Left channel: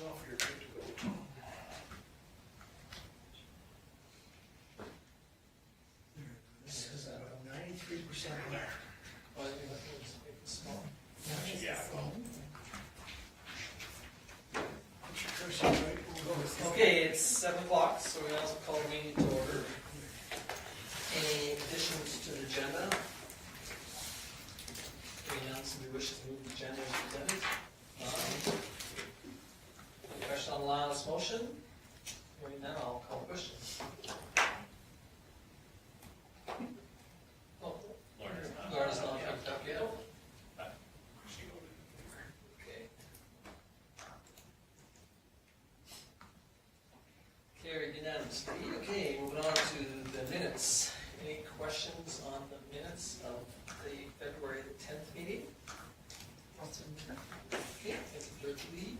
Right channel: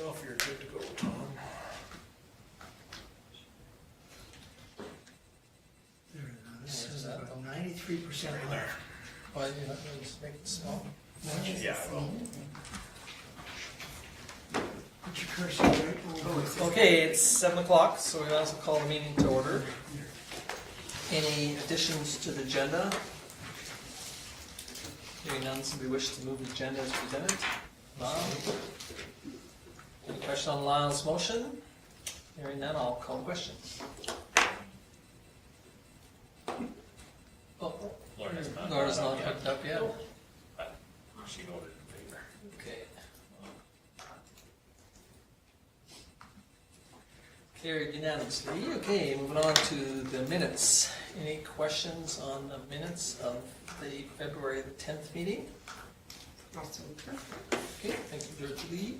yourself, you're good to go, Tom. This is about 93% left. Well, you have to just make it small. Yeah, well, Put your cursor right over it. Okay, it's 7 o'clock, so we also call the meeting to order. Any additions to the agenda? Hearing none, somebody wish to move the agenda as presented? None. Any question on Lyle's motion? Hearing none, I'll call the question. Oh, Laura's not picked up yet. she voted in favor. Okay. Carried unanimously. Okay, moving on to the minutes. Any questions on the minutes of the February the 10th meeting? Okay, thank you, George Lee.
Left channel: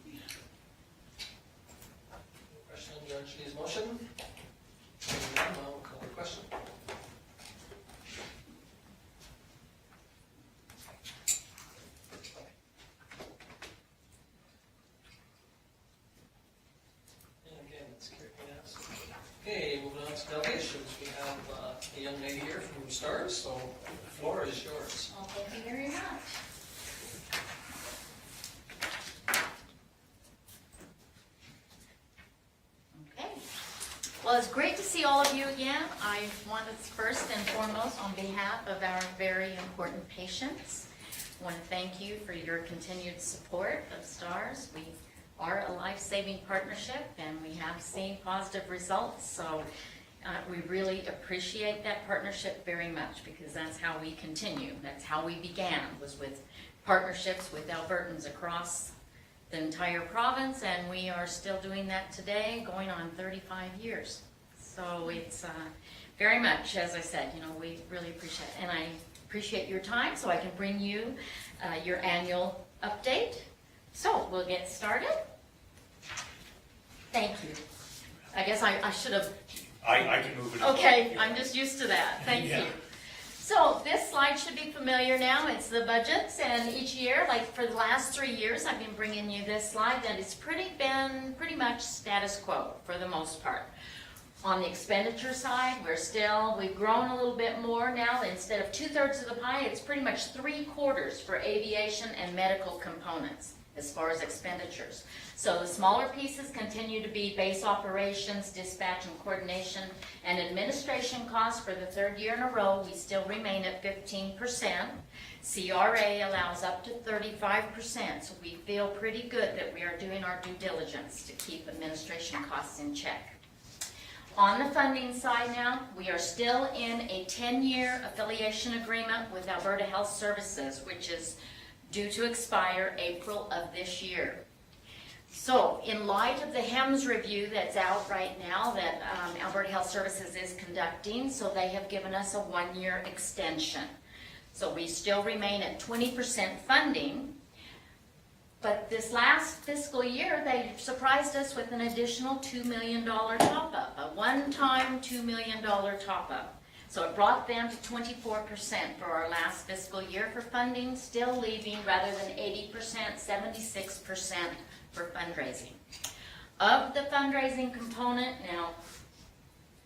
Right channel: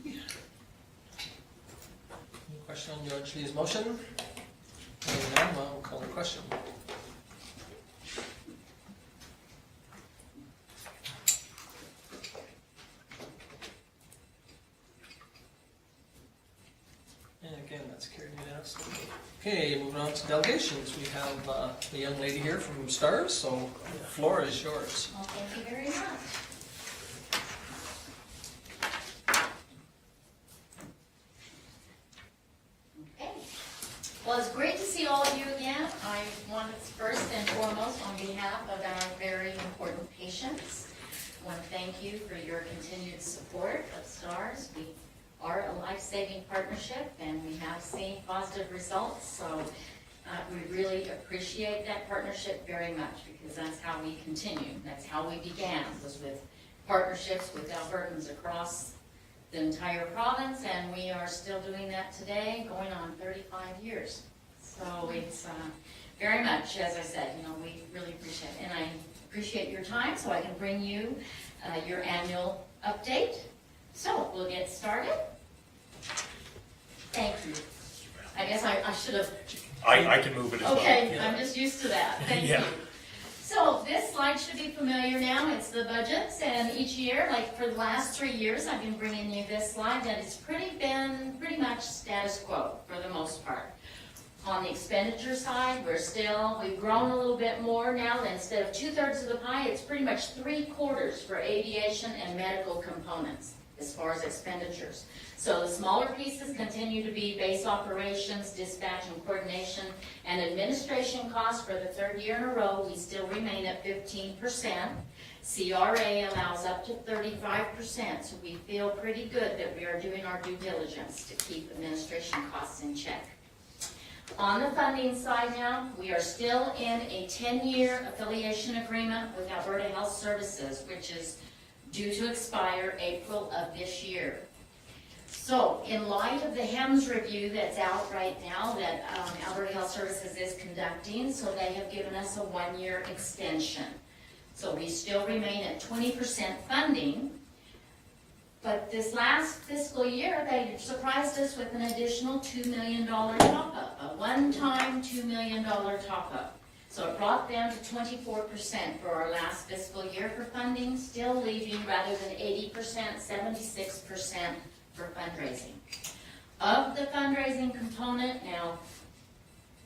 Any question on George Lee's motion? Hearing none, I'll call the question. And again, that's carried unanimously. Okay, moving on to delegations. We have a young lady here from STARS, so the floor is yours. Well, thank you very much. Okay. Well, it's great to see all of you again. I want to first and foremost, on behalf of our very important patients, I want to thank you for your continued support of STARS. We are a life-saving partnership and we have seen positive results, so we really appreciate that partnership very much because that's how we continue. That's how we began, was with partnerships with Albertans across the entire province, and we are still doing that today, going on 35 years. So it's very much, as I said, you know, we really appreciate it. And I appreciate your time so I can bring you your annual update. So we'll get started. Thank you. I guess I should have. I can move it as well. Okay, I'm just used to that. Thank Yeah. you. So this slide should be familiar now. It's the budgets, and each year, like for the last 3 years, I've been bringing you this slide that it's been pretty much status quo for the most part. On the expenditure side, we've grown a little bit more now. Instead of 2/3 of the pie, it's pretty much 3/4 for aviation and medical components as far as expenditures. So the smaller pieces continue to be base operations, dispatch and coordination, and administration costs. For the 3rd year in a row, we still remain at 15%. CRA allows up to 35%, so we feel pretty good that we are doing our due diligence to keep administration costs in check. On the funding side now, we are still in a 10-year affiliation agreement with Alberta Health Services, which is due to expire April of this year. So, in light of the HEMS review that's out right now that Alberta Health Services is conducting, so they have given us a 1-year extension. So we still remain at 20% funding, but this last fiscal year they surprised us with an additional $2 million top-up, a one-time $2 million top-up. So it brought them to 24% for our last fiscal year for funding, still leaving rather than 80%, 76% for fundraising. Of the fundraising component, now,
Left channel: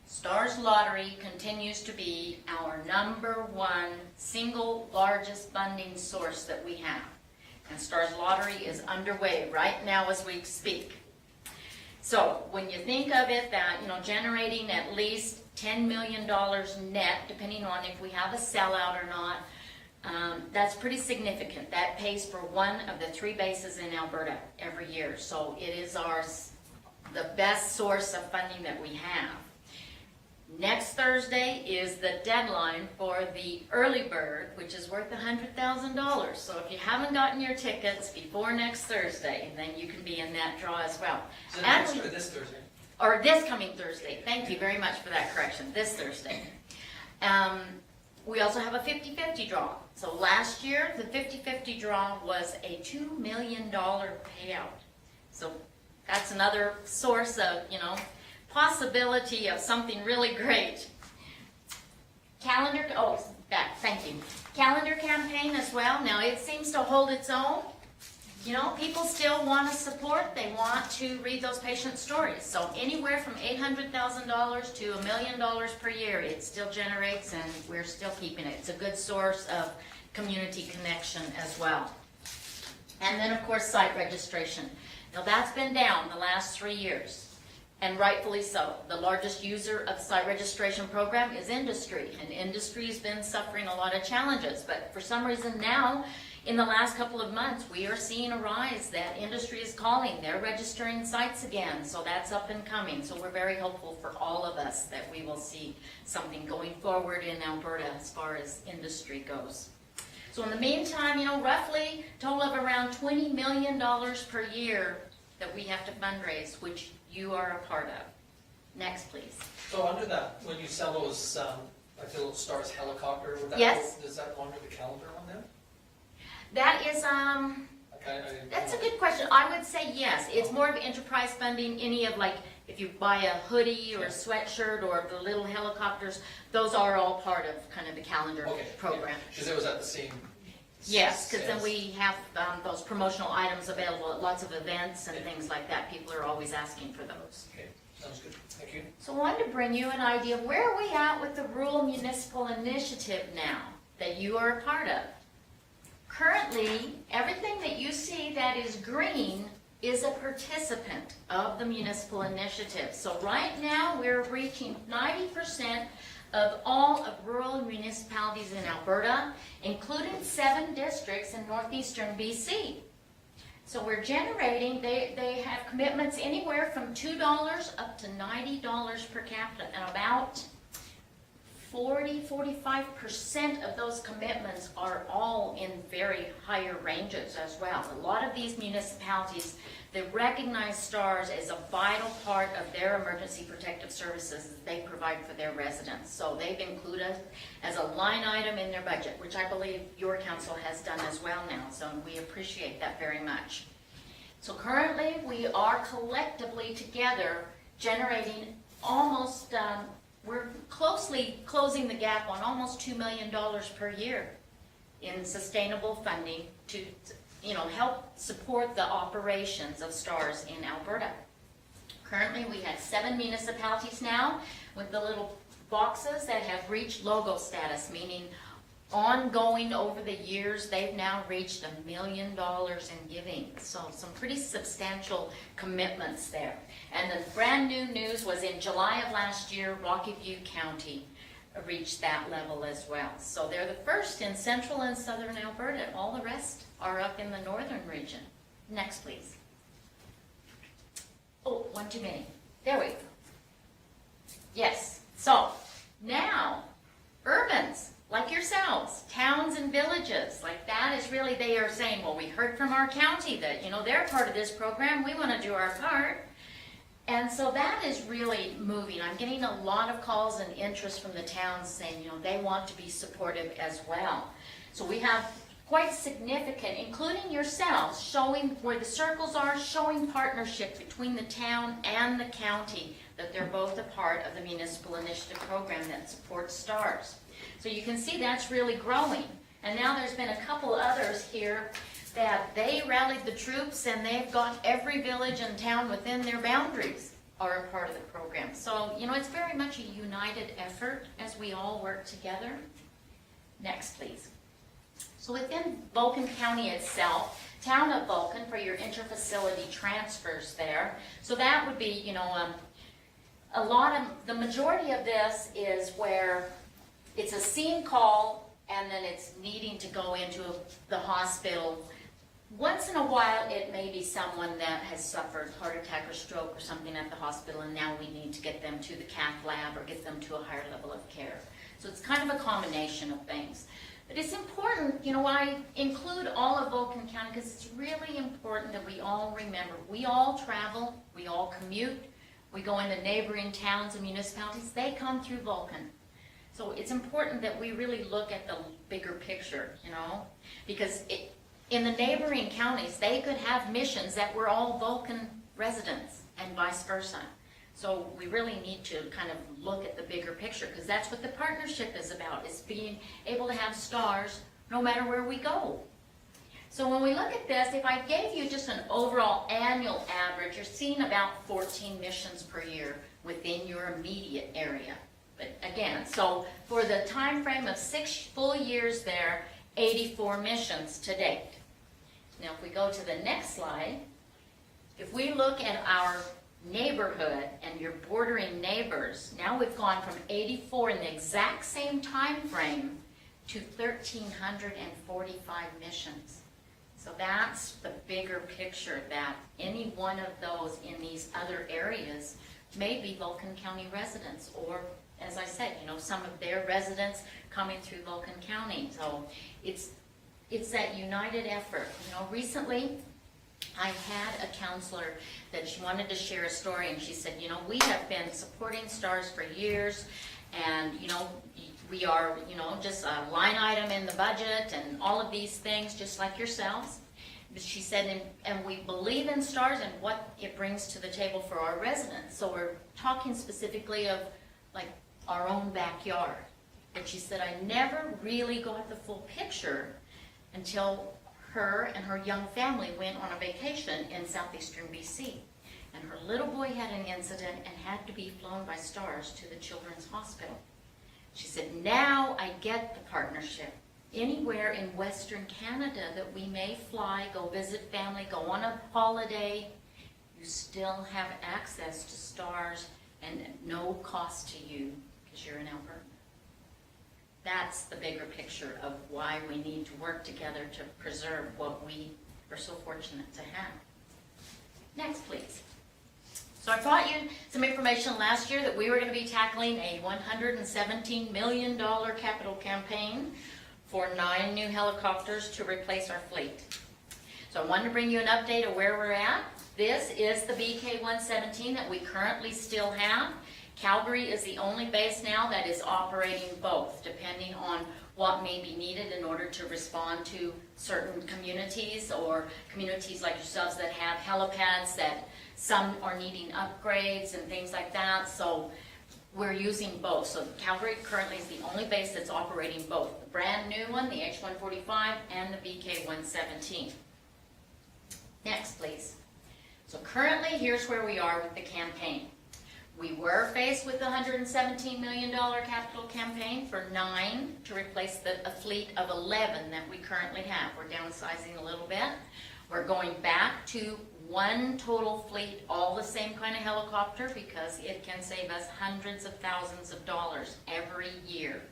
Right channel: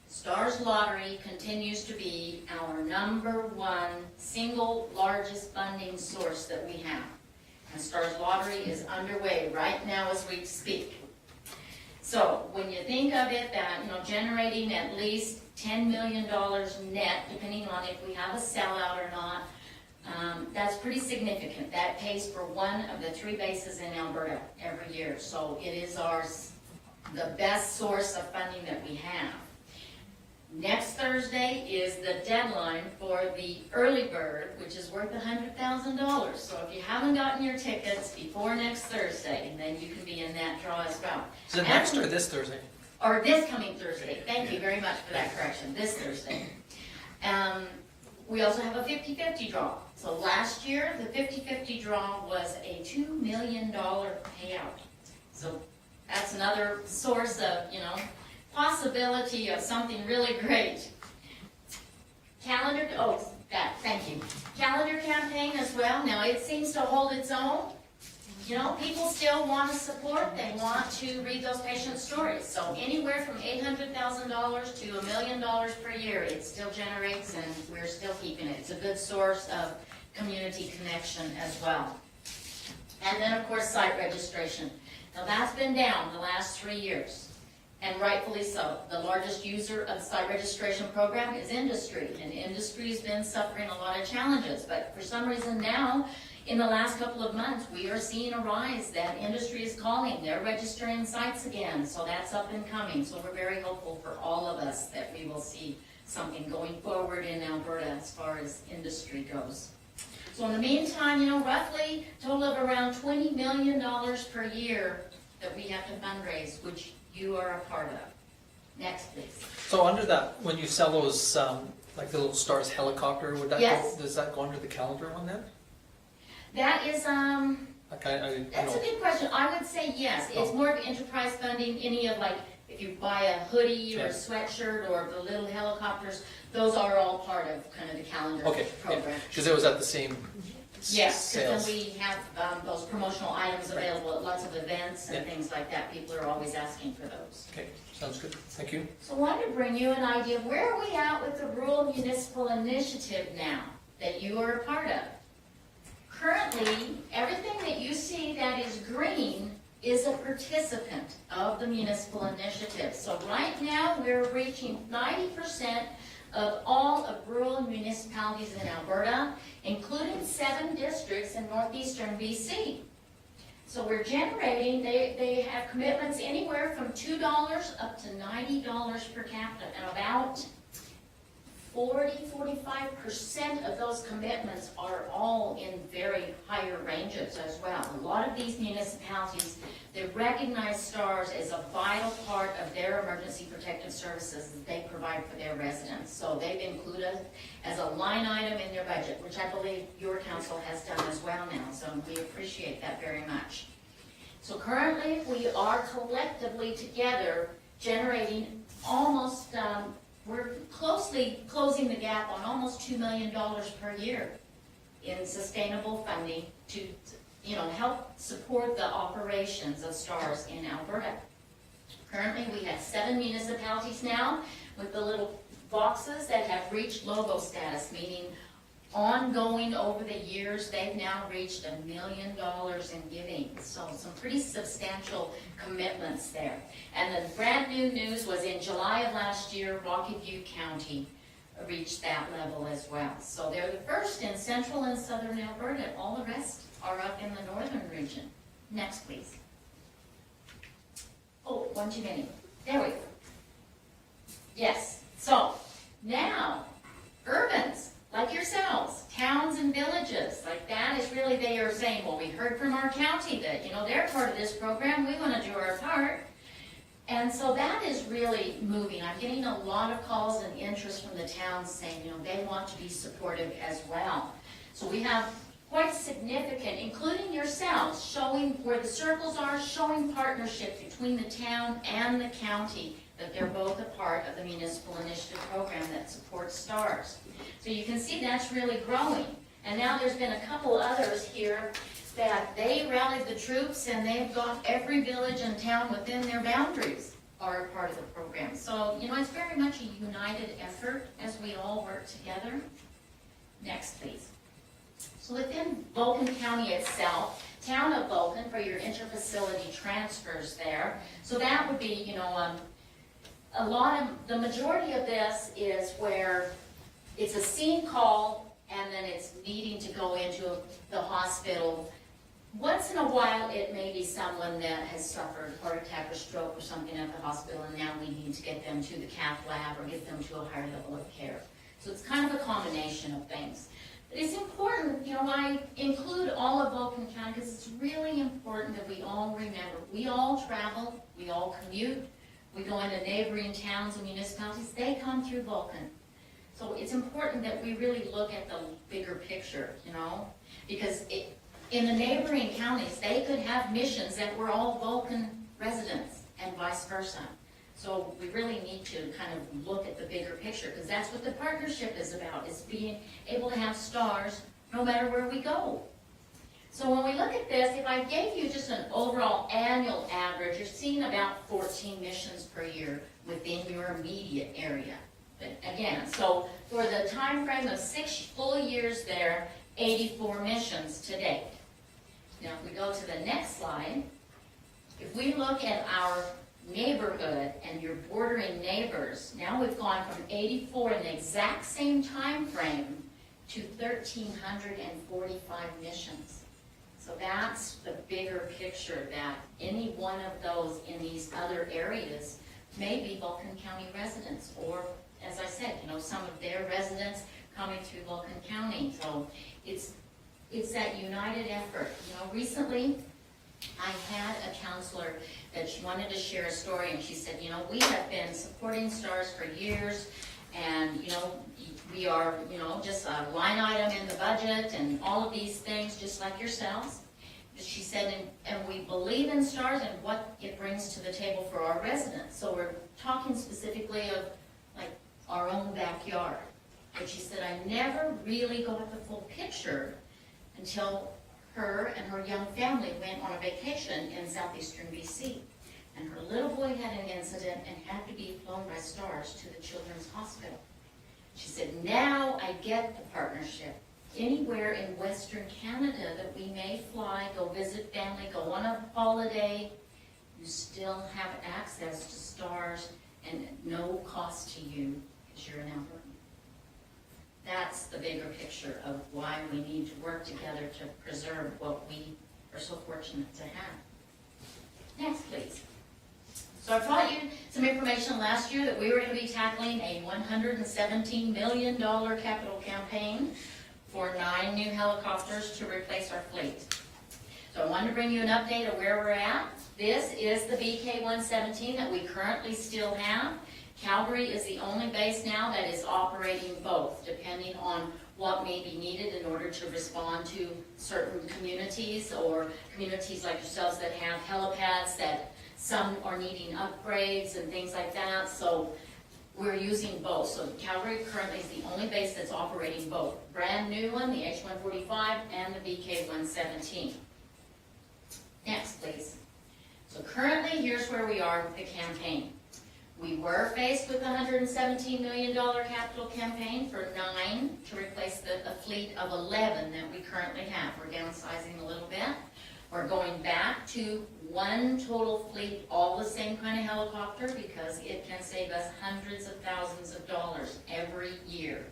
STARS Lottery continues to be our #1 single largest funding source that we have. And STARS Lottery is underway right now as we speak. So when you think of it that, you know, generating at least $10 million net, depending on if we have a sellout or not, that's pretty significant. That pays for one of the 3 bases in Alberta every year. So it is the best source of funding that we have. Next Thursday is the deadline for the early bird, which is worth $100,000. So if you haven't gotten your tickets before next Thursday, then you can be in that draw as well. Is it next or this Thursday? Or this coming Thursday. Thank you very much for that correction. This Thursday. We also have a 50-50 draw. So last year, the 50-50 draw was a $2 million payout. So that's another source of, you know, possibility of something really great. Calendar campaign as well. Now it seems to hold its own. you know, people still want to support, they want to read those patient stories. So anywhere from $800,000 to $1 million per year, it still generates, and we're still keeping it. It's a good source of community connection as well. And then, of course, site registration. Now, that's been down the last 3 years, and rightfully so. The largest user of the site registration program is industry, and industry's been suffering a lot of challenges. But for some reason now, in the last couple of months, we are seeing a rise that industry is calling. They're registering sites again, so that's up and coming. So we're very hopeful for all of us that we will see something going forward in Alberta as far as industry goes. So in the meantime, you know, roughly total of around $20 million per year that we have to fundraise, which you are a part of. Next, please. So under that, when you sell those, like the little Stars helicopter, would that Yes. go, does that go under the calendar one then? That is, You that's a know, good question. I would say yes. It's more of enterprise funding. Any of, like, if you buy a hoodie or a Yeah. sweatshirt or the little helicopters, those are all part of kind of the calendar okay, program. because it was at the same Yes, because then sales. we have those promotional items available at lots of events and Yeah. things like that. People are always asking for those. Okay, sounds good, thank you. So I wanted to bring you an idea of where are we at with the Rural Municipal Initiative now that you are a part of. Currently, everything that you see that is green is a participant of the municipal initiative. So right now, we're reaching 90% of all of rural municipalities in Alberta, including 7 districts in northeastern BC. So we're generating, they have commitments anywhere from $2 up to $90 per capita, and about 45% of those commitments are all in very higher ranges as well. A lot of these municipalities, they recognize STARS as a vital part of their emergency protective services that they provide for their residents. So they've included as a line item in their budget, which I believe your council has done as well now. So we appreciate that very much. So currently, we are collectively together generating almost, we're closely closing the gap on almost $2 million per year in sustainable funding to, you know, help support the operations of STARS in Alberta. Currently, we have 7 municipalities now with the little boxes that have reached logo status, meaning ongoing over the years, they've now reached $1 million in giving. So some pretty substantial commitments there. And the brand new news was in July of last year, Rocky View County reached that level as well. So they're the first in central and southern Alberta. All the rest are up in the northern region. Next, please. Oh, one too many. There we go. Yes. So now, urbans like yourselves, towns and villages, like that is really, they are saying, well, we heard from our county that, you know, they're part of this program, we want to do our part. And so that is really moving. I'm getting a lot of calls and interest from the towns saying, you know, they want to be supportive as well. So we have quite significant, including yourselves, showing where the circles are, showing partnership between the town and the county, that they're both a part of the municipal initiative program that supports STARS. So you can see that's really growing. And now there's been a couple others here that they rallied the troops, and they've got every village and town within their boundaries are a part of the program. So, you know, it's very much a united effort as we all work together. Next, please. So within Vulcan County itself, town of Vulcan for your interfacility transfers there. So that would be, you know, a lot of, the majority of this is where it's a scene call and then it's needing to go into the hospital. Once in a while, it may be someone that has suffered heart attack or stroke or something at the hospital, and now we need to get them to the cath lab or get them to a higher level of care. So it's kind of a combination of things. But it's important, you know, I include all of Vulcan County because it's really important that we all remember. We all travel, we all commute, we go into neighboring towns and municipalities, they come through Vulcan. So it's important that we really look at the bigger picture, you know, because in the neighboring counties, they could have missions that were all Vulcan residents and vice versa. So we really need to kind of look at the bigger picture, because that's what the partnership is about, is being able to have STARS no matter where we go. So when we look at this, if I gave you just an overall annual average, you're seeing about 14 missions per year within your immediate area. But again, so for the time frame of 6 full years there, 84 missions to date. Now if we go to the next slide, if we look at our neighborhood and your bordering neighbors, now we've gone from 84 in the exact same time frame to 1,345 missions. So that's the bigger picture, that any one of those in these other areas may be Vulcan County residents, or as I said, you know, some of their residents coming through Vulcan County. So it's that united effort. You know, recently I had a counselor that she wanted to share a story, and she said, you know, we have been supporting STARS for years, and you know, we are, you know, just a line item in the budget and all of these things, just like yourselves. But she said, and we believe in STARS and what it brings to the table for our residents. So we're talking specifically of like our own backyard. But she said, I never really got the full picture until her and her young family went on a vacation in southeastern BC. And her little boy had an incident and had to be flown by STARS to the Children's Hospital. She said, now I get the partnership. Anywhere in Western Canada that we may fly, go visit family, go on a holiday, you still have access to STARS and no cost to you because you're in Alberta. That's the bigger picture of why we need to work together to preserve what we are so fortunate to have. Next, please. So I brought you some information last year that we were going to be tackling a $117 million capital campaign for 9 new helicopters to replace our fleet. So I wanted to bring you an update of where we're at. This is the BK-117 that we currently still have. Calgary is the only base now that is operating both, depending on what may be needed in order to respond to certain communities, or communities like yourselves that have helipads that some are needing upgrades and things like that. So we're using both. So Calgary currently is the only base that's operating both. The brand new one, the H-145, and the BK-117. Next, please. So currently, here's where we are with the campaign. We were faced with a $117 million capital campaign for 9 to replace a fleet of 11 that we currently have. We're downsizing a little bit. We're going back to 1 total fleet, all the same kind of helicopter, because it can save us hundreds of thousands of dollars every year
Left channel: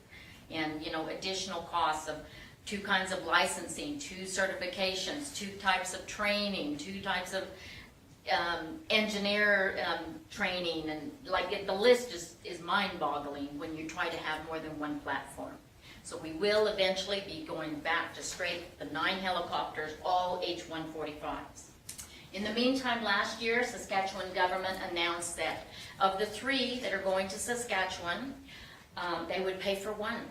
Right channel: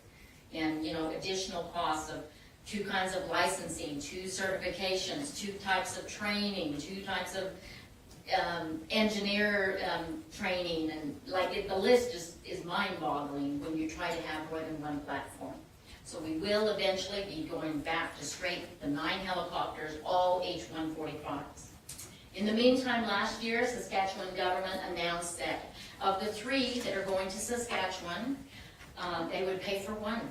in, you know, additional costs of 2 kinds of licensing, 2 certifications, 2 types of training, 2 types of engineer training, and like the list is mind-boggling when you try to have more than 1 platform. So we will eventually be going back to straight the 9 helicopters, all H-145s. In the meantime, last year, Saskatchewan government announced that of the 3 that are going to Saskatchewan, they would pay for 1.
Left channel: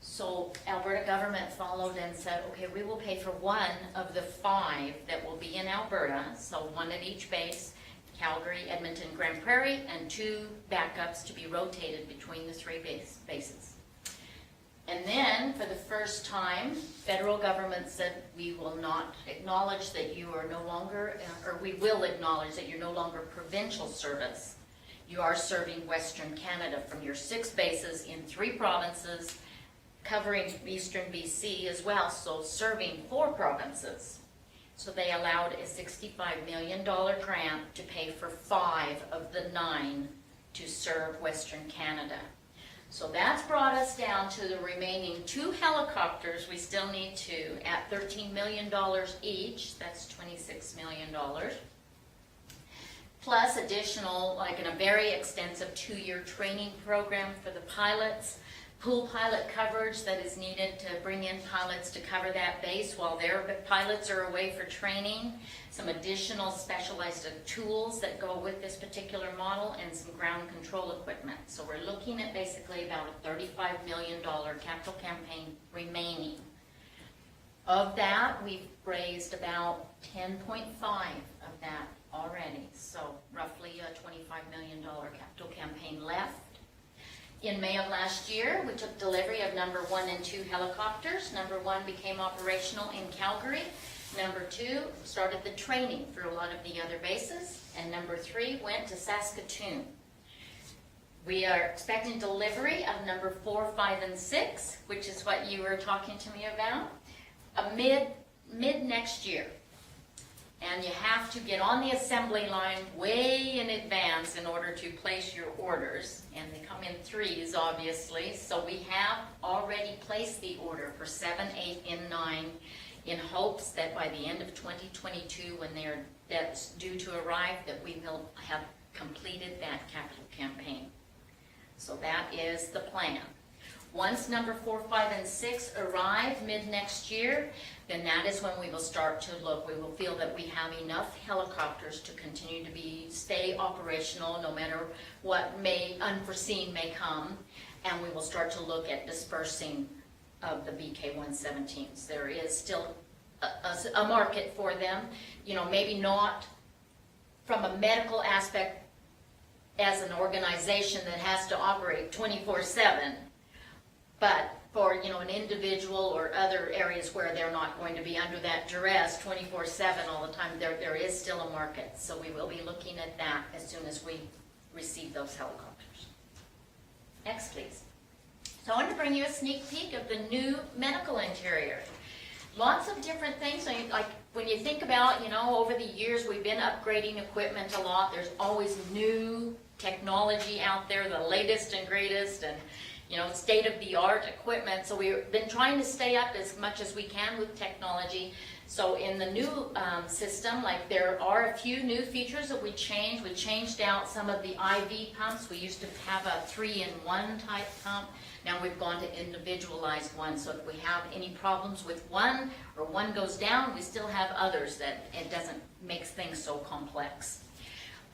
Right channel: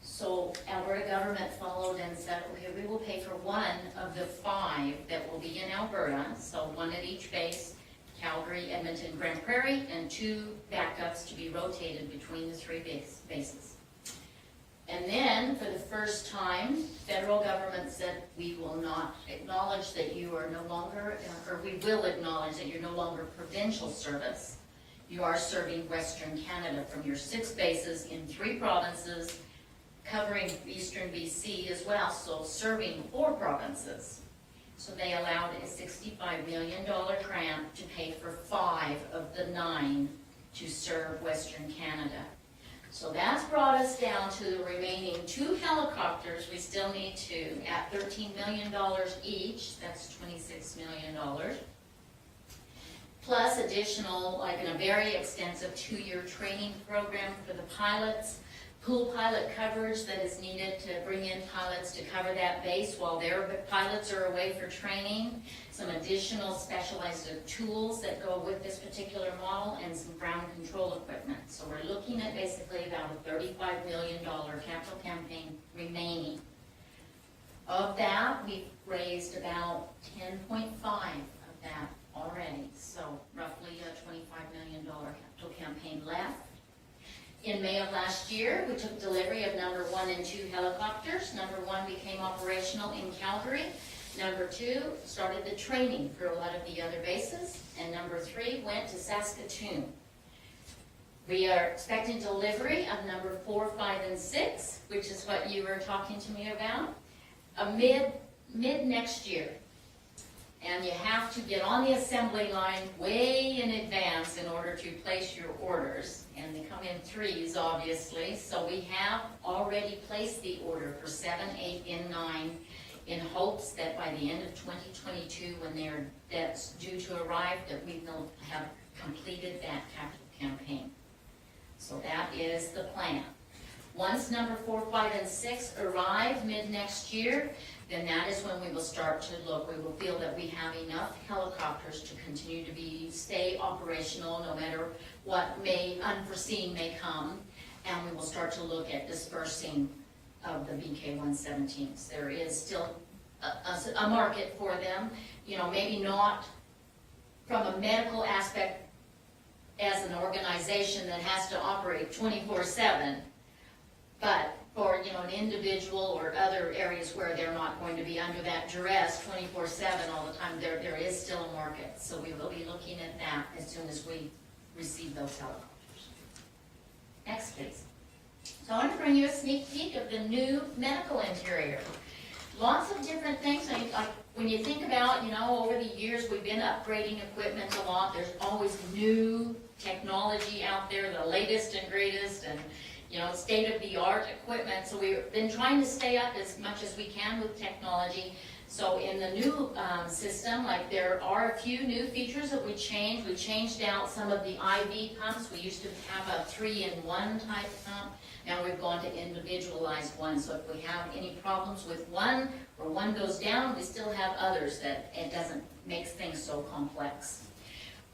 So Alberta government followed and said, okay, we will pay for 1 of the 5 that will be in Alberta, so 1 at each base, Calgary, Edmonton, Grand Prairie, and 2 backups to be rotated between the 3 bases. And then, for the first time, federal government said we will not acknowledge that you are no longer, or we will acknowledge that you're no longer provincial service. You are serving Western Canada from your 6 bases in 3 provinces, covering Eastern BC as well, so serving 4 provinces. So they allowed a $65 million grant to pay for 5 of the 9 to serve Western Canada. So that's brought us down to the remaining 2 helicopters we still need to, at $13 million each, that's $26 million. Plus additional, like in a very extensive 2-year training program for the pilots, pool pilot coverage that is needed to bring in pilots to cover that base while their pilots are away for training, some additional specialized tools that go with this particular model, and some ground control equipment. So we're looking at basically about a $35 million capital campaign remaining. Of that, we've raised about 10.5 of that already, so roughly a $25 million capital campaign left. In May of last year, we took delivery of number 1 and 2 helicopters. Number 1 became operational in Calgary. Number 2 started the training for a lot of the other bases. And number 3 went to Saskatoon. We are expecting delivery of number 4, 5, and 6, which is what you were talking to me about, mid next year. And you have to get on the assembly line way in advance in order to place your orders. And they come in threes, obviously. So we have already placed the order for 7, 8, and 9 in hopes that by the end of 2022, when that's due to arrive, that we will have completed that capital campaign. So that is the plan. Once number 4, 5, and 6 arrive mid next year, then that is when we will start to look. We will feel that we have enough helicopters to continue to stay operational no matter what unforeseen may come, and we will start to look at dispersing of the VK-117s. There is still a market for them, maybe not from a medical aspect as an organization that has to operate 24/7, but for an individual or other areas where they're not going to be under that duress 24/7 all the time, there is still a market. So we will be looking at that as soon as we receive those helicopters. Next, please. So I want to bring you a sneak peek of the new medical interior. Lots of different things. Like when you think about, over the years we've been upgrading equipment a lot. There's always new technology out there, the latest and greatest, and state-of-the-art equipment. So we've been trying to stay up as much as we can with technology. So in the new system, there are a few new features that we changed. We changed out some of the IV pumps. We used to have a 3-in-1 type pump. Now we've gone to individualized ones. So if we have any problems with one or one goes down, we still have others that it doesn't make things so complex.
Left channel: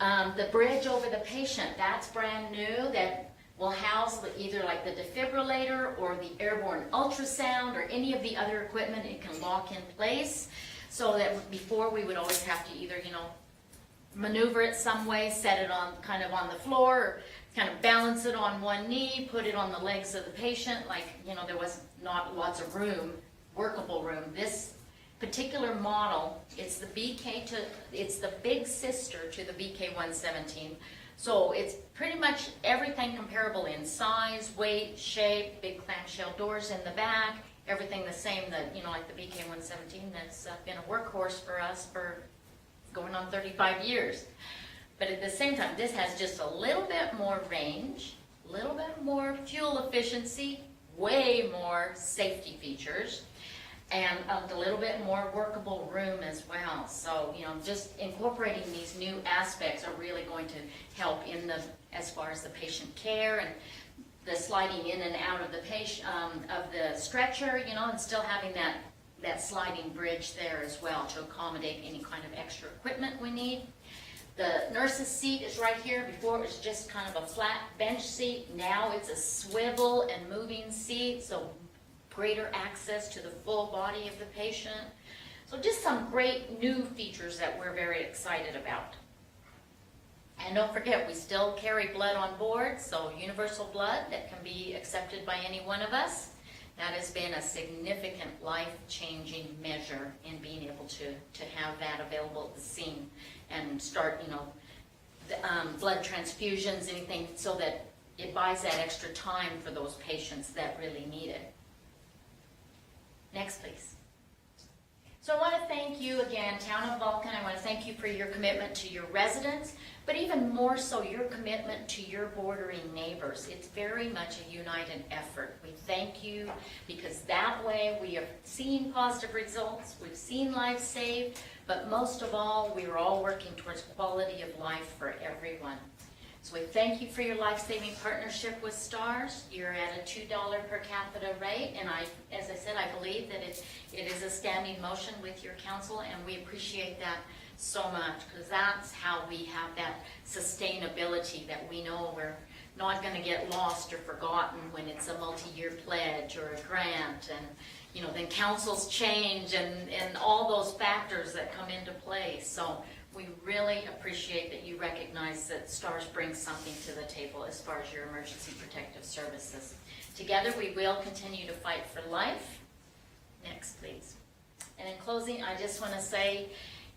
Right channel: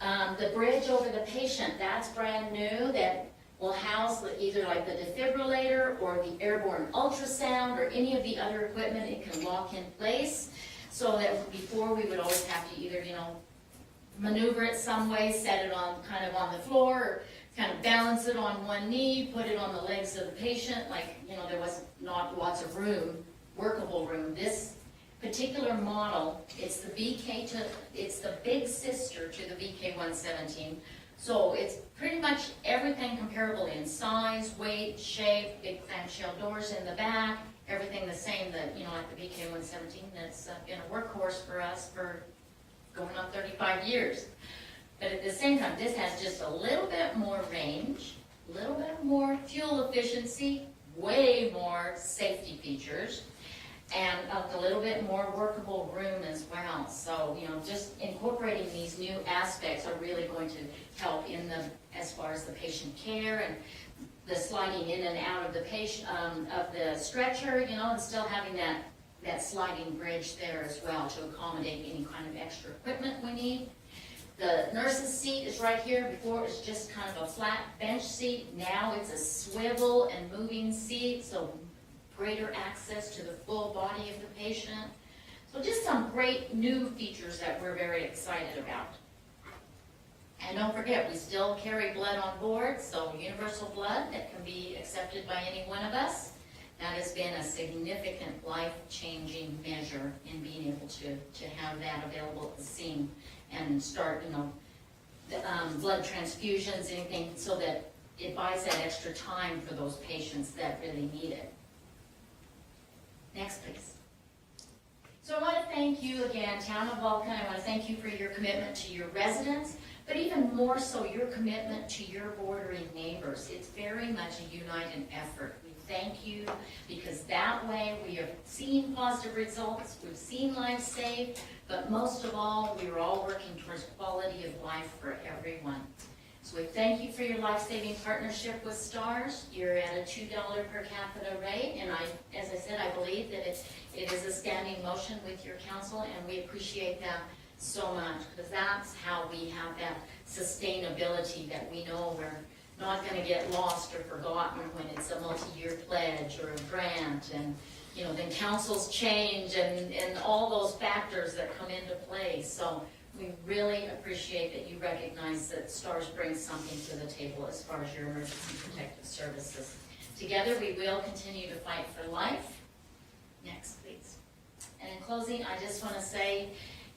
The bridge over the patient, that's brand new. That will house either the defibrillator or the airborne ultrasound or any of the other equipment. It can lock in place, so that before we would always have to either, maneuver it some way, set it on on the floor, or kind of balance it on one knee, put it on the legs of the patient. There was not lots of room, workable room. This particular model, it's the big sister to the VK-117. So it's pretty much everything comparable in size, weight, shape, big clamshell doors in the back, everything the same that, like the VK-117 that's been a workhorse for us for going on 35 years. But at the same time, this has just a little bit more range, a little bit more fuel efficiency, way more safety features, and a little bit more workable room as well. So, just incorporating these new aspects are really going to help as far as the patient care and the sliding in and out of the patient, of the stretcher, and still having that sliding bridge there as well to accommodate any kind of extra equipment we need. The nurse's seat is right here. Before it was just kind of a flat bench seat. Now it's a swivel and moving seat, so greater access to the full body of the patient. So just some great new features that we're very excited about. And don't forget, we still carry blood on board, so universal blood that can be accepted by any one of us. That has been a significant life-changing measure in being able to have that available at the scene and start, blood transfusions, anything, so that it buys that extra time for those patients that really need it. Next, please. So I want to thank you again, Town of Vulcan. I want to thank you for your commitment to your residents, but even more so your commitment to your bordering neighbors. It's very much a united effort. We thank you because that way we are seeing positive results, we've seen lives saved, but most of all, we are all working towards quality of life for everyone. So we thank you for your life-saving partnership with STARS. You're at a $2 per capita rate, and as I said, I believe that it is a standing motion with your council, and we appreciate that so much, because that's how we have that sustainability, that we know we're not going to get lost or forgotten when it's a multi-year pledge or a grant, and then councils change and all those factors that come into play. So we really appreciate that you recognize that STARS brings something to the table as far as your emergency protective service. services. Together, we will continue to fight for life. Next, please. And in closing, I just want to say,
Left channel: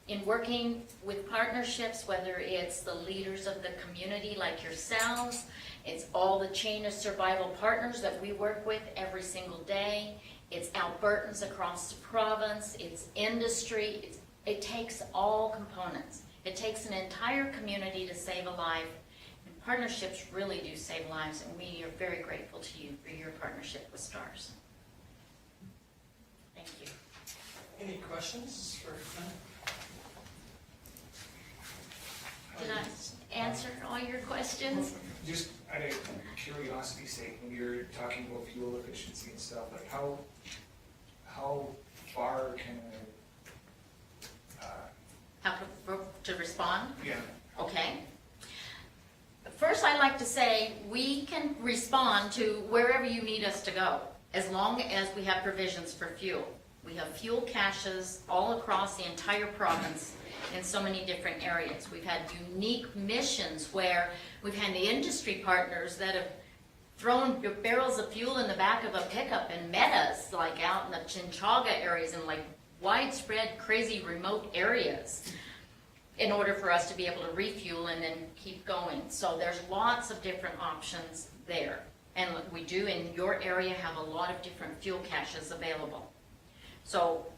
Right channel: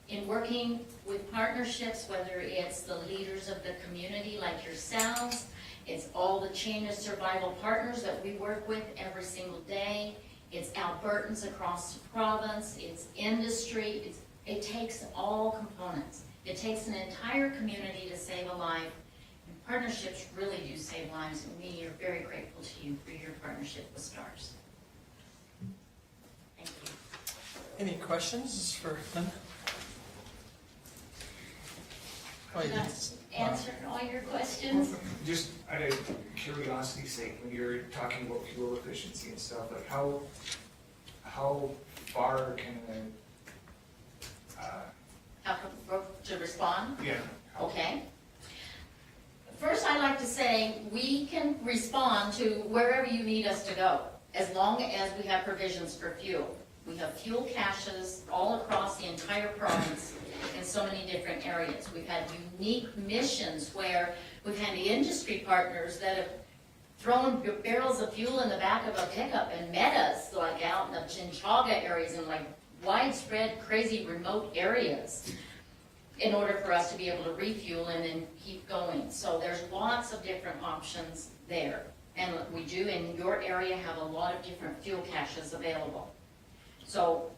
in working with partnerships, whether it's the leaders of the community like yourselves, it's all the chain of survival partners that we work with every single day, it's Albertans across the province, it's industry, it takes all components. It takes an entire community to save a life, and partnerships really do save lives, and we are very grateful to you for your partnership with STARS. Thank you. Any questions for Glenda? Did I answer all your questions? Just out of curiosity's sake, when you're talking about fuel efficiency and stuff, like how far can How to respond? yeah. Okay. First, I'd like to say we can respond to wherever you need us to go, as long as we have provisions for fuel. We have fuel caches all across the entire province in so many different areas. We've had unique missions where we've had the industry partners that have thrown barrels of fuel in the back of a pickup and met us, like out in the Chinchaga areas and like widespread, crazy, remote areas, in order for us to be able to refuel and then keep going. So there's lots of different options there. And we do in your area have a lot of different fuel caches available. So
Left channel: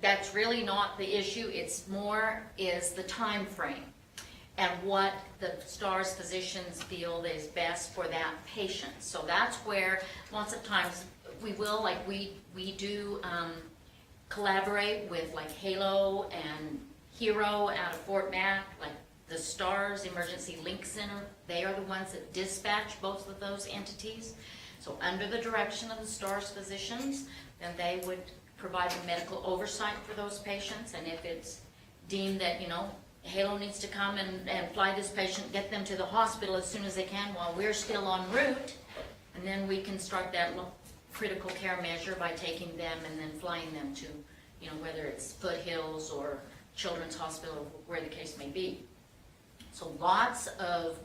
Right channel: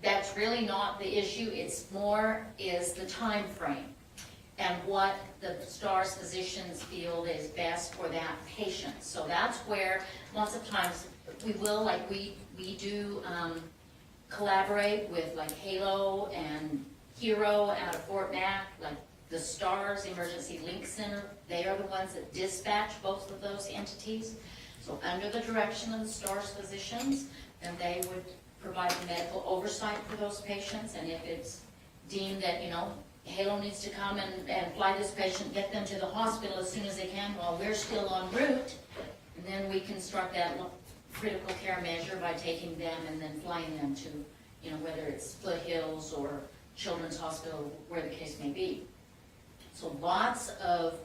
that's really not the issue. It's more is the time frame and what the STARS physicians feel is best for that patient. So that's where lots of times we will, like we do collaborate with like Halo and Hero out of Fort Mac, like the STARS Emergency Link Center. They are the ones that dispatch both of those entities. So under the direction of the STARS physicians, then they would provide medical oversight for those patients, and if it's deemed that, you know, Halo needs to come and fly this patient, get them to the hospital as soon as they can while we're still en route, and then we can start that critical care measure by taking them and then flying them to, you know, whether it's Foothills or Children's Hospital, where the case may be. So lots of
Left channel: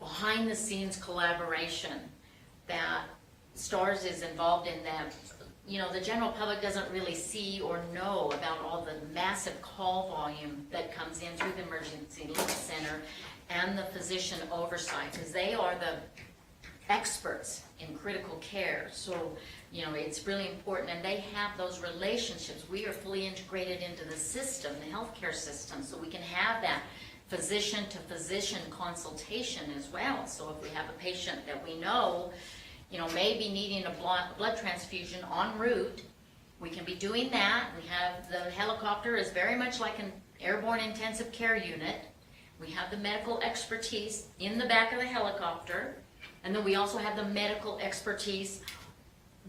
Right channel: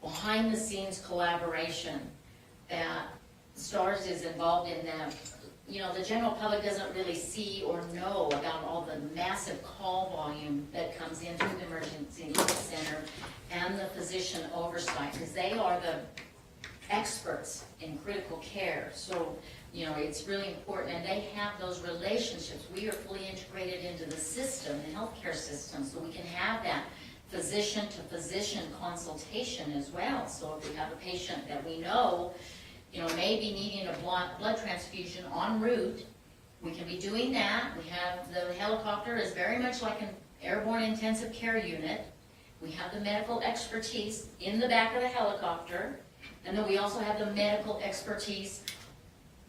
behind-the-scenes collaboration that STARS is involved in that, you know, the general public doesn't really see or know about all the massive call volume that comes in through the Emergency Link Center and the physician oversight, because they are the experts in critical care. So, you know, it's really important, and they have those relationships. We are fully integrated into the system, the healthcare system, so we can have that physician-to-physician consultation as well. So if we have a patient that we know, you know, maybe needing a blood transfusion en route, we can be doing that. We have the helicopter is very much like an airborne intensive care unit. We have the medical expertise in the back of the helicopter, and then we also have the medical expertise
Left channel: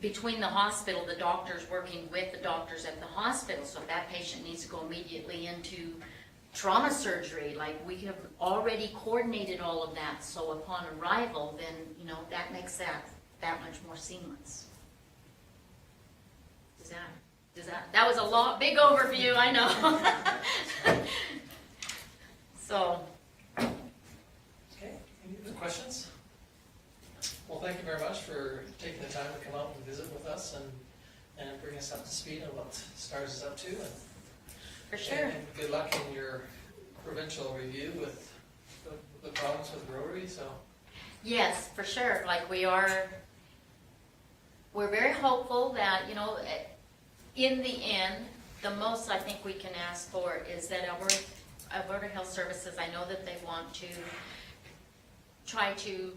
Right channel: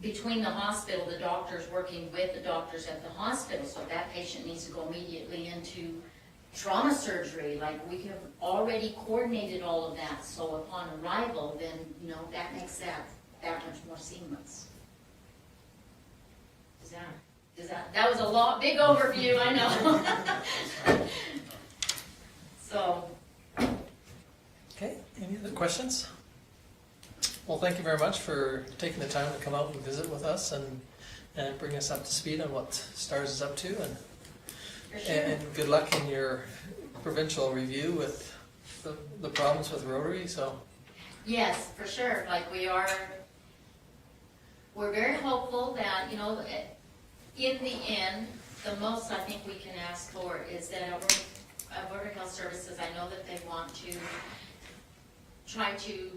between the hospital, the doctors working with the doctors at the hospital. So if that patient needs to go immediately into trauma surgery, like we have already coordinated all of that. So upon arrival, then, you know, that makes that much more seamless. That was a lot, big overview, I know. So. Okay, any other questions? Well, thank you very much for taking the time to come out and visit with us and bring us up to speed on what STARS is up to. And, for sure. and good luck in your provincial review with the problems with Rotary. So. Yes, for sure. Like we're very hopeful that, you know, in the end, the most I think we can ask for is that Alberta Health Services, I know that they want to try to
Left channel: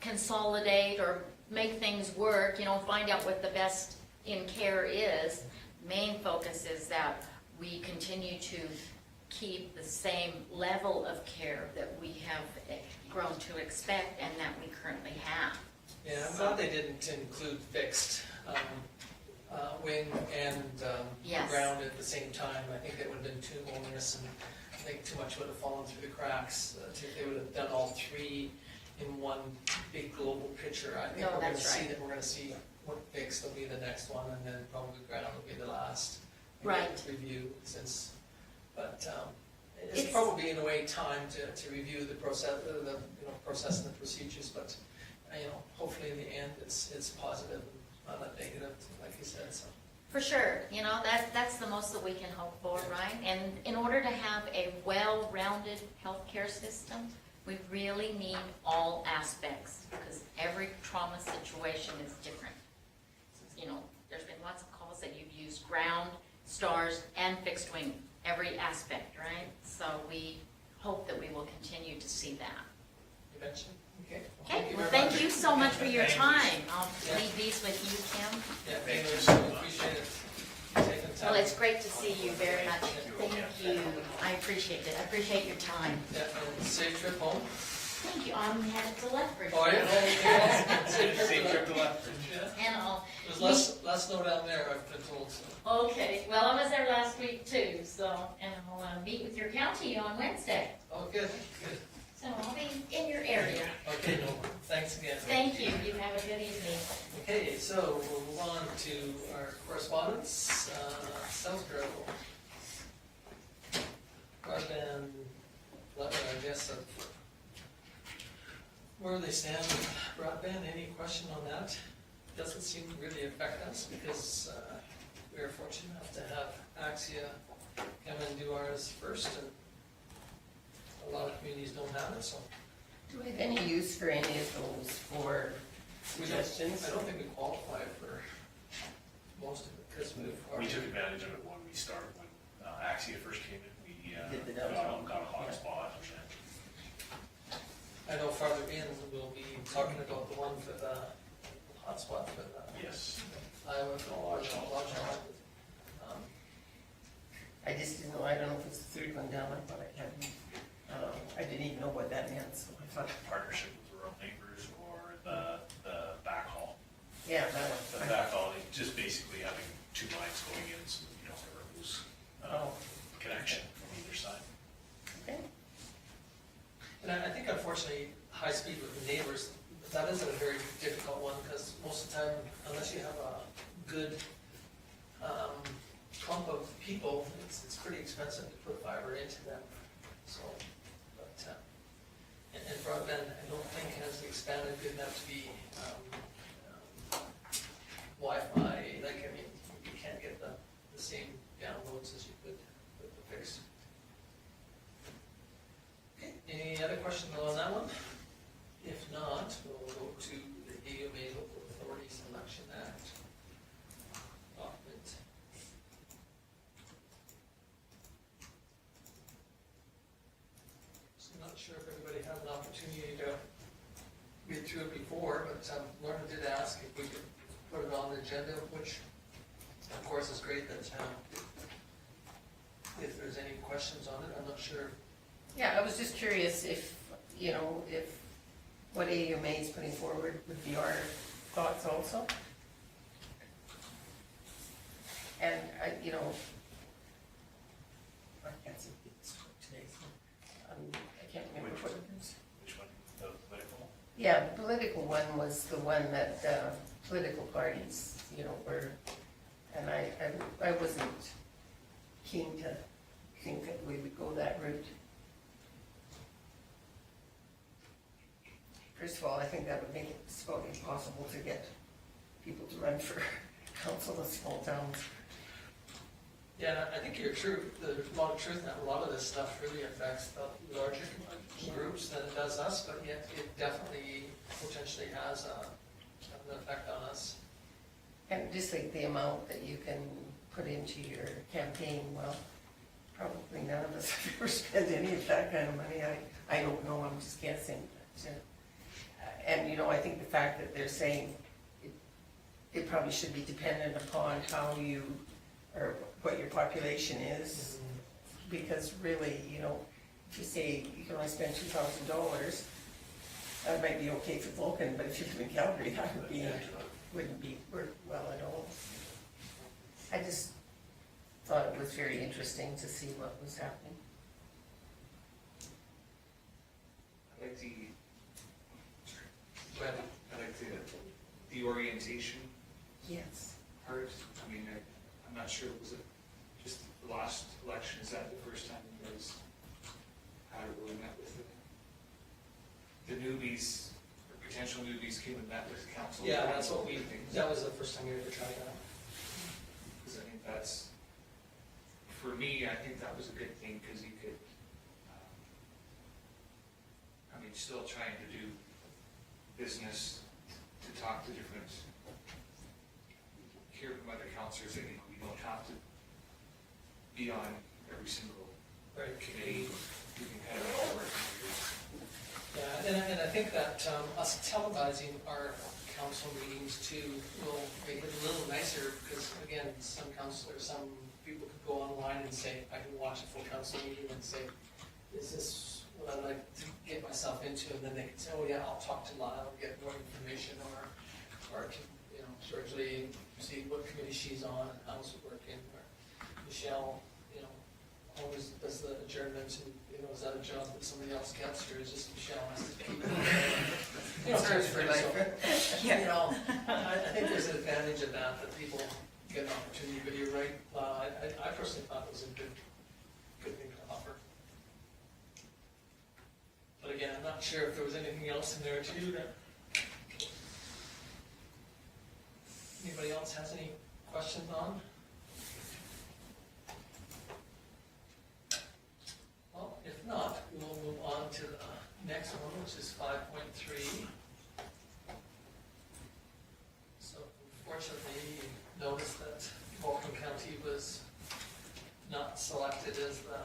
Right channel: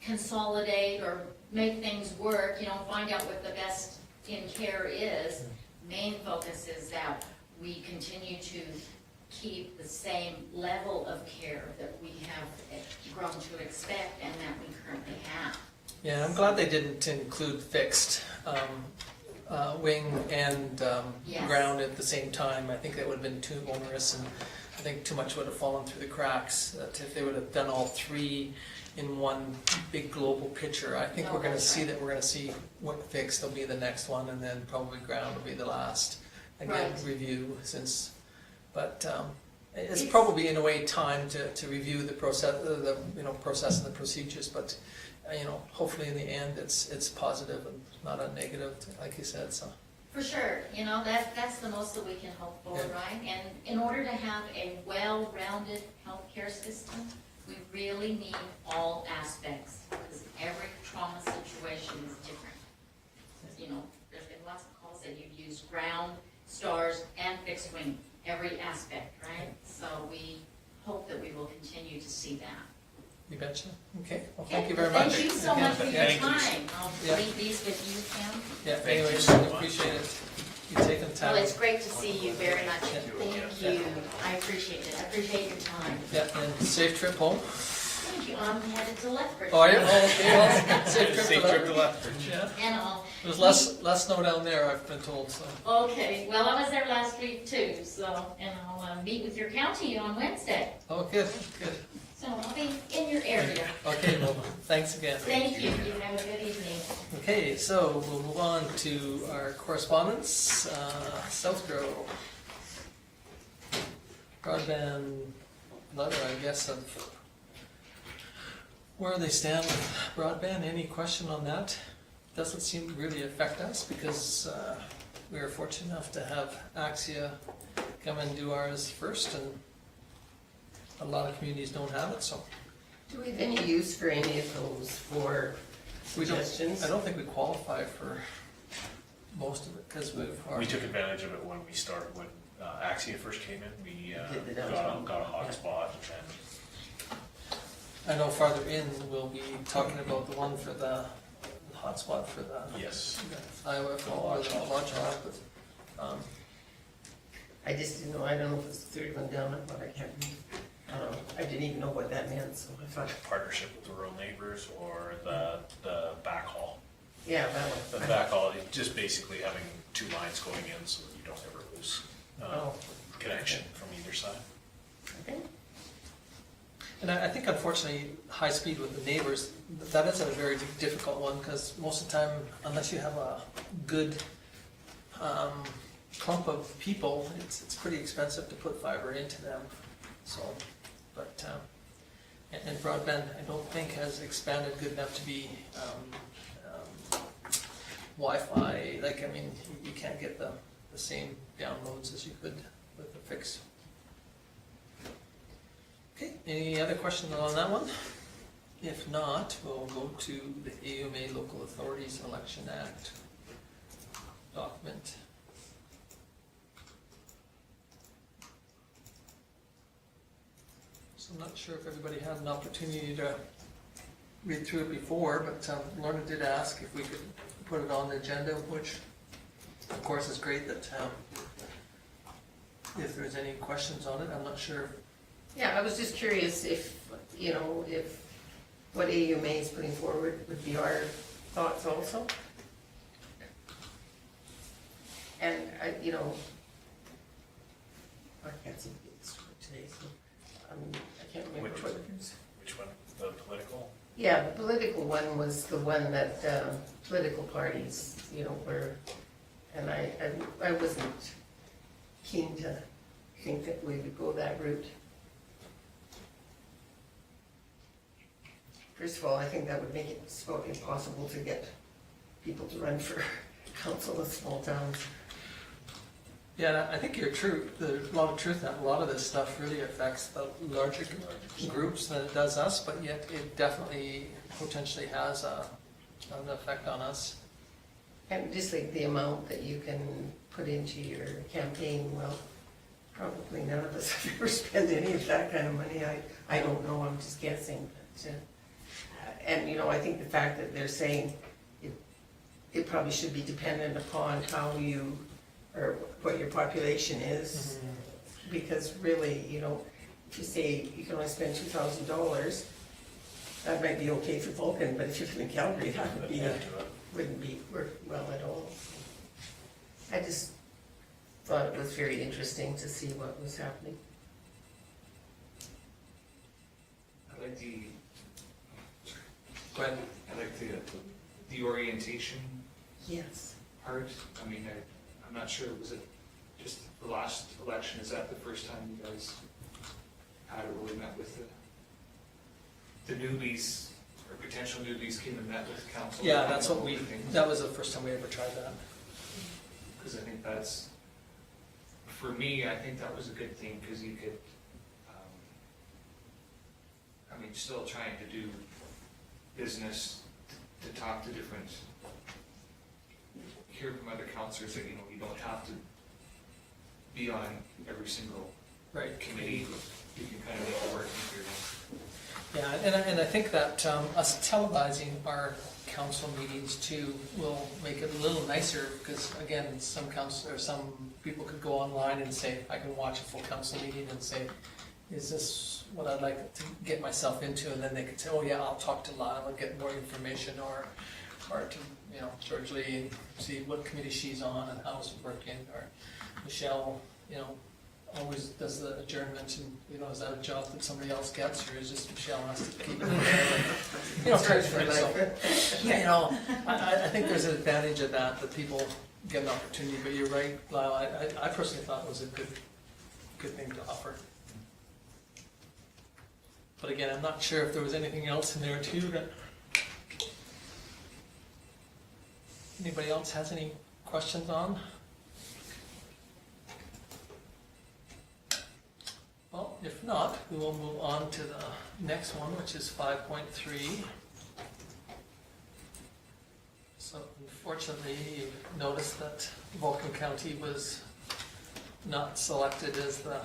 consolidate or make things work, you know, find out what the best in care is. Main focus is that we continue to keep the same level of care that we have grown to expect and that we currently have. Yeah, I'm glad they didn't include fixed wing and Yes. ground at the same time. I think that would have been too onerous, and I think too much would have fallen through the cracks. That if they would have done all three in one big global picture, I think No, we're going to that's see right. that. We're going to see what fixed will be the next one, and then probably ground will be the last. Again, Right. review since, but it's It's- probably in a way time to review the process, process and the procedures, but. hopefully in the end, it's positive and not a negative, like you said, so. For sure, that's the most that we can hope for, Yeah. right? And in order to have a well-rounded healthcare system, we really need all aspects, because every trauma situation is different. There's been lots of calls that you've used ground, stars, and fixed wing, every aspect, right? So we hope that we will continue to see that. You betcha. Okay, well, thank you very much. Thank you so much for your Thank you. time. I'll Yeah. leave these with you, Tim. Yeah, Thank you anyways, so we much. appreciate it, you taking the time. Well, it's great to see you very much. Yeah. Thank you. I appreciate it. I appreciate your time. Yeah, and safe trip home. Thank you. I'm headed to Lethbridge. Oh, are you? Oh, Safe trip to Lethbridge. Lethbridge. Yeah, And I'll, there's less snow down there, I've been told, so. okay, well, I was there last week too, and I'll meet with your county on Wednesday. Oh, good, good. So I'll be in your area. Okay, well, thanks again. Thank you. You have a good evening. Okay, so we'll move on to our correspondence, SouthGrow. Broadband letter, I guess, of where they stand with broadband. Any question on that? Doesn't seem to really affect us because we are fortunate enough to have Axia come and do ours first, and a lot of communities don't have it, so. Do we have any use for any of those for We don't- suggestions? I don't think we qualify for most of it because we've We already. took advantage of it when we started, when Axia first came in, we Did the got downtown. a hotspot, and then I know farther in, we'll be talking about the one for the hotspot for the yes. Iowa for Lodge the Hall. lodge hall, but, I just didn't know, I don't know if it's the third one down, but I can't, I didn't even know what that meant, so I thought, Partnership with the rural neighbors or the backhaul. yeah, that The one. backhaul, just basically having two lines going in so that you don't ever lose Oh, connection from either side. okay. and I think unfortunately, high speed with the neighbors, that is a very difficult one because most of the time, unless you have a good clump of people, it's pretty expensive to put fiber into them, so, but, and broadband, I don't think has expanded good enough to be, Wi-Fi, you can't get the same downloads as you could with the fixed. Okay, any other questions on that one? If not, we'll go to the AUMA Local Authorities Election Act document. So I'm not sure if everybody had an opportunity to read through it before, but Lorna did ask if we could put it on the agenda, which of course is great that if there's any questions on it, I'm not sure. Yeah, I was just curious if what AUMA is putting forward would be our thoughts also. And I can't seem to get this right today, so, I can't remember Which what. Which one? The political? Yeah, the political one was the one that, political parties, were, and I wasn't keen to think that we would go that route. First of all, I think that would make it about impossible to get people to run for council in small towns. Yeah, I think you're true. There's a lot of truth in that. A lot of this stuff really affects the larger groups than it does us, but yet it definitely potentially has an effect on us. And just like the amount that you can put into your campaign, well, probably none of us have ever spent any of that kind of money. I don't know, I'm just guessing. But, and I think the fact that they're saying it probably should be dependent upon how you, or what your population is. Because really, if you say you can only spend $2,000, that might be okay for Vulcan, but if you live in Calgary, that wouldn't be work well at all. I just thought it was very interesting to see what was happening. I like the, Go ahead. I like the orientation Yes. part. I mean, I'm not sure, was it just the last election, is that the first time you guys had it really met with the newbies, or potential newbies came and met with council. Yeah, that's what Things. that was the first time we ever tried that. Because I think that's, for me, I think that was a good thing, because you could, I mean, still trying to do business, to talk to different, hear from other councillors that, you don't have to be on every single Right. committee, you can kind of make it work in theory. Yeah, and I think that us televising our council meetings too will make it a little nicer, because again, some people could go online and say, I can watch a full council meeting and say, is this what I'd like to get myself into? And then they could say, oh yeah, I'll talk to Lyle and get more information, or to, George Lee, see what committee she's on and how's it working, or Michelle, always does the adjournment, and, is that a job that somebody else gets, or is just Michelle has to keep it? It's for life. I think there's an advantage of that people get an opportunity, but you're right, Lyle, I personally thought it was a good thing to offer. But again, I'm not sure if there was anything else in there too that anybody else has any questions on? Well, if not, we will move on to the next one, which is 5.3. So unfortunately, you noticed that Vulcan County was not selected as the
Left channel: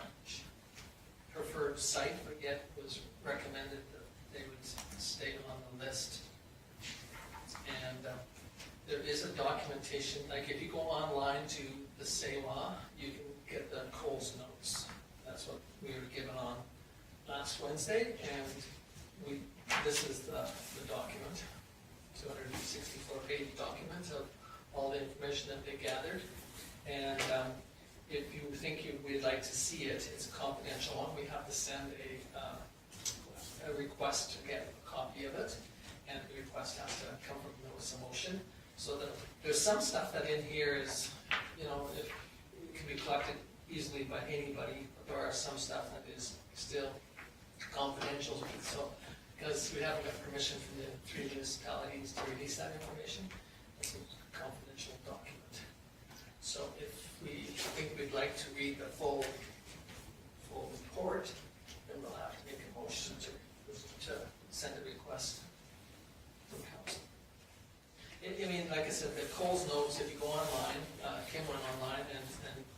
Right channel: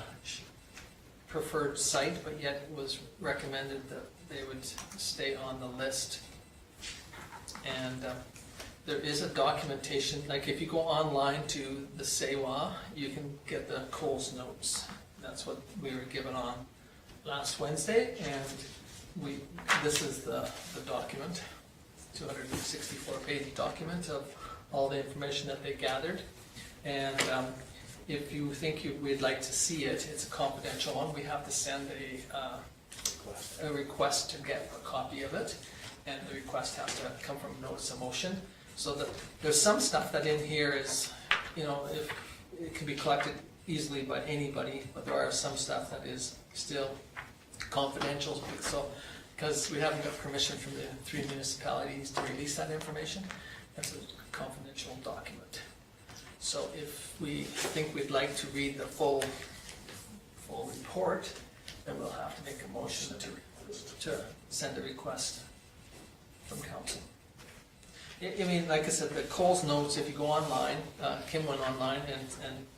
preferred site, but yet it was recommended that they would stay on the list. And there is a documentation, like if you go online to the SAEWA, you can get the Coles notes. That's what we were given on last Wednesday, and this is the document, 264-page document of all the information that they gathered. And if you think we'd like to see it, it's a confidential one. We have to send a request to get a copy of it, and the request has to come from notice of motion. So that there's some stuff that in here is, if it can be collected easily by anybody, but there are some stuff that is still confidential. So, because we haven't got permission from the 3 municipalities to release that information, that's a confidential document. So if we think we'd like to read the full report, then we'll have to make a motion to send a request from council. I mean, like I said, the Coles notes, if you go online, Kim went online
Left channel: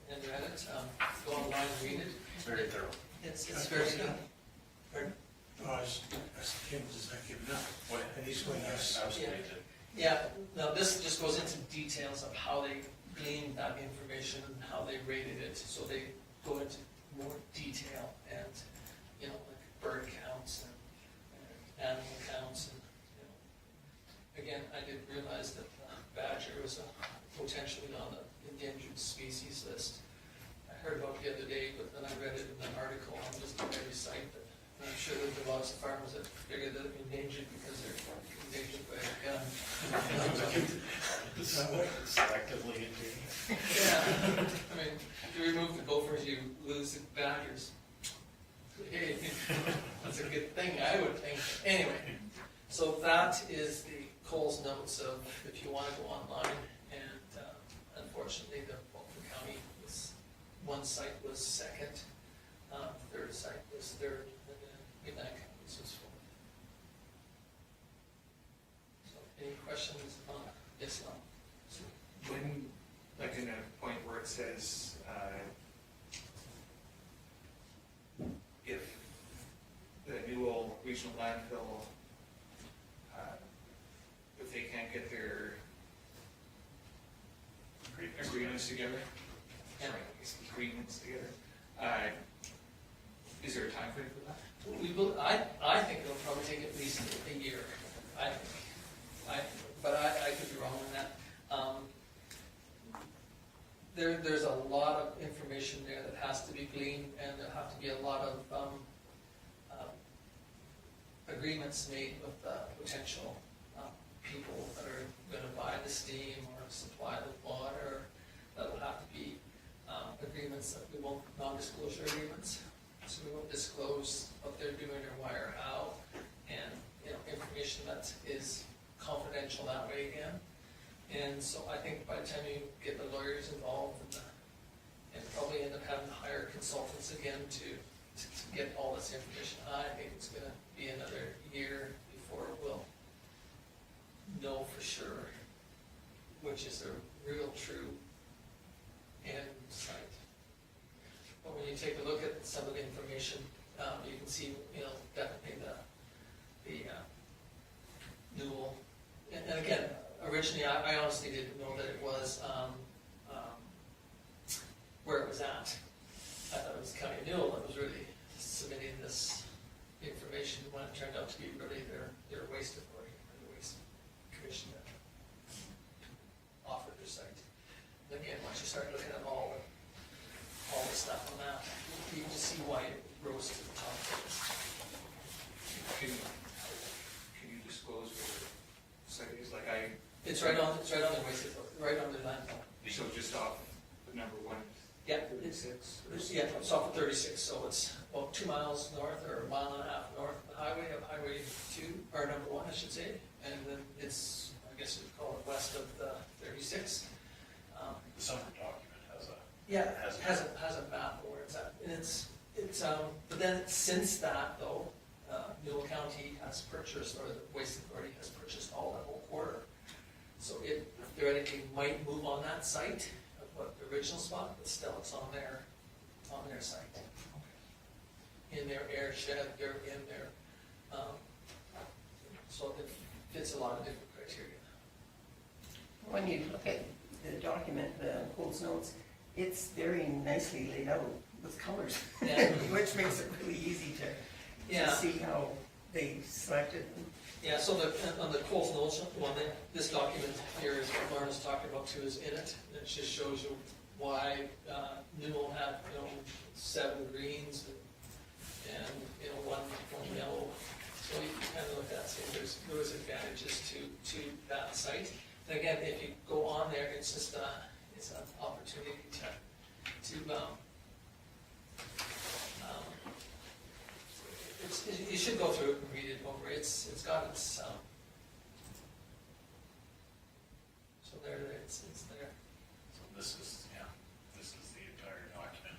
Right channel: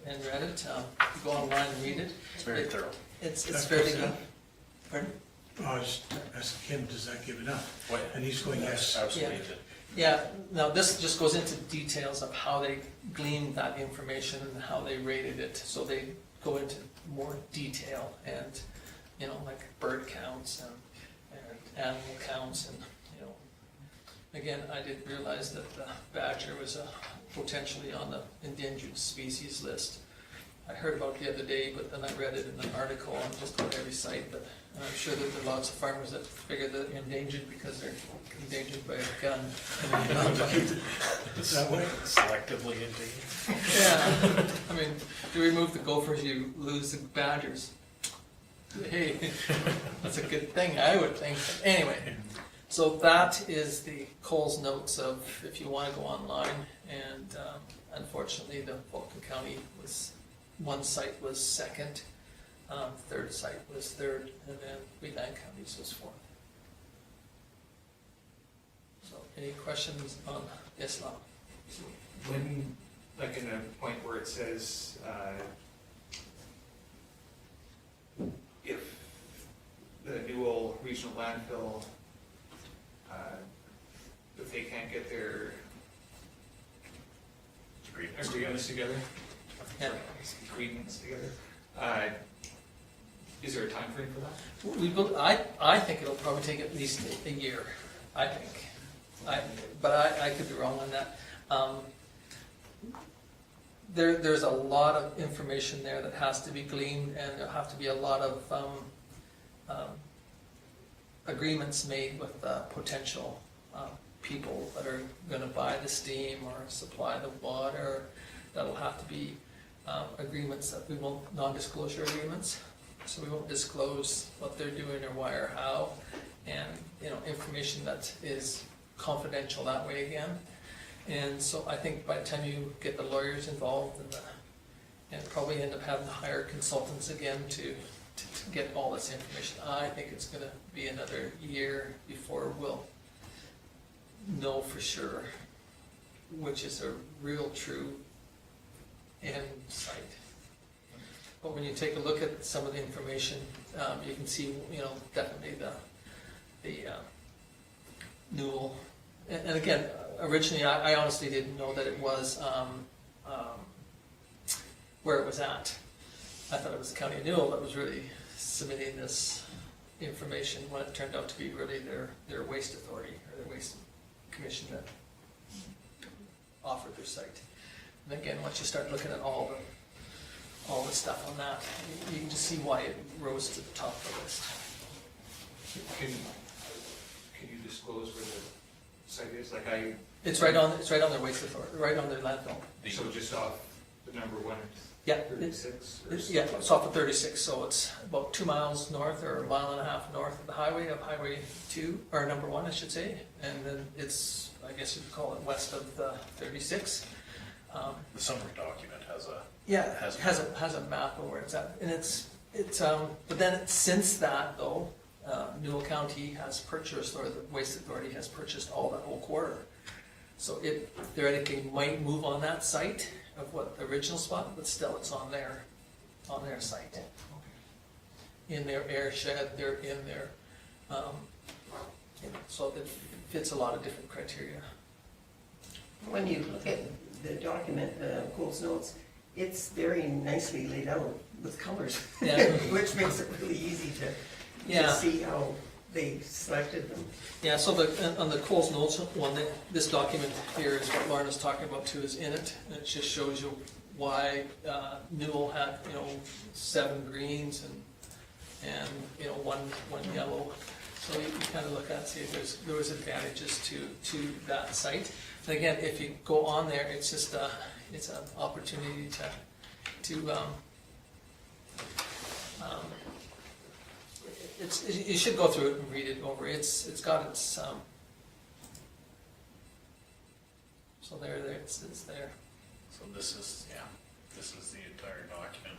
and read it, you go online and read it. It's very thorough. It's That's fairly good. good. Pardon? Ask Kim, does that give enough? Oh, yeah. And he's going, yes. Absolutely. Yeah, now this just goes into details of how they gleaned that information and how they rated it. So they go into more detail and, like bird counts and animal counts and, again, I didn't realize that the badger was potentially on the endangered species list. I heard about it the other day, but then I read it in an article on just about every site, but I'm sure that there are lots of farmers that figure that they're endangered because they're endangered by a gun. Is that way? Selectively indeed. Yeah, I mean, to remove the gophers, you lose the badgers. Hey, that's a good thing, I would think. Anyway, so that is the Coles notes of if you want to go online, and unfortunately the Vulcan County one site was second, third site was third, and then Wheatland Counties was fourth. So any questions on Islam? When, like in a point where it says, if the Newell Regional Landfill, if they can't get their agreements together, Yeah. agreements together, is there a time frame for that? I think it'll probably take at least a year, I think. But I could be wrong on that. There's a lot of information there that has to be gleaned, and there'll have to be a lot of agreements made with potential people that are gonna buy the steam or supply the water. That'll have to be agreements that we won't, non-disclosure agreements, so we won't disclose what they're doing or why or how, and information that is confidential that way again. And so I think by the time you get the lawyers involved and probably end up having to hire consultants again to get all this information, I think it's gonna be another year before we'll know for sure which is a real true end site. But when you take a look at some of the information, you can see, definitely the Newell, and again, originally, I honestly didn't know that it was, where it was at. I thought it was the County of Newell that was really submitting this information, when it turned out to be really their waste authority, or their waste commission that offered their site. And again, once you start looking at all the stuff on that, you can just see why it rose to the top of the list. Can you disclose where the site is? Like It's right on their waste authority, right on their landfill. so just off the number 1 Yeah, and 36? yeah, it's off of 36, so it's about 2 miles north or a mile and a half north of the highway, of Highway 2, or number 1, I should say. And then it's, I guess you'd call it west of the 36. The summary document has a. Yeah, it has a map of where it's at, and it's but then since that though, Newell County has purchased, or the Waste Authority has purchased all that whole quarter. So it theoretically might move on that site of what the original spot, but still it's on their site. In their air shed, they're in their, so it fits a lot of different criteria. When you look at the document, Cole's notes, it's very nicely laid out with colors, Yeah. which makes it really easy to Yeah. see how they selected them. Yeah, so on the Coles Notes one, this document here is what Lauren was talking about too, is in it, and it just shows you why Newell had, 7 greens and one yellow. So you kind of look at, see if there was advantages to that site. And again, if you go on there, it's just it's an opportunity to you should go through it and read it over. It's got its so there it's there. So this is the entire document.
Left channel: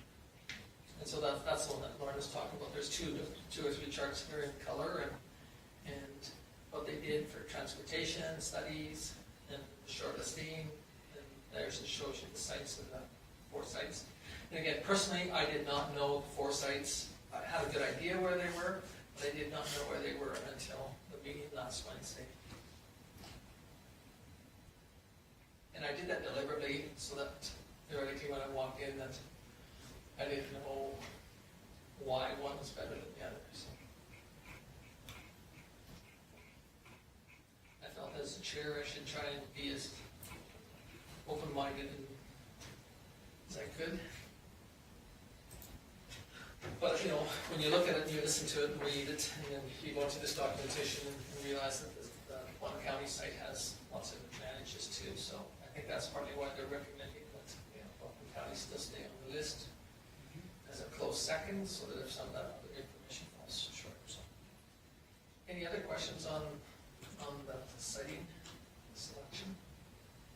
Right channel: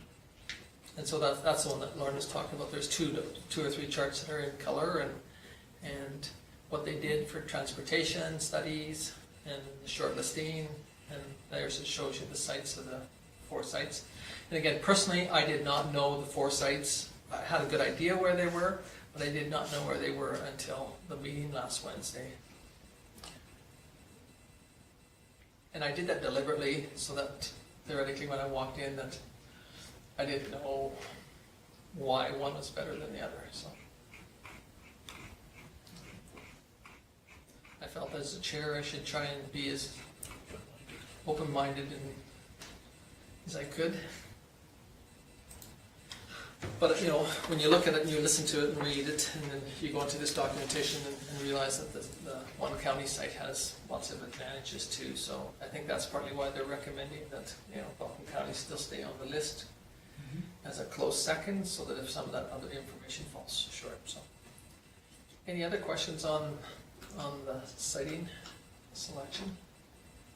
And so that's the one that Lauren was talking about. There's two or three charts that are in color and what they did for transportation studies and shortlisting, and there's it shows you the sites of the 4 sites. And again, personally, I did not know the 4 sites. I had a good idea where they were, but I did not know where they were until the meeting last Wednesday. And I did that deliberately so that theoretically when I walked in that I didn't know why one was better than the other. So I felt as a chair I should try and be as open-minded as I could. But when you look at it and you listen to it and read it, and then you go into this documentation and realize that the one county site has lots of advantages too. So I think that's partly why they're recommending that Vulcan County still stay on the list as a close second, so that if some of that other information falls short. So, any other questions on the siting selection?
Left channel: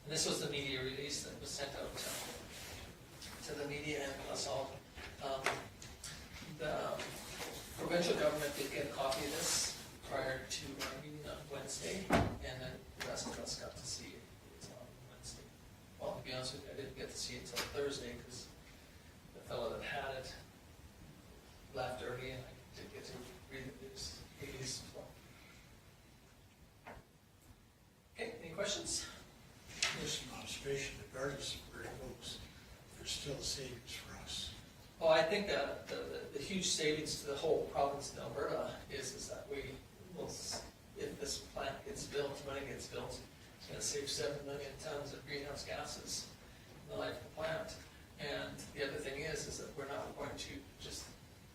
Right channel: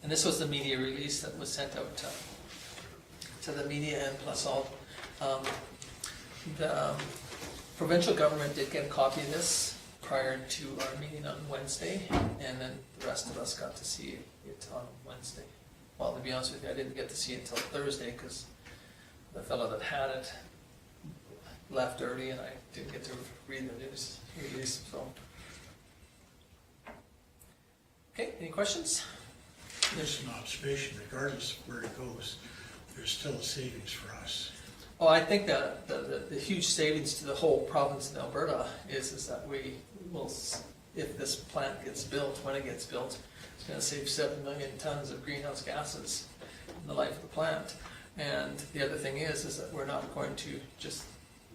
And this was the media release that was sent out to the media and plus all. The provincial government did get a copy of this prior to our meeting on Wednesday, and then the rest of us got to see it on Wednesday. Well, to be honest with you, I didn't get to see it until Thursday because the fellow that had it left early and I didn't get to read the news release. So, okay, any questions? Just an observation, regardless of where it goes, there's still a savings for us. Well, I think that the huge savings to the whole province of Alberta is that we will, if this plant gets built, when it gets built, it's going to save 7 million tons of greenhouse gases in the life of the plant. And the other thing is that we're not going to just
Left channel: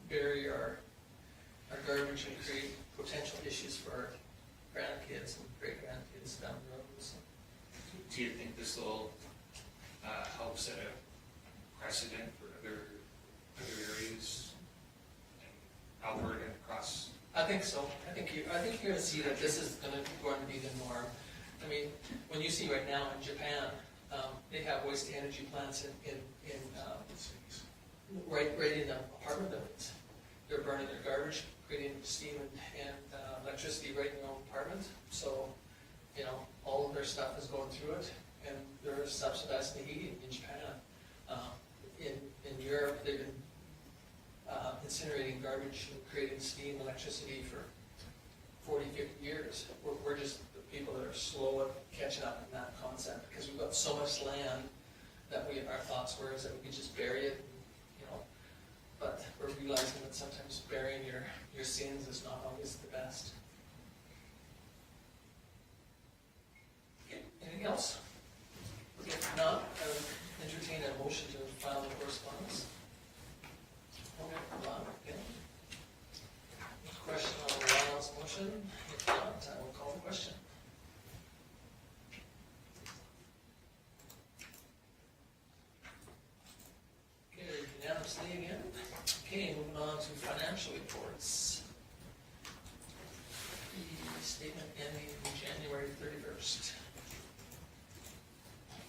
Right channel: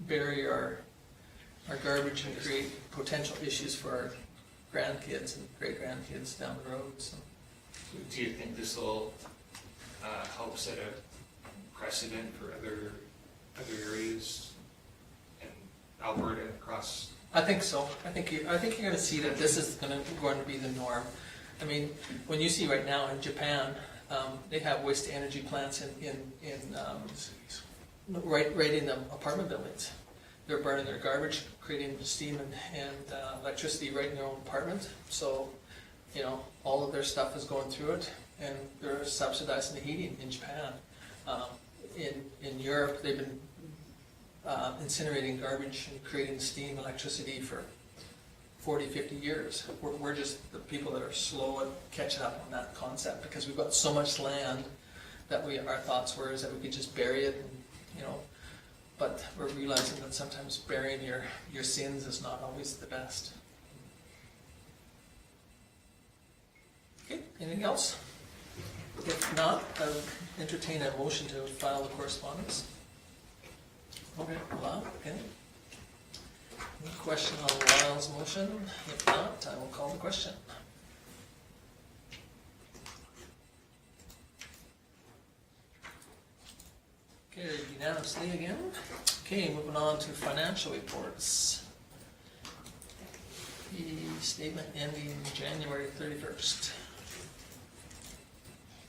bury our garbage and create potential issues for our grandkids and great-grandkids down the road. So. Do you think this will help set a precedent for other areas in Alberta across I think so. I think you're gonna see that this is going to be the norm. I mean, when you see right now in Japan, they have waste to energy plants right in the apartment buildings. They're burning their garbage, creating steam and electricity right in their own apartment. So, you know, all of their stuff is going through it, and they're subsidizing the heating in Japan. In Europe, they've been incinerating garbage and creating steam, electricity for 40, 50 years. We're just the people that are slow at catching up on that concept, because we've got so much land that our thoughts were is that we could just bury it, and, you know, but we're realizing that sometimes burying your sins is not always the best. Okay, anything else? If not, I would entertain a motion to file the correspondence. Okay, Lyle, okay. Any question on Lyle's motion? If not, I will call the question. Okay, unanimously again. Okay, moving on to financial reports. The statement ending January 31st.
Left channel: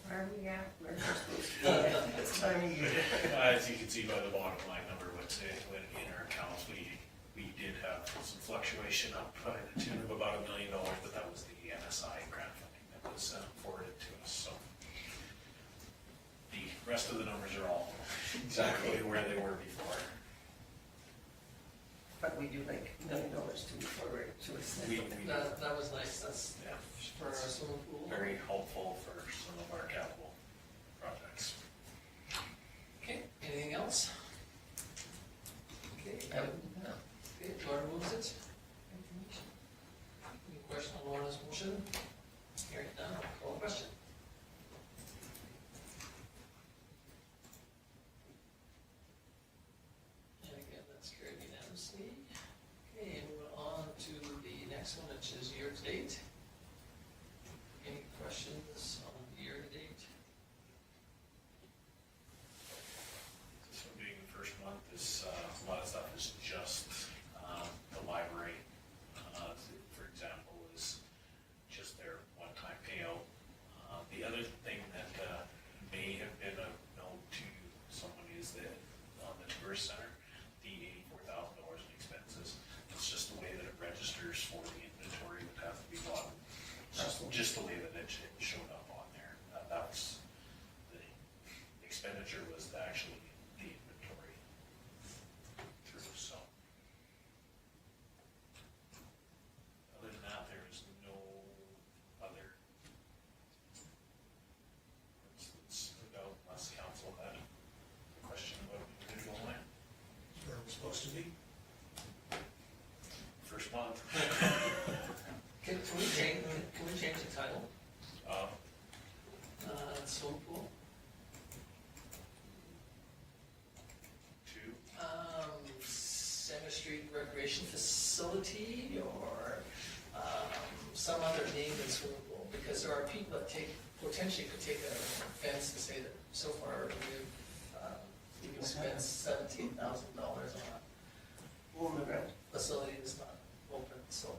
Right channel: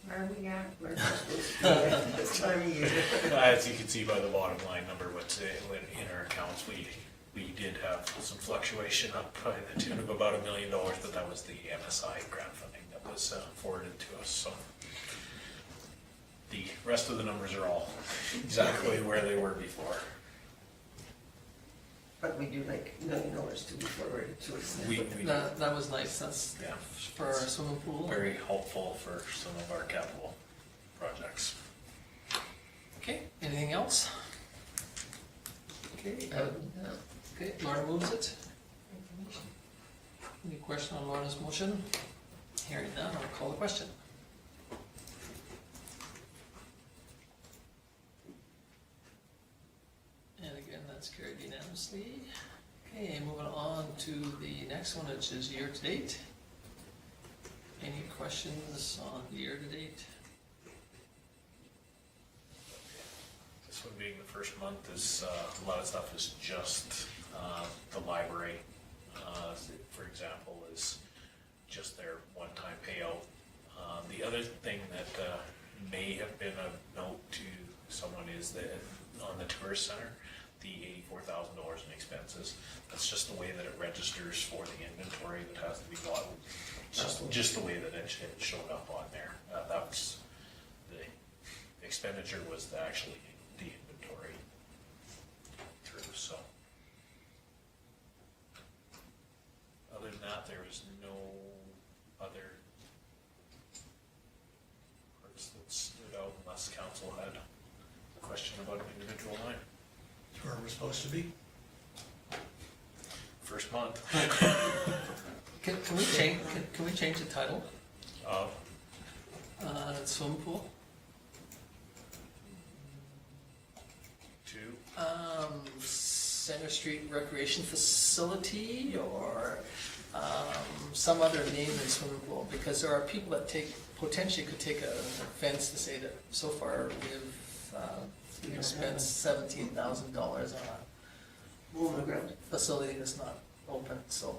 Where are we at? Where's we supposed to be at this time of year? As you can see by the bottom line number, when in our accounts, we did have some fluctuation up by the tune of about $1 million, but that was the MSI grant funding that was forwarded to us, so. The rest of the numbers are all exactly where they were before. But we do like $1 million to be forwarded to us. We That was nice. That's yeah, for our swimming pool. very helpful for some of our capital projects. Okay, anything else? Okay, No. okay, Laura moves it. Any question on Laura's motion? Hearing none, I'll call the question. And again, that's carried unanimously. Okay, moving on to the next one, which is year-to-date. Any questions on the year-to-date? This one being the first month is, a lot of stuff is just the library, for example, is just their one-time payout. The other thing that may have been a note to someone is that on the tourist center, the $84,000 in expenses, that's just the way that it registers for the inventory that has to be bought. Just the way that it showed up on there. That was, the expenditure was actually the inventory through, so. Other than that, there is no other parts that stood out unless council had a question about an individual line. That's where we're supposed to be. First month. Can we change the title? Swimming pool? To Center Street Recreation Facility, or some other name than swimming pool, because there are people that potentially could take offense to say that so far we've spent $17,000 on a Hole in the ground. facility that's not open, so.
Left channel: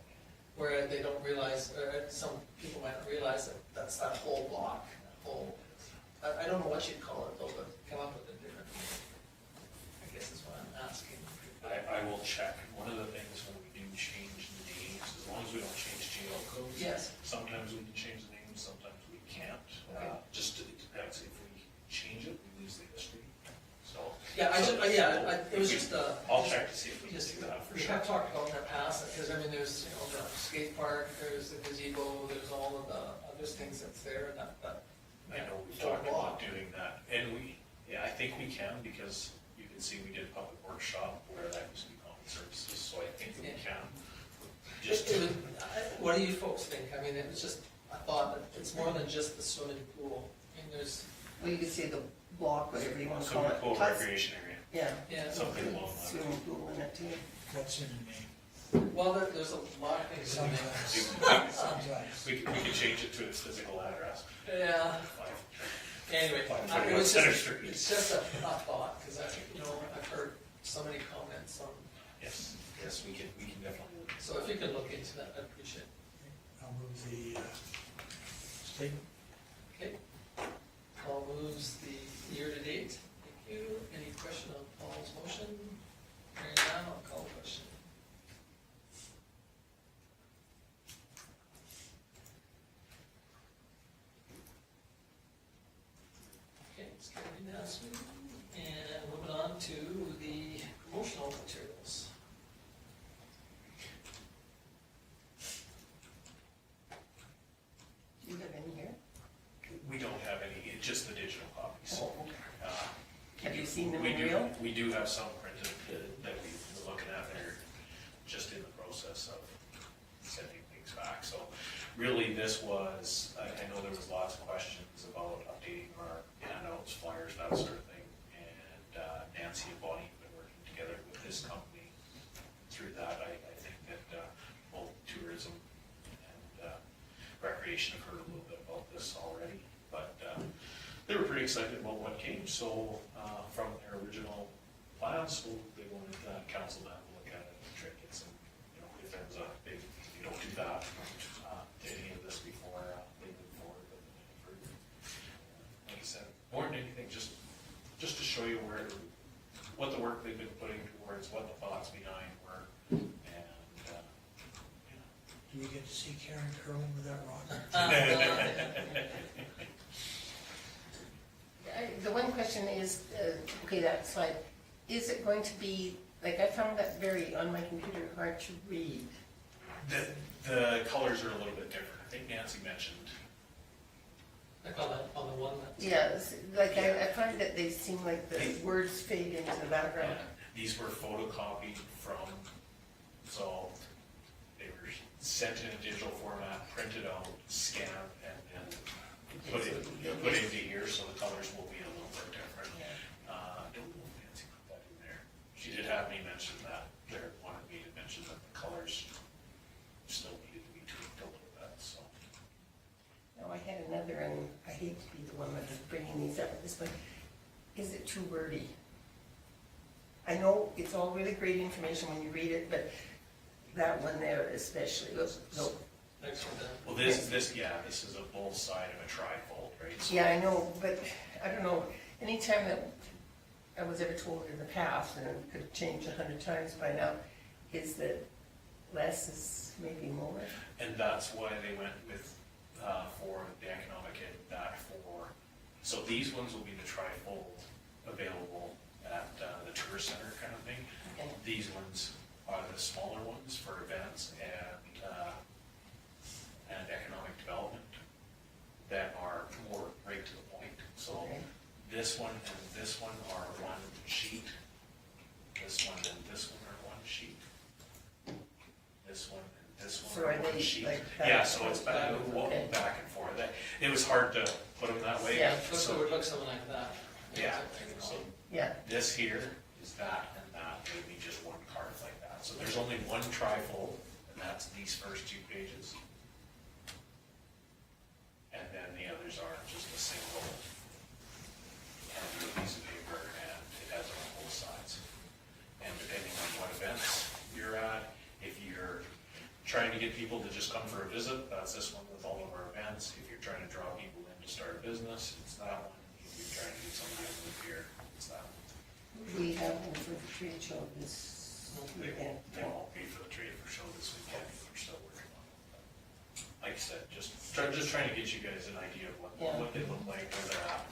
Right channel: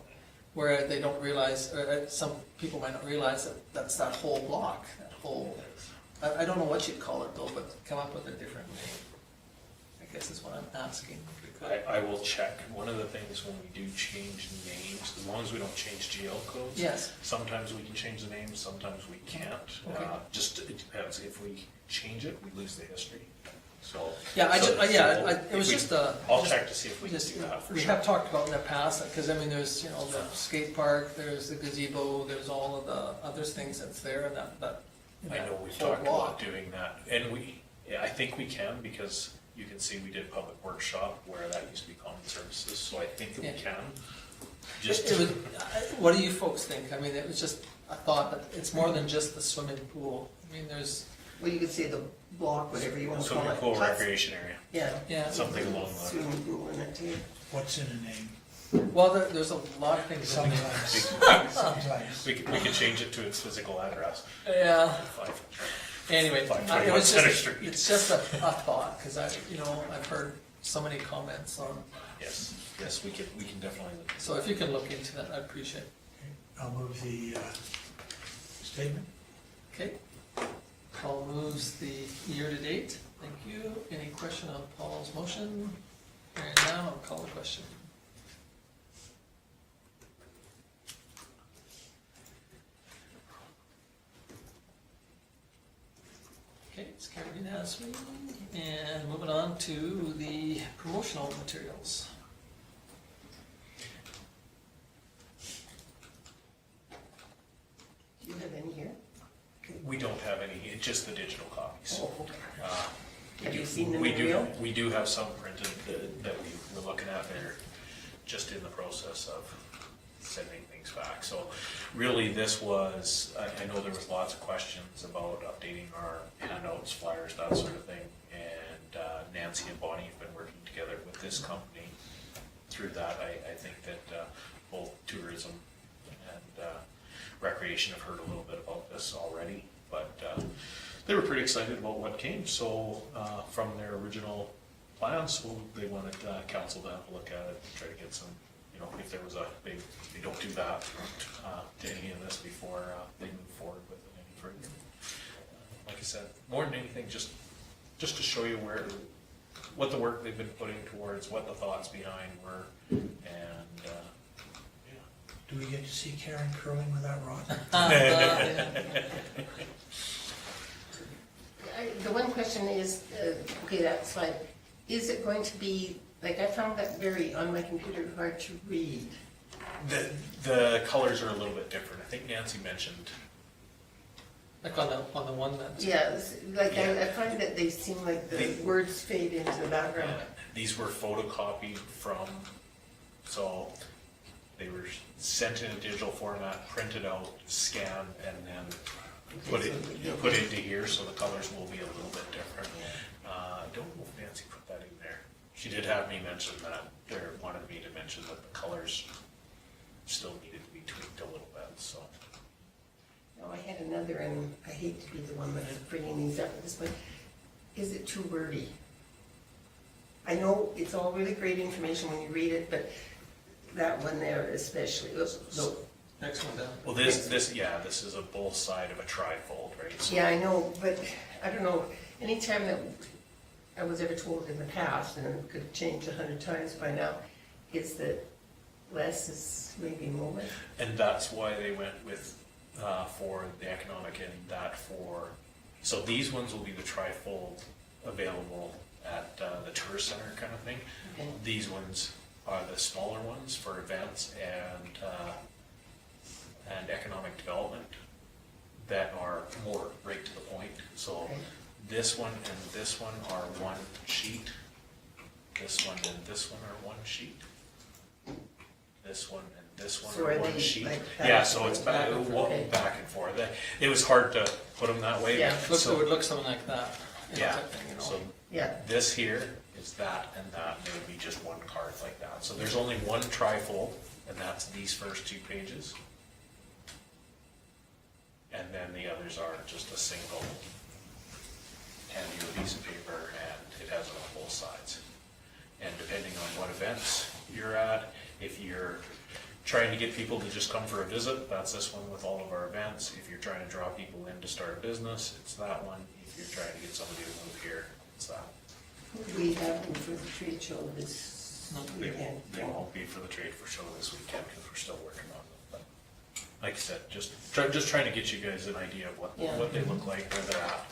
Where they don't realize, or some people might not realize that that's that whole block, that whole, I don't know what you'd call it though, but come up with a different name. I guess is what I'm asking. I will check. One of the things when we do change names, as long as we don't change GL codes. Yes. Sometimes we can change the name, sometimes we can't. Okay. Just, it depends. If we change it, we lose the history. So. Yeah, it was just a. I'll check to see if we can Just, do that for we sure. have talked about in the past, because I mean, there's, you know, the skate park, there's the gazebo, there's all of the other things that's there, and that. I know we've whole talked block. about doing that, and I think we can, because you can see we did a public workshop where that used to be common services, so I think that we Yeah. can. Just, It was, what do you folks think? I mean, it was just a thought that it's more than just the swimming pool. I mean, there's, Well, you could say the block, whatever you want to call swimming it. pool Plus- recreation area, Yeah. something along that. Swimming pool in it too. What's in a name? well, there's a lot of things. Sometimes. Sometimes. We could change it to its physical address. Yeah, 5. anyway, it 521 was Center just, Street. it's just a thought, because I've heard so many comments on Yes, yes, we can definitely look into So if you can look into that, I'd appreciate it. I'll move the statement. Okay. Paul moves the year-to-date. Thank you. Any question on Paul's motion? Hearing none, I'll call the question. Okay, it's carried unanimously. And moving on to the promotional materials. Do you have any here? We don't have any, it's just the digital copies. Oh, okay. Uh, Have you seen them we in do- real? We do have some printed that we're looking at, they're just in the process of sending things back. So really this was, I know there was lots of questions about updating our handouts, flyers, that sort of thing. And Nancy and Bonnie have been working together with this company through that. I think that both tourism and recreation have heard a little bit about this already. But they were pretty excited about what came, so from their original plans, so they wanted council to have a look at it, try to get some, you know, if there was a big, they don't do that to any of this before they move forward with it any further. Like I said, more than anything, just to show you what the work they've been putting towards, what the thoughts behind were, and yeah. Do we get to see Karen curling with that rod? The one question is, okay, that slide, is it going to be, like, I found that on my computer, hard to read. The colors are a little bit different. I think Nancy mentioned. Like on the one that's. Yeah, like, Yeah. I find that they seem like the words fade into the background. These were photocopied from, so they were sent in a digital format, printed out, scanned, and then put into here, so the colors will be a little bit different. I don't know if Nancy put that in there. She did have me mention that, wanted me to mention that the colors still needed to be tweaked a little bit, so. No, I had another, and I hate to be the one that is bringing these up at this point. Is it too wordy? I know it's all really great information when you read it, but that one there especially, no. Next one down. Well, this is a both side of a trifold, right? So Yeah, I know, but I don't know, anytime that I was ever told in the past, and it could have changed 100 times by now, is that less is maybe more. And that's why they went with, for the economic and that for, so these ones will be the trifold available at the tourist center kind of thing. Okay. These ones are the smaller ones for events and economic development that are more right to the point. So Okay. this one and this one are one sheet. This one and this one are one sheet. This one and this one So are are one they sheet. like that? Yeah, so it's back, Okay. back and forth. It was hard to put them that way. Yeah. Looks, So- it would look something like that. you know, Yeah, type thing, you know. so Yeah, this here is that and that, and it would be just one card like that. So there's only one trifold, and that's these first two pages. And then the others are just a single, hand you a piece of paper, and it has it on both sides. And depending on what events you're at, if you're trying to get people to just come for a visit, that's this one with all of our events. If you're trying to draw people in to start a business, it's that one. If you're trying to get somebody to move here, it's that one. we have them for the trade show this weekend. They won't be for the trade for show this weekend because we're still working on them. But like I said, just trying to get you guys an idea of Yeah. what they look like, where they're at.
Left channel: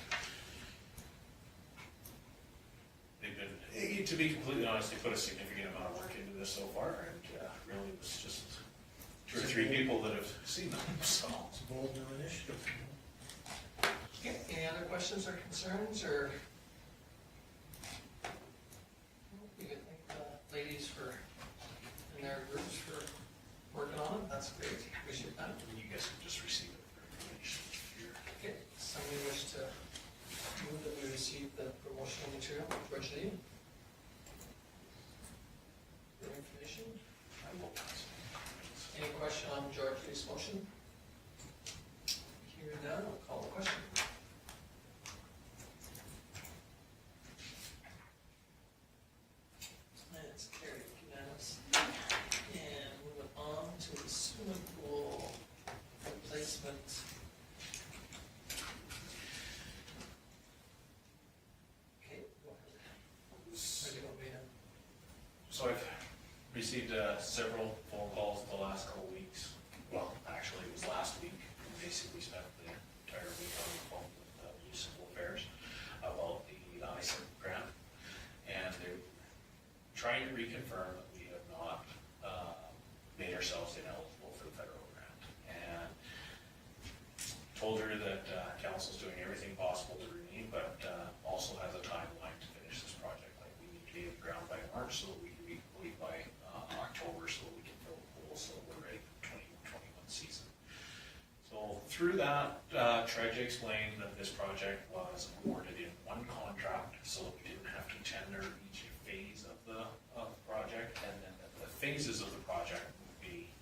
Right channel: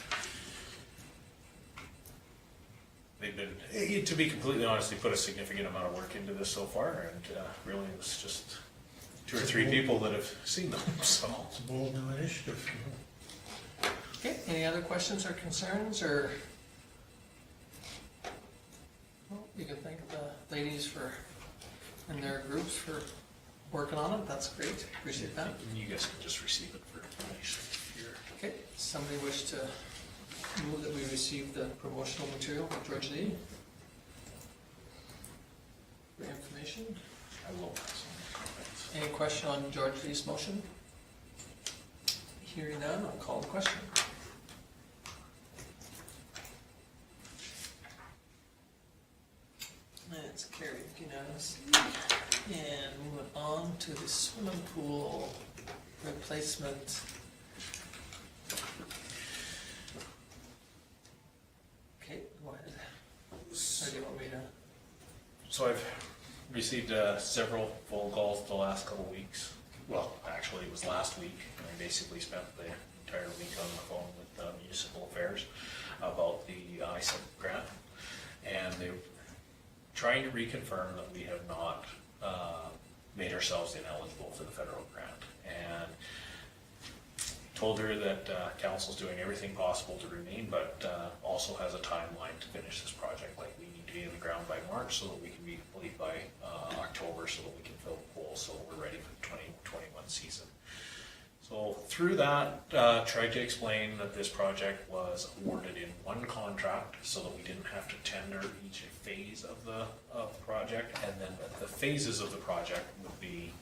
They've been, to be completely honest, they put a significant amount of work into this so far, and really it was just 2 or 3 people that have seen them. So It's a bold new initiative. Okay, any other questions or concerns, or? Well, you can thank the ladies and their groups for working on it, that's great, appreciate that. and you guys can just receive it for information if you're. Okay, somebody wish to move that we receive the promotional material, George Lee? For information, I will pass on comments. any question on George Lee's motion? Hearing none, I'll call the question. And it's carried unanimously. questions? Okay, go ahead. Or do you want me to? So I've received several phone calls the last couple weeks. Well, actually, it was last week. I basically spent the entire week on the phone with Municipal Affairs about the ISIP grant. And they're trying to reconfirm that we have not made ourselves ineligible for the federal grant. And told her that council's doing everything possible to remain, but also has a timeline to finish this project. Like, we need to be in the ground by March so that we can be complete by October so that we can fill the pool so we're ready for the 2021 season. So through that, tried to explain that this project was awarded in one contract so that we didn't have to tender each phase of the project, and then that the phases of the project would be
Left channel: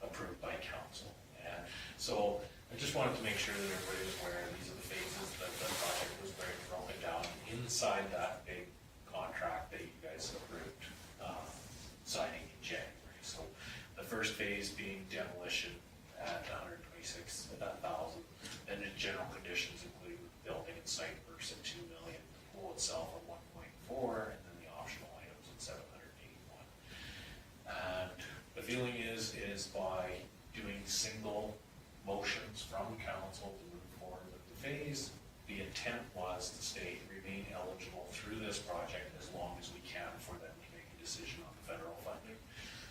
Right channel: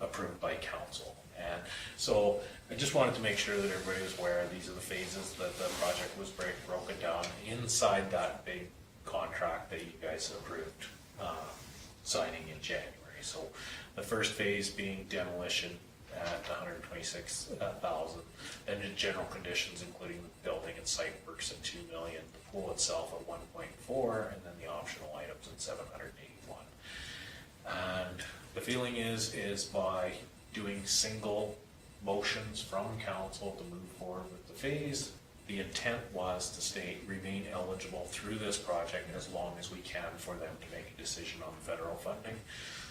approved by council. And so I just wanted to make sure that everybody was aware these are the phases that the project was broken down inside that big contract that you guys approved signing in January. So the first phase being demolition at 126,000, then the general conditions including the building and site works at 2 million, the pool itself at 1.4, and then the optional items at 781. And the feeling is by doing single motions from council to move forward with the phase, the intent was to remain eligible through this project as long as we can for them to make a decision on the federal funding.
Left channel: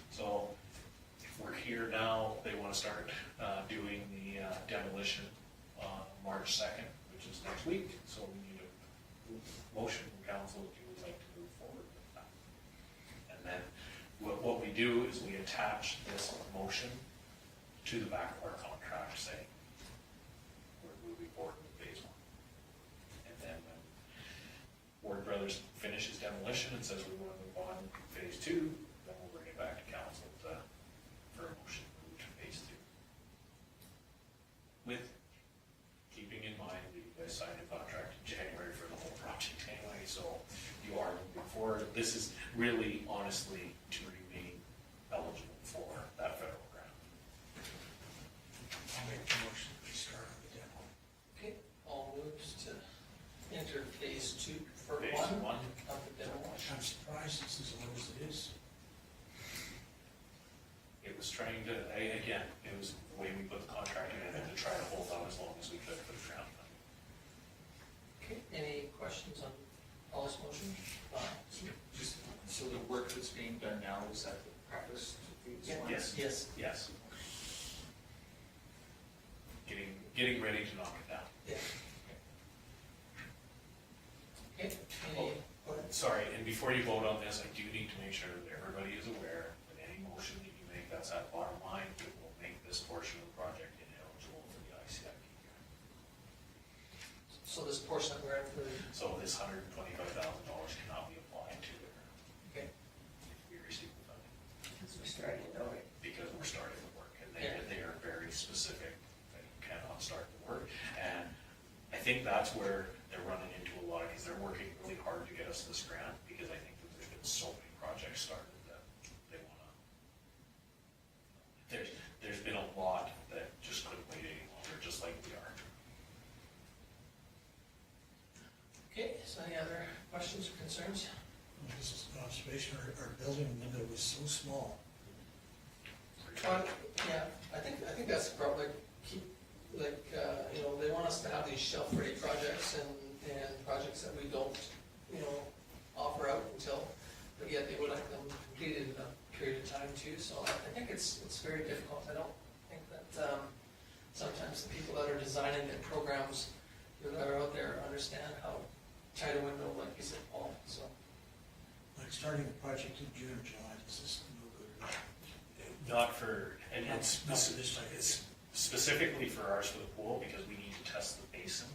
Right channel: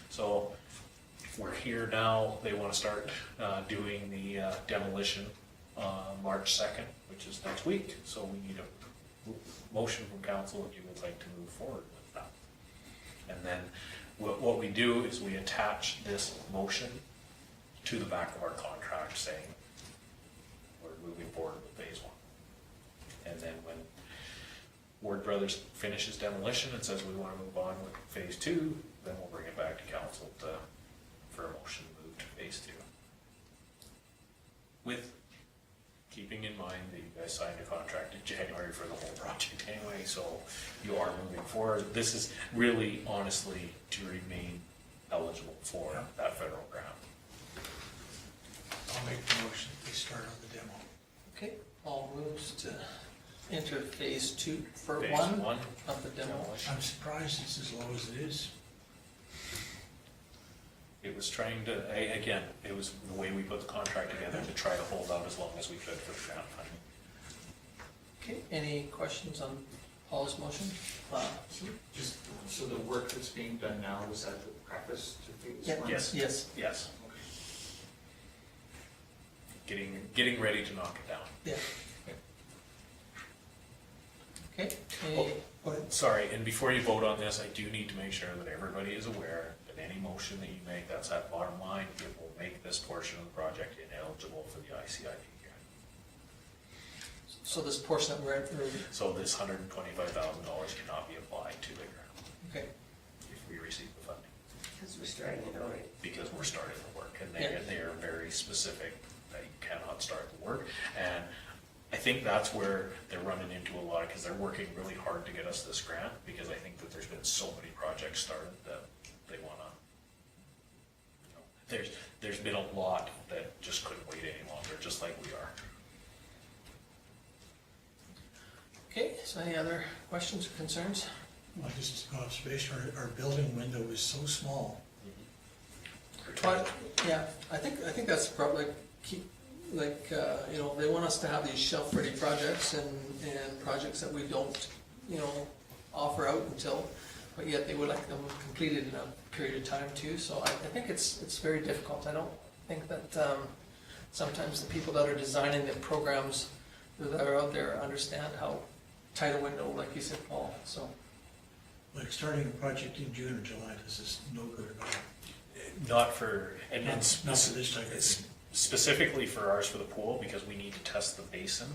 So we're here now, they want to start doing the demolition March 2nd, which is next week, so we need a motion from council if you would like to move forward with that. And then what we do is we attach this motion to the back of our contract saying we're moving forward with phase 1. And then when Ward Brothers finishes demolition and says we want to move on with phase 2, then we'll bring it back to council for a motion to move to phase 2. With keeping in mind that you guys signed a contract in January for the whole project anyway, so you are moving forward. This is really honestly to remain eligible for that federal grant. I'll make the motion, we start on the demo. Okay, all moves to enter phase 2 for Phase one one. of the demo. I'm surprised it's as low as it is. It was trying to, again, it was the way we put the contract together to try to hold out as long as we could for the grant funding. Okay, any questions on Paul's motion? Just, so the work that's being done now, was that the preface to phase Yeah. 1? Yes. Yes, Yes, getting ready to knock it down. yeah. Okay, Oh. any, go ahead. Sorry, and before you vote on this, I do need to make sure that everybody is aware that any motion that you make, that's that bottom line, it will make this portion of the project ineligible for the ICIP grant. So this portion that we're at, So this $125,000 cannot be applied to the grant okay, if we receive the funding, Because we're starting it already. because we're starting the work, and Yeah. they are very specific that you cannot start the work. And I think that's where they're running into a lot, because they're working really hard to get us this grant, because I think that there's been so many projects started that they wanna, there's been a lot that just couldn't wait any longer, just like we are. okay, so any other questions or concerns? Like just observation, our building window is so small. But, yeah, I think that's probably keep, like, you know, they want us to have these shelf-ready projects and projects that we don't, you know, offer out until, but yet they would like them completed in a period of time too, so I think it's very difficult. I don't think that, sometimes the people that are designing the programs that are out there understand how tight a window, like you said, Paul, so. Like starting a project in June or July, this is no good at all. Not for, and Not it's, for this type of thing. specifically for ours for the pool, because we need to test the basin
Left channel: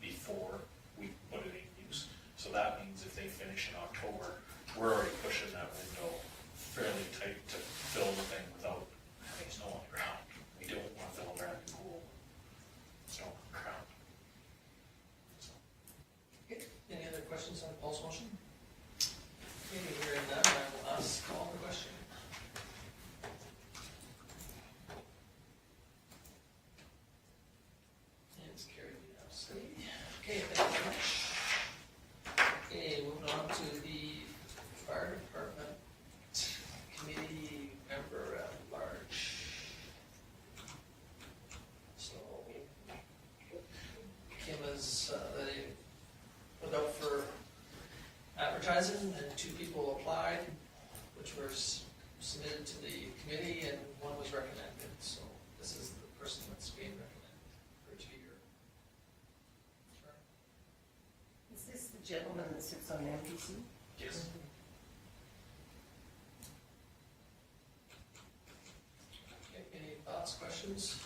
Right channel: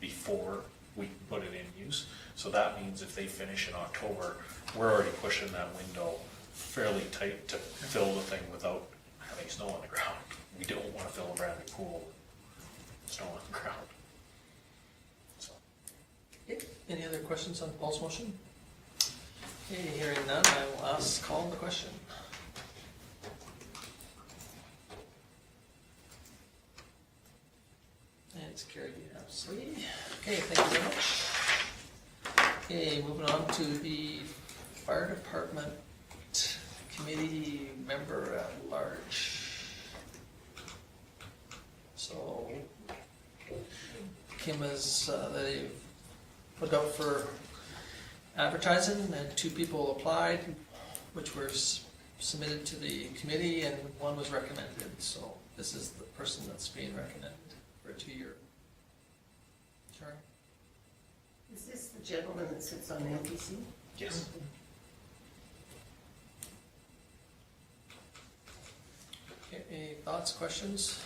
before we put it in use. So that means if they finish in October, we're already pushing that window fairly tight to fill the thing without having snow on the ground. We don't wanna fill a brand new pool with snow on the ground. So, Okay, any other questions on Paul's motion? Okay, hearing none, I will call the question. It's carried unanimously. Okay, thank you very much. Okay, moving on to the fire department committee member at large. So, Kim has, they put out for advertising and 2 people applied, which were submitted to the committee and 1 was recommended. So this is the person that's being recommended for a 2-year term. Is this the gentleman that sits on MPC? Yes. Okay, any thoughts, questions?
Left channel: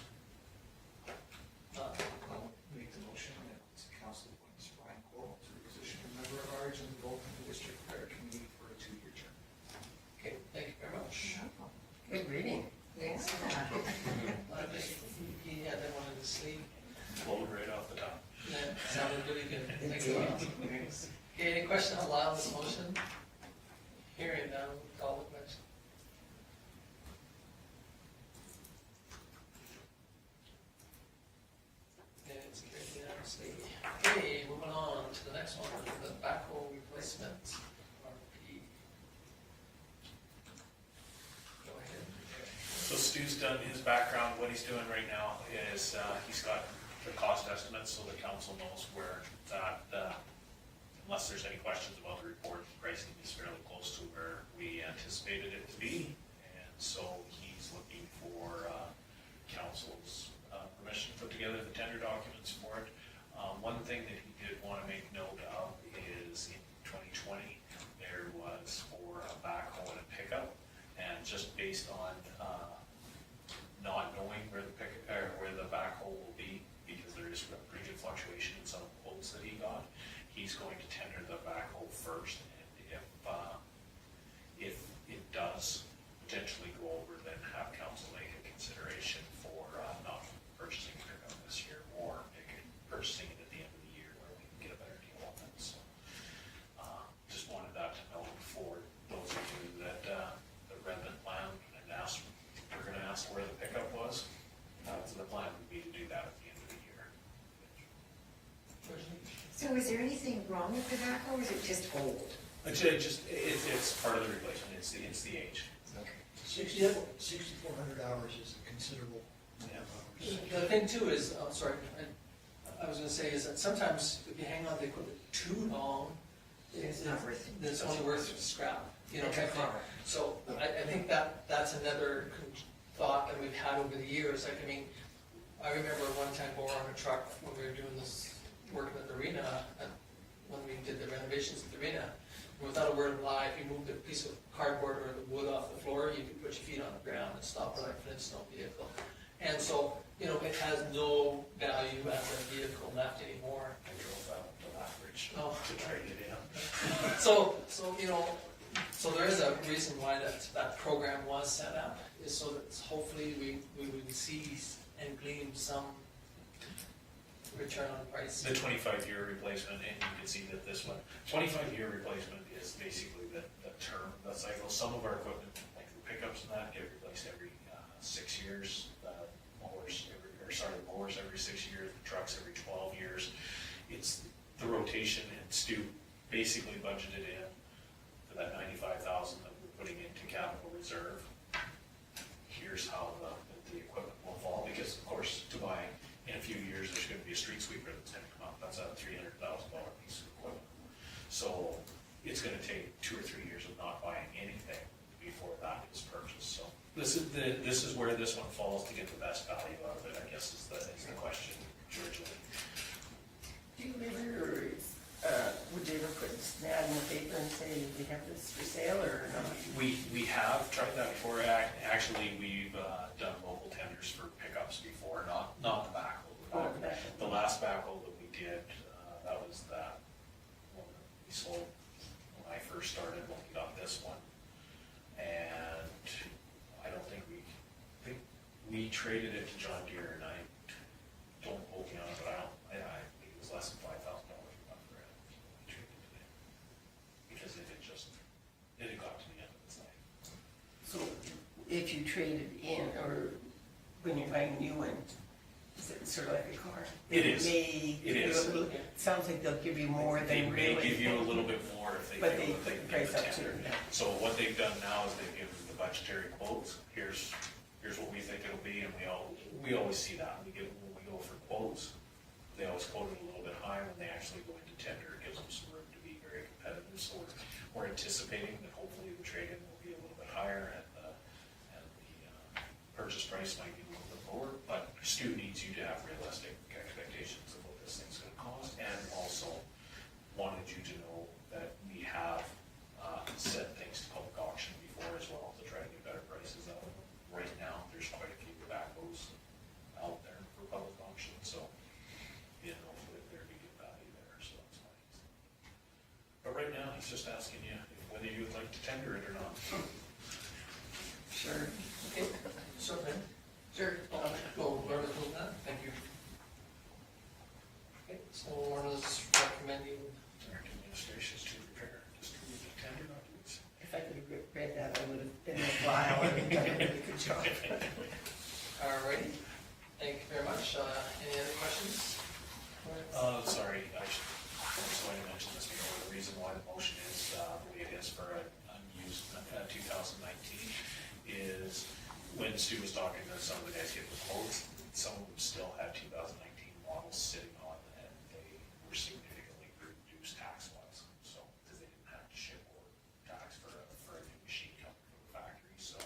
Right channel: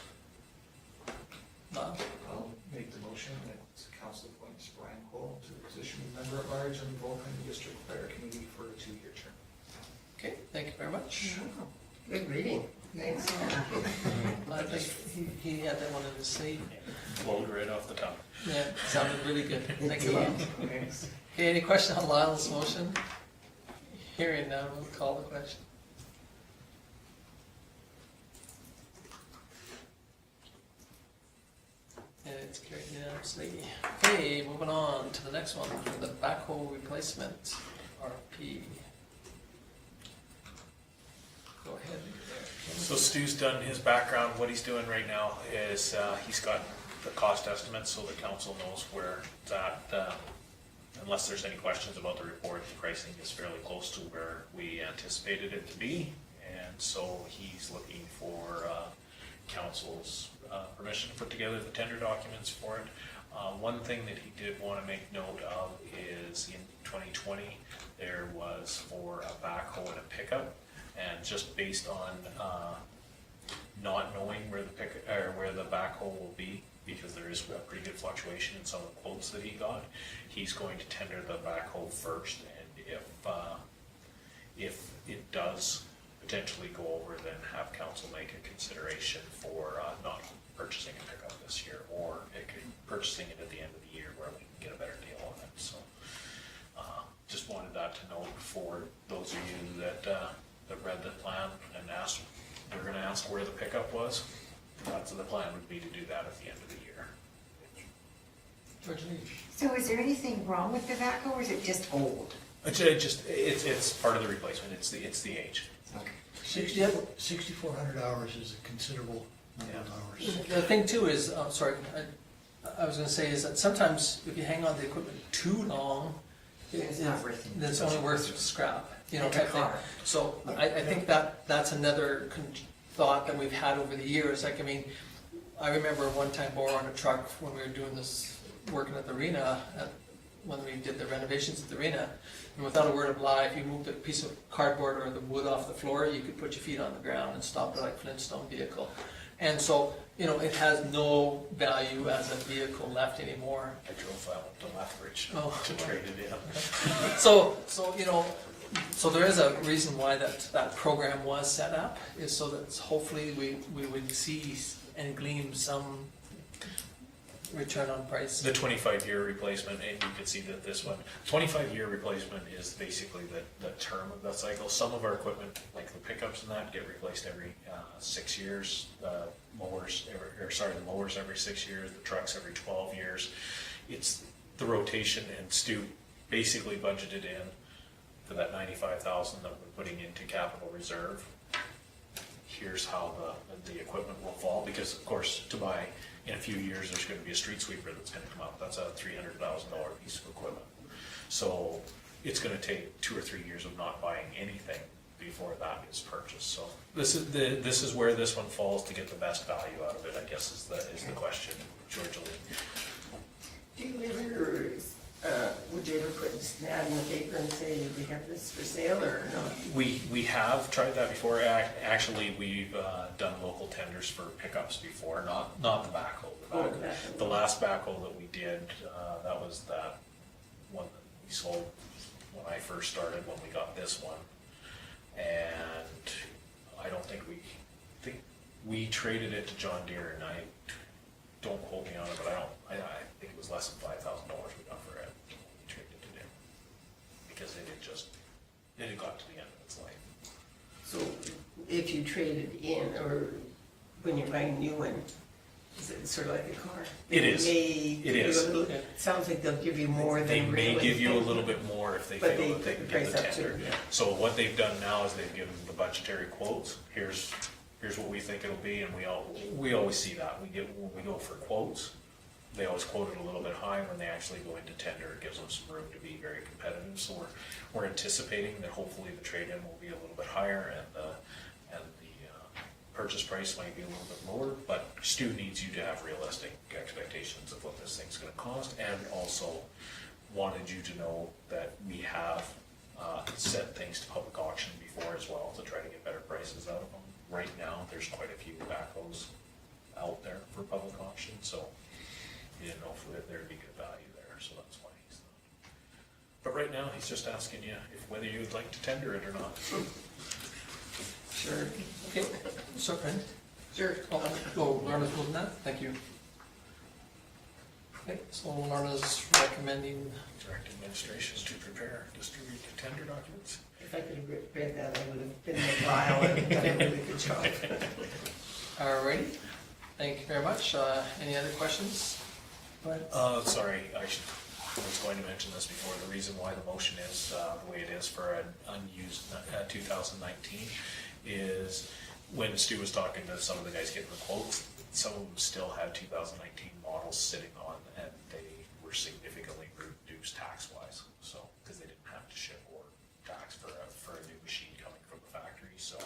Bob? I'll make the motion that council appoints Brian Cole to the position of member at large on the Vulcan District Fire Committee for a 2-year term. Okay, thank you very much. Good reading. Thanks. I think he had that one in his sleeve. Flowed right off the top. Yeah, sounded really good. Thanks a lot. Thanks. Okay, any question on Lyle's motion? Hearing none, we'll call the question. And it's carried unanimously. Okay, moving on to the next one, the backhoe replacement, RP. Go ahead. So Stu's done his background. What he's doing right now is he's got the cost estimates so the council knows where it's at. Unless there's any questions about the report, the pricing is fairly close to where we anticipated it to be. And so he's looking for council's permission to put together the tender documents for it. One thing that he did want to make note of is in 2020, there was for a backhoe and a pickup. And just based on not knowing where the backhoe will be, because there is a pretty good fluctuation in some of the quotes that he got, he's going to tender the backhoe first, and if it does potentially go over, then have council make a consideration for not purchasing a pickup this year, or purchasing it at the end of the year where we can get a better deal on it. So just wanted that to note for those of you that read the plan and asked, we're gonna ask where the pickup was. So the plan would be to do that at the end of the year. Virginie? So is there anything wrong with the backhoe, or is it just old? It's part of the replacement, it's the age. Okay. 6,400 hours is a considerable number of hours. The thing too is, sorry, I was gonna say is that sometimes if you hang on to the equipment too long, It's not worth it. then it's only worth scrap, you know, Like a type thing. car. So I think that's another thought that we've had over the years. Like, I mean, I remember one time borrowing a truck when we were doing this, working at the arena, when we did the renovations at the arena. And without a word of lie, if you moved a piece of cardboard or the wood off the floor, you could put your feet on the ground and stop it like a Flintstone vehicle. And so, you know, it has no value as a vehicle left anymore. I drove out to Lethbridge Oh. to trade it in. So, you know, so there is a reason why that program was set up, is so that hopefully we would see and glean some return on price. The 25-year replacement, and you can see that this one, 25-year replacement is basically the term of the cycle. Some of our equipment, like the pickups and that, get replaced every 6 years. The mowers every 6 years, the trucks every 12 years. It's the rotation, and Stu basically budgeted in for that $95,000 that we're putting into capital reserve. Here's how the equipment will fall, because of course, to buy in a few years, there's gonna be a street sweeper that's gonna come up. That's a $300,000 piece of equipment. So it's gonna take 2 or 3 years of not buying anything before that is purchased. So this is where this one falls to get the best value out of it, I guess is the question, George Lee. Do you ever, would you ever put an ad in the paper and say, we have this for sale or not? We have tried that before. Actually, we've done local tenders for pickups before, not the backhoe. The last backhoe that we did, that was that one that we sold when I first started, when we got this one. And I don't think we traded it to John Deere, and I don't quote me on it, but I think it was less than $5,000 we got for it. We traded it in because it had got to the end of its life. So if you traded in, or when you're buying a new one, is it's sort of like a car. It is. It is. Sounds like they'll give you more They than may really. give you a little bit more if they But feel they that they put can the get price the up too, tender. yeah. So what they've done now is they've given the budgetary quotes, here's what we think it'll be, and we always see that, when we go for quotes, they always quote it a little bit high. When they actually go into tender, it gives them some room to be very competitive, so we're anticipating that hopefully the trade-in will be a little bit higher, and the purchase price might be a little bit lower, but Stu needs you to have realistic expectations of what this thing's gonna cost, and also wanted you to know that we have sent things to public auction before as well to try to get better prices out of them. Right now, there's quite a few backhoes out there for public auction, so he didn't know if there'd be good value there, so that's why he's. But right now, he's just asking you whether you'd like to tender it or not. Sure. Okay, so, Fran? Sure. Oh, Lorna's moving that, thank you. Okay, so Lorna's recommending, Direct administration to prepare, distribute the tender documents. If I could have read that, I would have been in the file and done a really good job. alrighty, thank you very much. Any other questions? Go ahead. Sorry, I was going to mention this before. The reason why the motion is the way it is for an unused 2019 is when Stu was talking to some of the guys getting the quotes, some of them still had 2019 models sitting on, and they were significantly reduced tax-wise. So, because they didn't have to ship or tax for a new machine coming from the factory. So,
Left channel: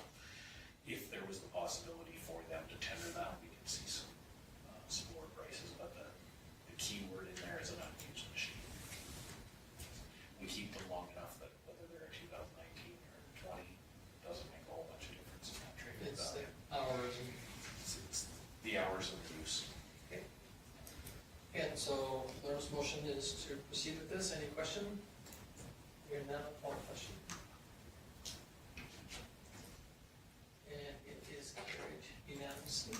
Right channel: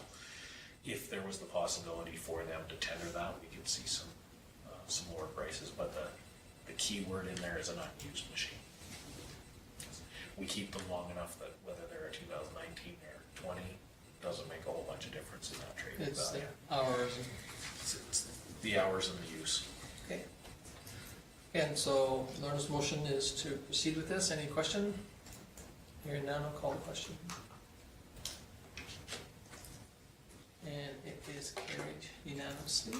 if there was the possibility for them to tender that, we could see some more prices. But the key word in there is an unused machine. We keep them long enough that whether they're a 2019 or 20 doesn't make a whole bunch of difference in that trade It's the value. hours and, It's the hours and the use. okay. And so Lorna's motion is to proceed with this. Any question? Hearing none, I'll call the question. And it is carried unanimously.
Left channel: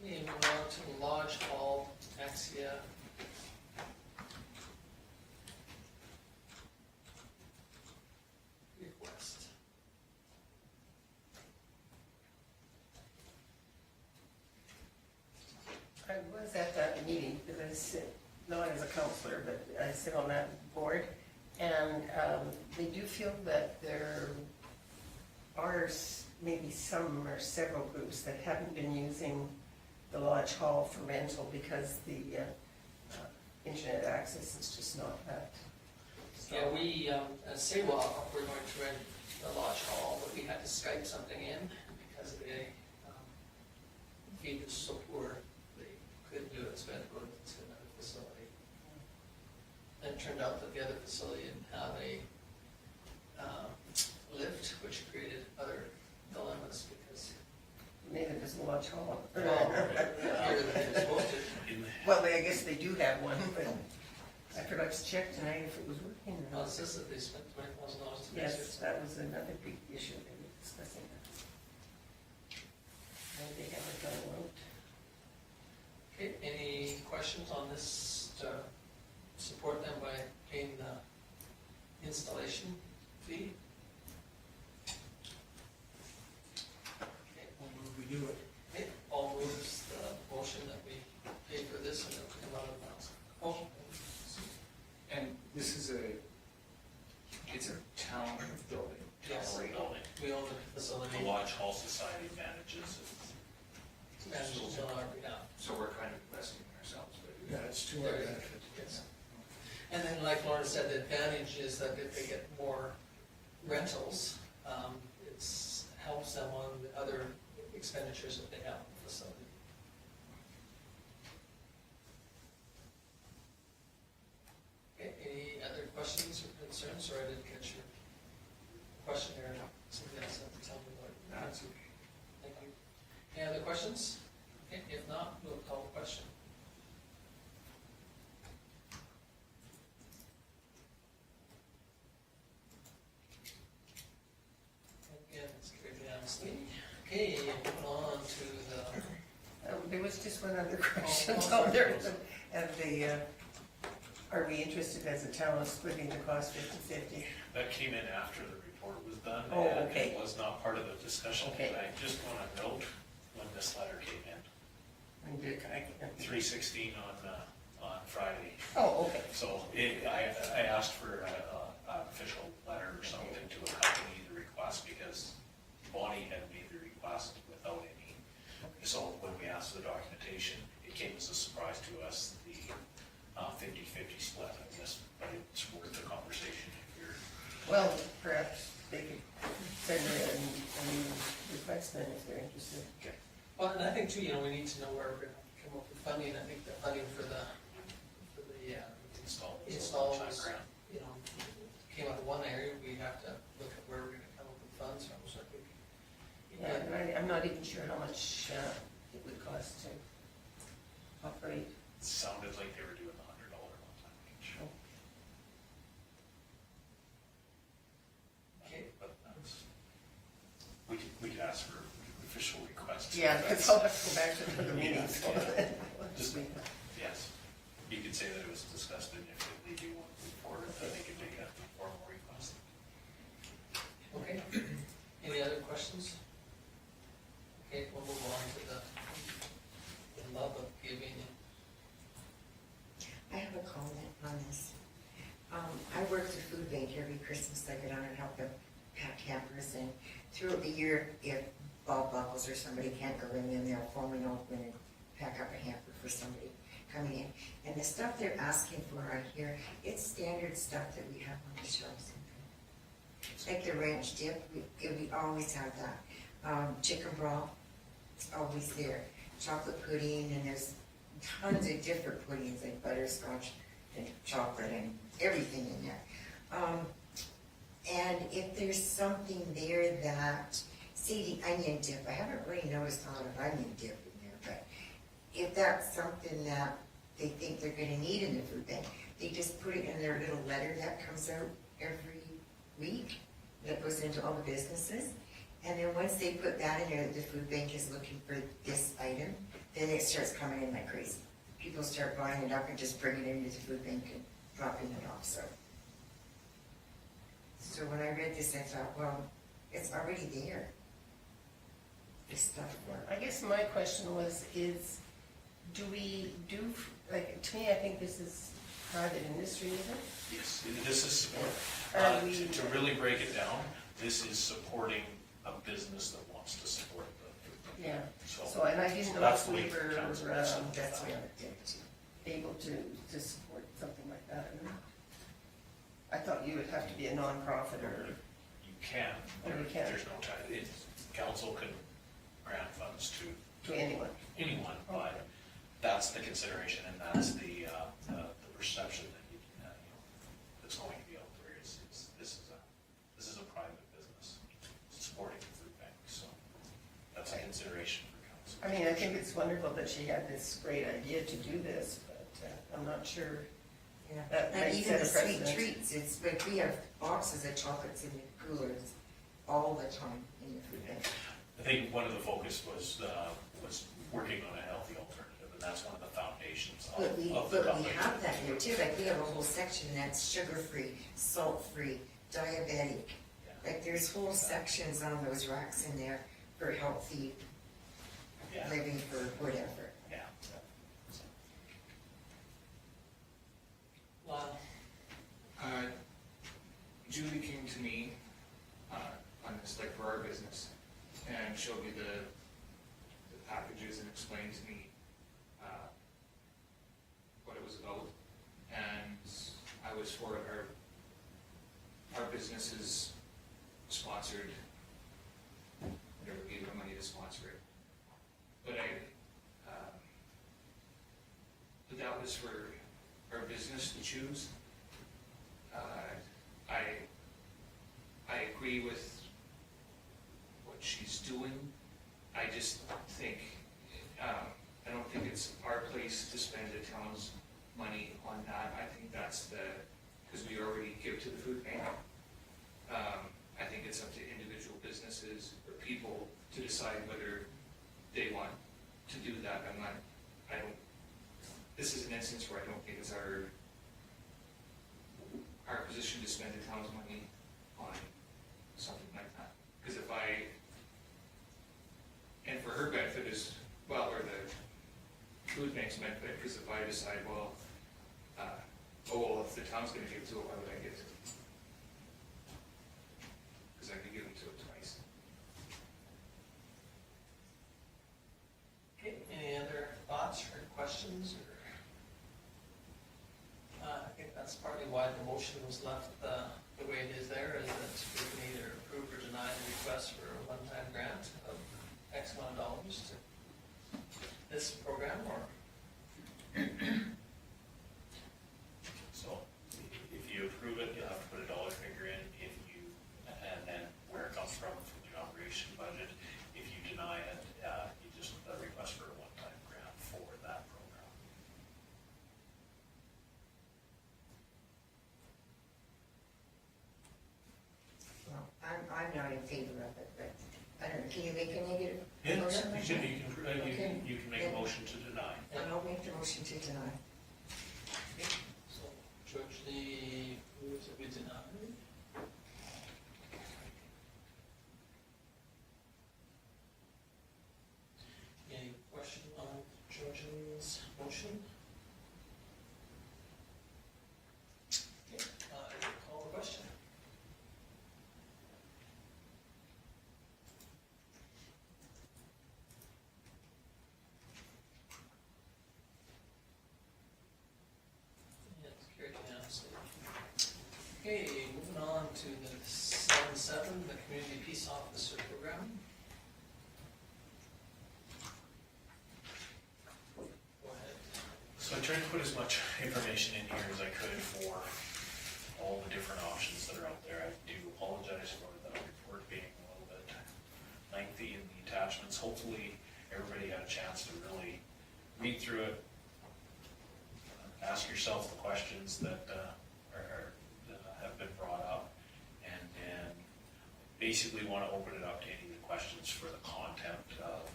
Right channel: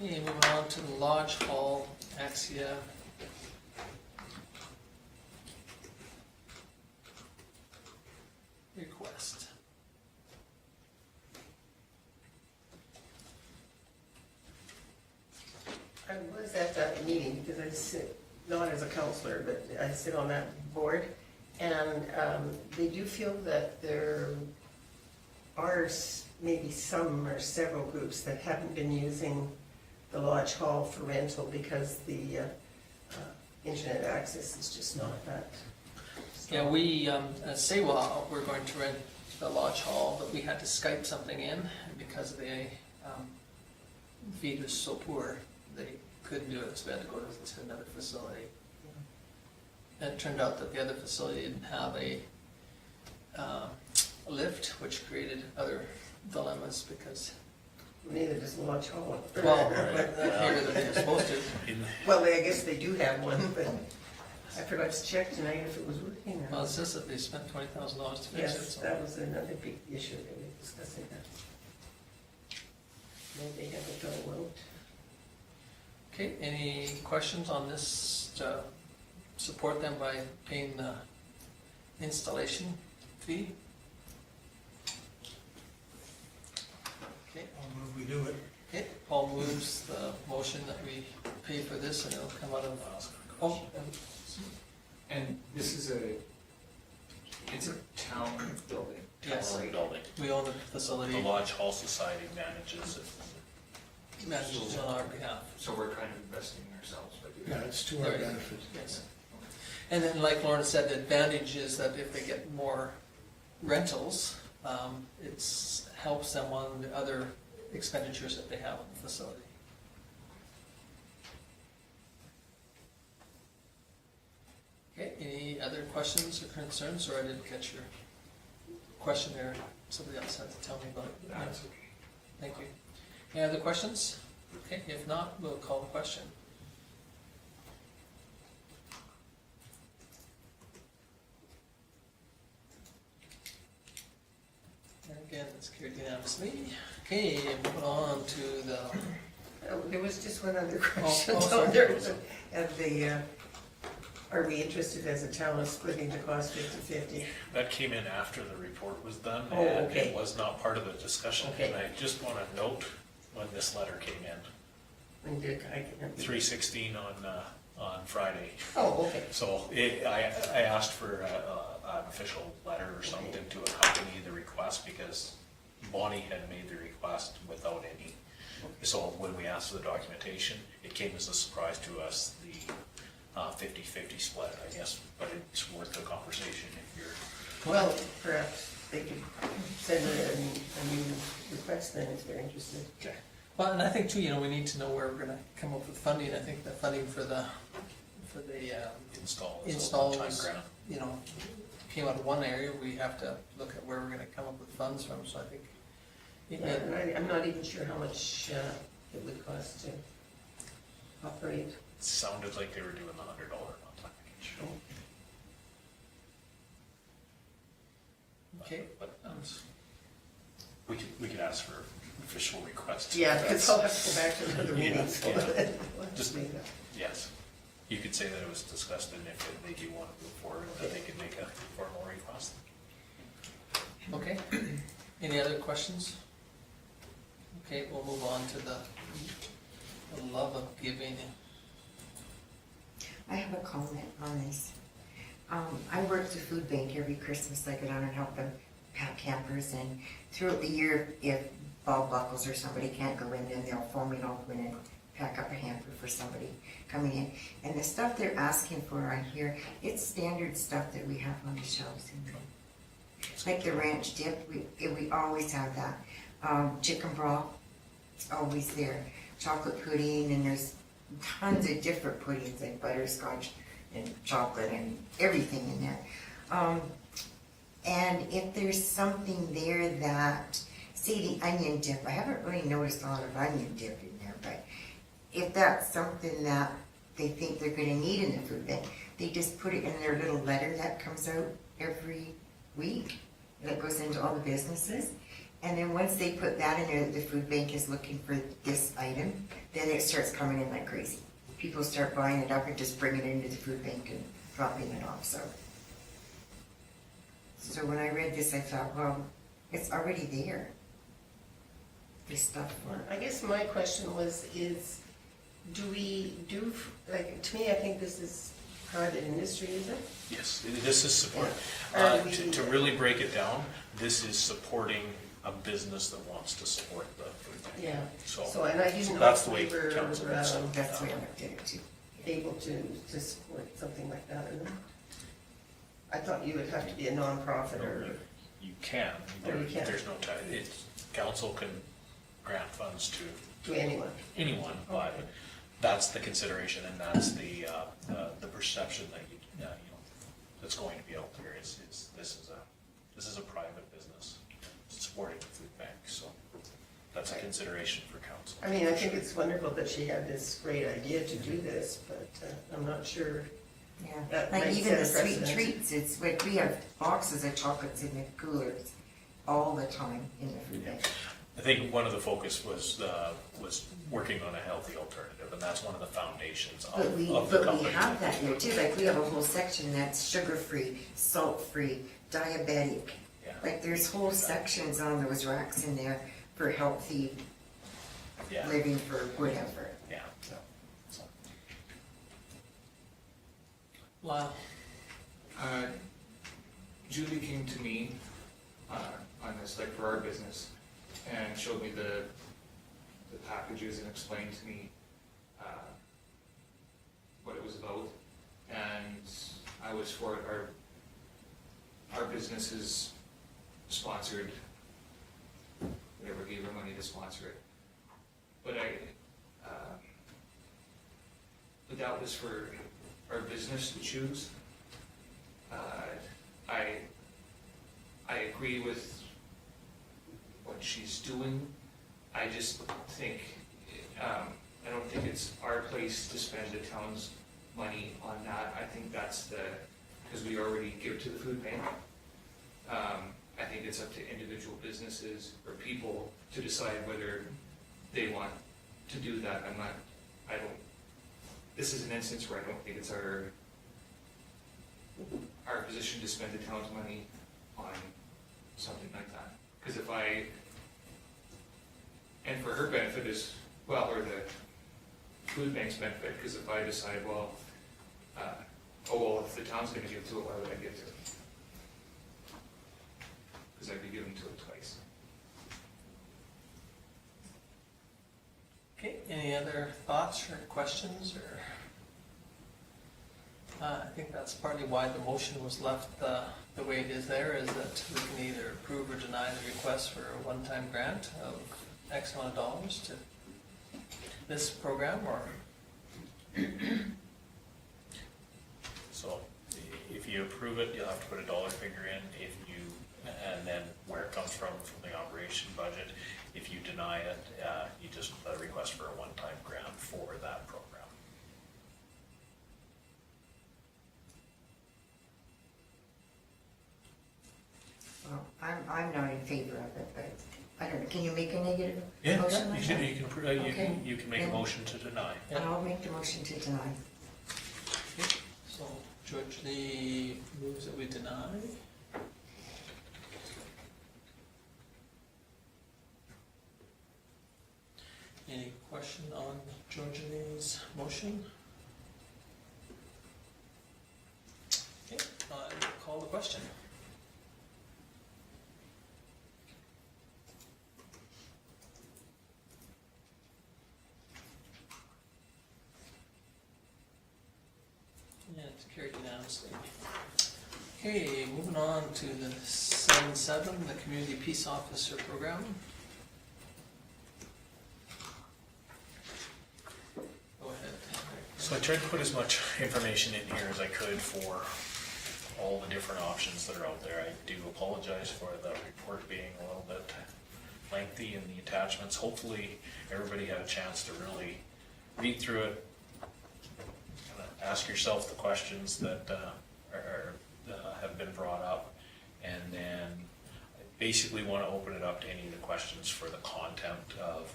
Okay, moving on to the Lodge Hall, Axia. Request. I was at that meeting because I sit, not as a counselor, but I sit on that board. And they do feel that there are maybe some or several groups that haven't been using the Lodge Hall for rental because the internet access is just not that strong. Yeah, we, as SAEWA, we're going to rent the Lodge Hall, but we had to Skype something in, and because the feed was so poor, they couldn't do it, so we had to go to another facility. And it turned out that the other facility didn't have a lift, which created other dilemmas because, Neither does the Lodge Hall. well, here they're supposed to. Well, I guess they do have one, but I forgot to check tonight if it was working or Well, not. it says that they spent $20,000 to fix it, Yes, so. that was another big issue that we were discussing that. Maybe they haven't got it out. Okay, any questions on this to support them by paying the installation fee? Okay, I'll move we do it. okay, Paul moves the motion that we pay for this and it'll come out of, oh, And this is it's a town building. Yes. Town Building. we own the facility, The Lodge Hall Society manages it. manages on our behalf. So we're kind of investing in ourselves by doing Yeah, that. it's to our benefit. Yes. And then like Lauren said, the advantage is that if they get more rentals, it's helps them on the other expenditures that they have in the facility. Okay, any other questions or concerns, or I didn't catch your question there, somebody else had to tell me about it? That's okay. Thank you. Any other questions? Okay, if not, we'll call the question. And again, it's carried unanimously. Okay, moving on to the, There was just one other question sorry. on there. And are we interested as a town of splitting the cost 50/50? That came in after the report was done, Oh, and okay. it was not part of the discussion. Okay. And I just want to note when this letter came in. When did I get? 3/16 on Friday. Oh, okay. So I asked for an official letter or something to accompany the request because Bonnie had made the request without any. So when we asked for the documentation, it came as a surprise to us, the 50-50 split, I guess, but it's worth a conversation if you're. Well, perhaps they could send a new request then if they're interested. Okay. Well, and I think too, you know, we need to know where we're gonna come up with funding. I think the funding for the Install is a one-time installs, grant. you know, came out of one area, we have to look at where we're gonna come up with funds from, so I think. Yeah, and I'm not even sure how much it would cost to operate. It sounded like they were doing the $100 one-time package. Oh. Okay. But we could ask for official requests. Yeah, because I'll have to go back to another Yeah, meeting, so. yeah. Just Just- make that. Yes, you could say that it was discussed, and if they do want to move forward, then they could make a formal request. Okay, any other questions? Okay, we'll move on to the love of giving. I have a comment on this. I work the food bank every Christmas. I go down and help them pack hampers, and throughout the year, if Bob Buckles or somebody can't go in, then they'll phone me and I'll go in and pack up a hamper for somebody coming in. And the stuff they're asking for on here, it's standard stuff that we have on the shelves in there. Like the ranch dip, we always have that. Chicken broth, it's always there. Chocolate pudding, and there's tons of different puddings like butterscotch and chocolate and everything in there. And if there's something there that, see the onion dip, I haven't really noticed a lot of onion dip in there, but if that's something that they think they're gonna need in the food bank, they just put it in their little letter that comes out every week that goes into all the businesses. And then once they put that in there, that the food bank is looking for this item, then it starts coming in like crazy. People start buying it up and just bringing it into the food bank and dropping it off, so. So when I read this, I thought, well, it's already there. This stuff. I guess my question do we do, like, to me, I think this is private industry, is it? Yes, this is support, Yeah. to really break it down, this is supporting a business that wants to support the food bank. Yeah, So so, and I didn't know that's if the we way were council is. That's the way I looked at it too. able to support something like that or not. I thought you would have to be a nonprofit or, You can, Oh, you can. there's no time, council can grant funds to to anyone. anyone, but Okay. that's the consideration, and that's the perception that you know, that's going to be out there, is this is a private business supporting the food bank, so that's a consideration for council. I mean, I think it's wonderful that she had this great idea to do this, but I'm not sure. Yeah, That like might even set the a sweet precedent. treats, it's like we have boxes of chocolates in the coolers all the time in the food bank. I think one of the focus was working on a healthy alternative, and that's one of the foundations of But we the company. have that here too, like we have a whole section that's sugar-free, salt-free, diabetic. Yeah. Like there's whole sections on those racks in there for healthy Yeah, living for whatever. yeah. So, Wow. Julie came to me on this, like for our business, and showed me the packages and explained to me what it was about. And I was for it. Our business is sponsored, whatever gave her money to sponsor it. But but that was for our business to choose. I agree with what she's doing. I just think, I don't think it's our place to spend the town's money on that. I think that's because we already give to the food bank. I think it's up to individual businesses or people to decide whether they want to do that. This is an instance where I don't think it's our position to spend the town's money on something like that. Because if And for her benefit as well, or the food bank's benefit, because if I decide, well, if the town's gonna give to it, why would I give to it? Because I'd be giving to it twice. Okay, any other thoughts or questions, or? I think that's partly why the motion was left the way it is there, is that we can either approve or deny the request for a one-time grant of X amount of dollars to this program, or? So if you approve it, you'll have to put a dollar figure in, and then where it comes from the operation budget. If you deny it, you just request for a one-time grant for that program. Well, I'm not in favor of it, but I don't know, can you make a negative Yeah, motion like that? Okay. you can make a motion to deny. I'll make the motion to deny. So George, the moves that we deny. Any question on Georgia's motion? Okay, I will call the question. Yeah, it's carried unanimously. Okay, moving on to the 7-7, the Community Peace Officer Program. Go ahead. So I tried to put as much information in here as I could for all the different options that are out there. I do apologize for the report being a little bit lengthy in the attachments. Hopefully, everybody had a chance to really read through it, ask yourself the questions that have been brought up, and then basically want to open it up to any of the questions for the content of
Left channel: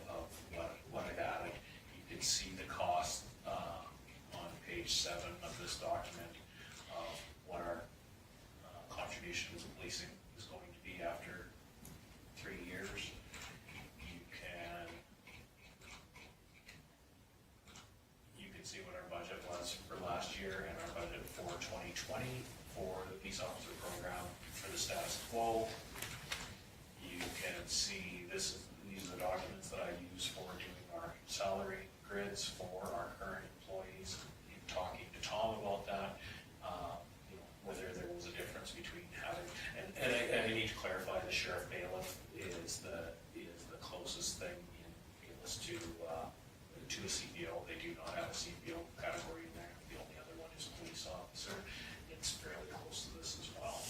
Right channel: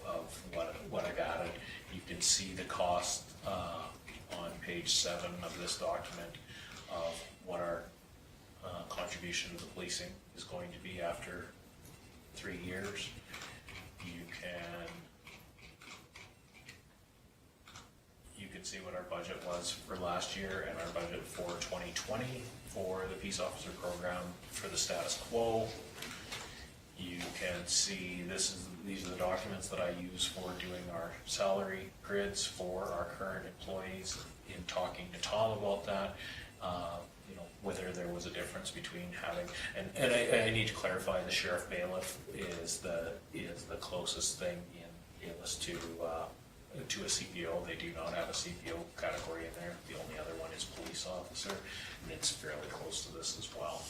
what I've added. You can see the cost on page 7 of this document of what our contribution to the policing is going to be after 3 years. You can see what our budget was for last year and our budget for 2020 for the Peace Officer Program for the status quo. You can see these are the documents that I use for doing our salary grids for our current employees. In talking to Tom about that, whether there was a difference between having, and I need to clarify, the sheriff bailiff is the closest thing in Bayless to a CPO. They do not have a CPO category in there. The only other one is police officer, and it's fairly close to this as well.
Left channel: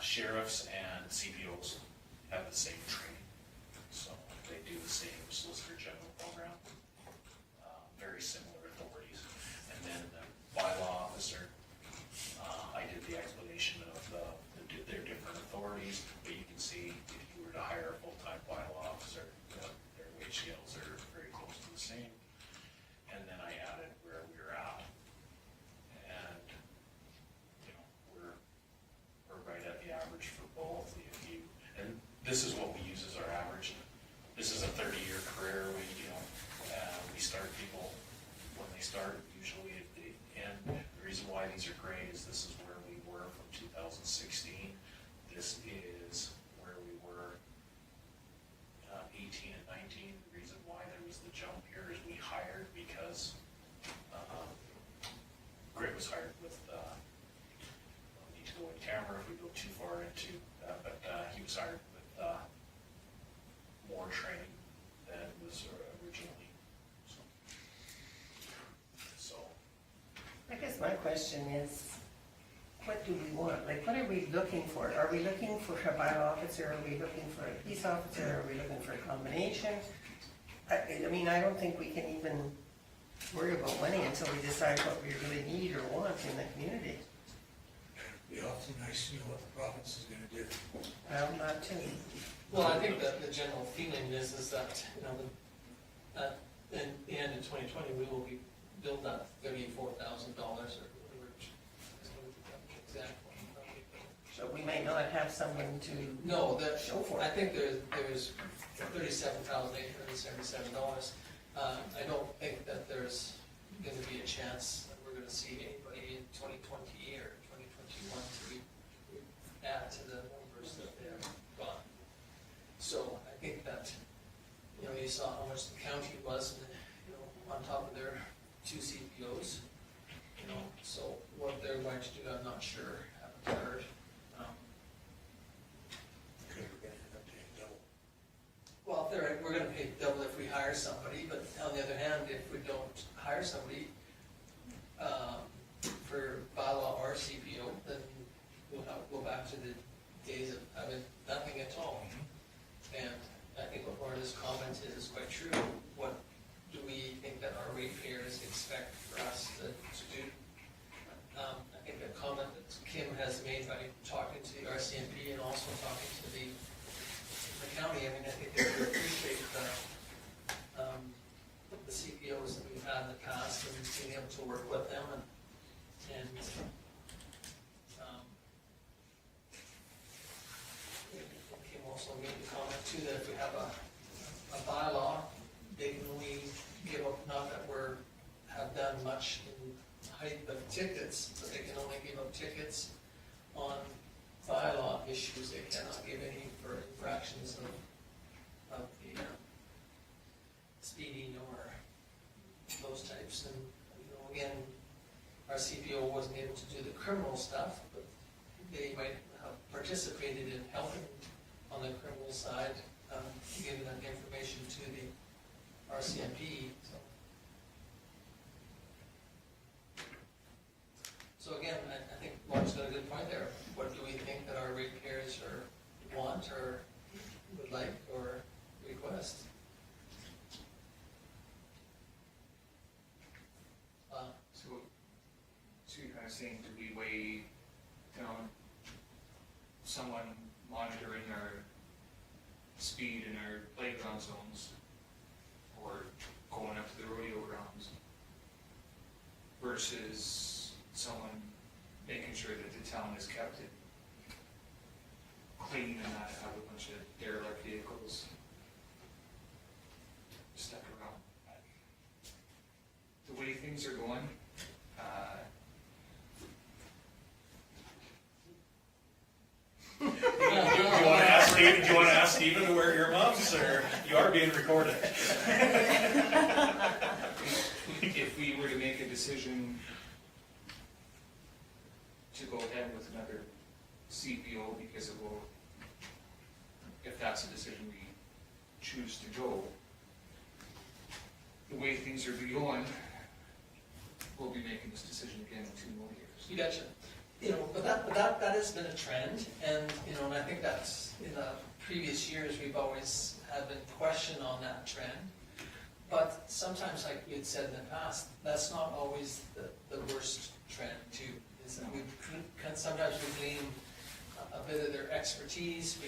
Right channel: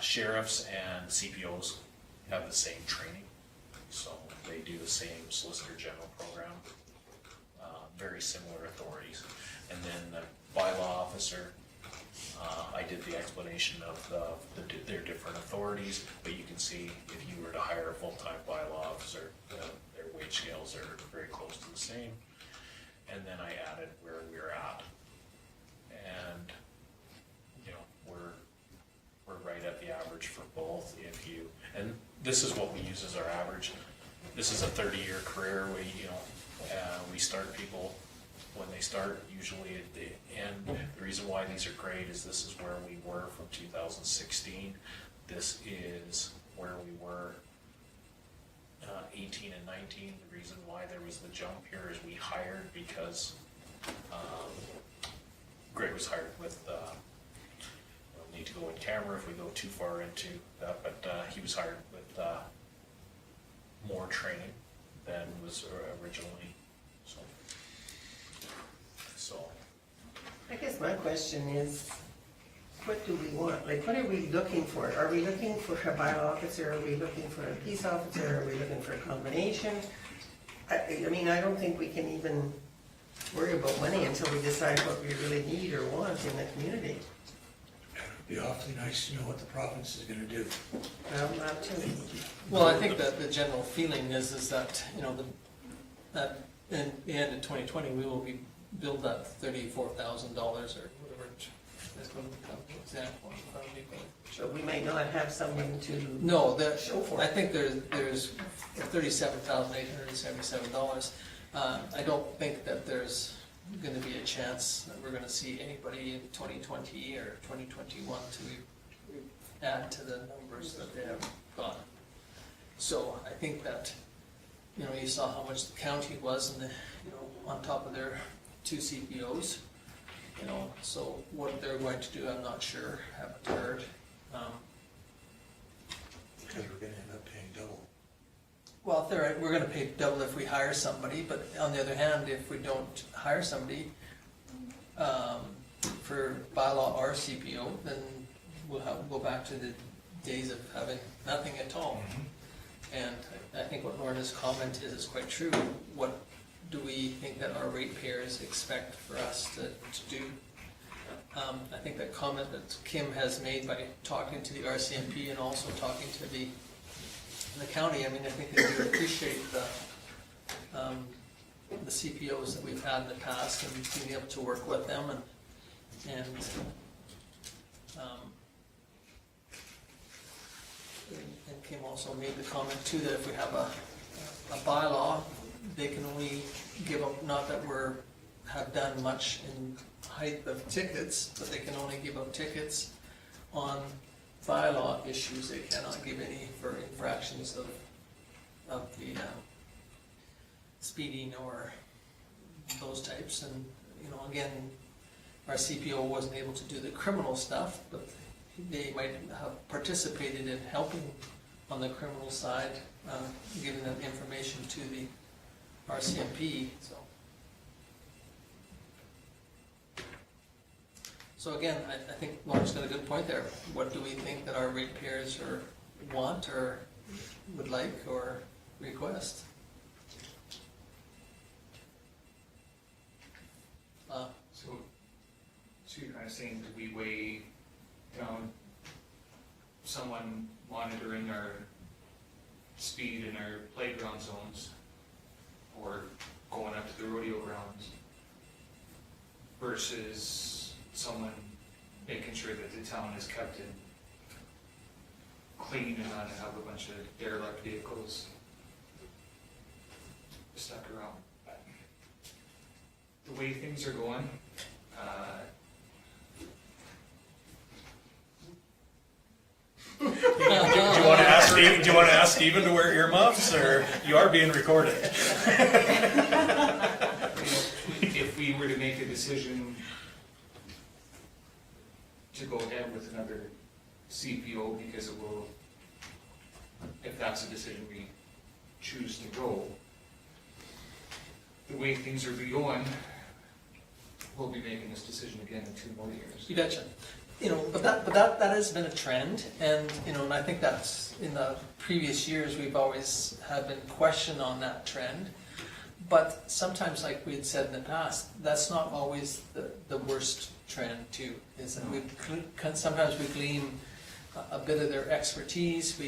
Sheriffs and CPOs have the same training, so they do the same Solicitor General program, very similar authorities. And then the bylaw officer, I did the explanation of their different authorities, but you can see if you were to hire a full-time bylaw officer, their wage scales are very close to the same. And then I added where we're at. And, we're right at the average for both. And this is what we use as our average. This is a 30-year career. We start people when they start, usually at the end. The reason why these are great is this is where we were from 2016. This is where we were 18 and 19. The reason why there was the jump here is we hired because Greg was hired with, we'll need to go in camera if we go too far into that, but he was hired with more training than was originally. So I guess my question is, what do we want? Like, what are we looking for? Are we looking for a bylaw officer? Are we looking for a peace officer? Are we looking for a combination? I mean, I don't think we can even worry about money until we decide what we really need or want in the community. It'd be awfully nice to know what the province is gonna do. Well, not too. Well, I think that the general feeling is that, that in the end of 2020, we will be billed that $34,000 or whatever. That's going to become an example in front of me, but So we might not have someone to No, show for I it. think there's $37,877. I don't think that there's gonna be a chance that we're gonna see anybody in 2020 or 2021 to add to the numbers that they have got. So I think that, you know, you saw how much the county was and on top of their 2 CPOs, so what they're going to do, I'm not sure, haven't heard. Because we're gonna end up paying double. Well, we're gonna pay double if we hire somebody, but on the other hand, if we don't hire somebody, for bylaw or CPO, then we'll go back to the days of having nothing at all. And I think what Lorna's comment is quite true. What do we think that our ratepayers expect for us to do? I think that comment that Kim has made by talking to the RCMP and also talking to the county, I mean, I think they do appreciate the CPOs that we've had in the past and being able to work with them and Kim also made the comment too that if we have a bylaw, they can only give up, not that have done much in height of tickets, but they can only give up tickets on bylaw issues. They cannot give any for infractions of the speeding or those types. And again, our CPO wasn't able to do the criminal stuff, but they might have participated in helping on the criminal side, giving that information to the RCMP. So again, I think Lauren's got a good point there. What do we think that our ratepayers want or would like or request? So you're kind of saying, do we weigh down someone monitoring our speed in our playground zones or going up to the rodeo grounds versus someone making sure that the town is kept in clean and not have a bunch of derelict vehicles stuck around? The way things are going, Do you want to ask Steven to wear earmuffs, or you are being recorded? if we were to make a decision to go ahead with another CPO because it will, if that's a decision we choose to go, the way things are going, we'll be making this decision again in 2 more years. You betcha. But that has been a trend, and and I think that's in the previous years we've always had been questioned on that trend. But sometimes, like we had said in the past, that's not always the worst trend too. Is that sometimes we glean a bit of their expertise.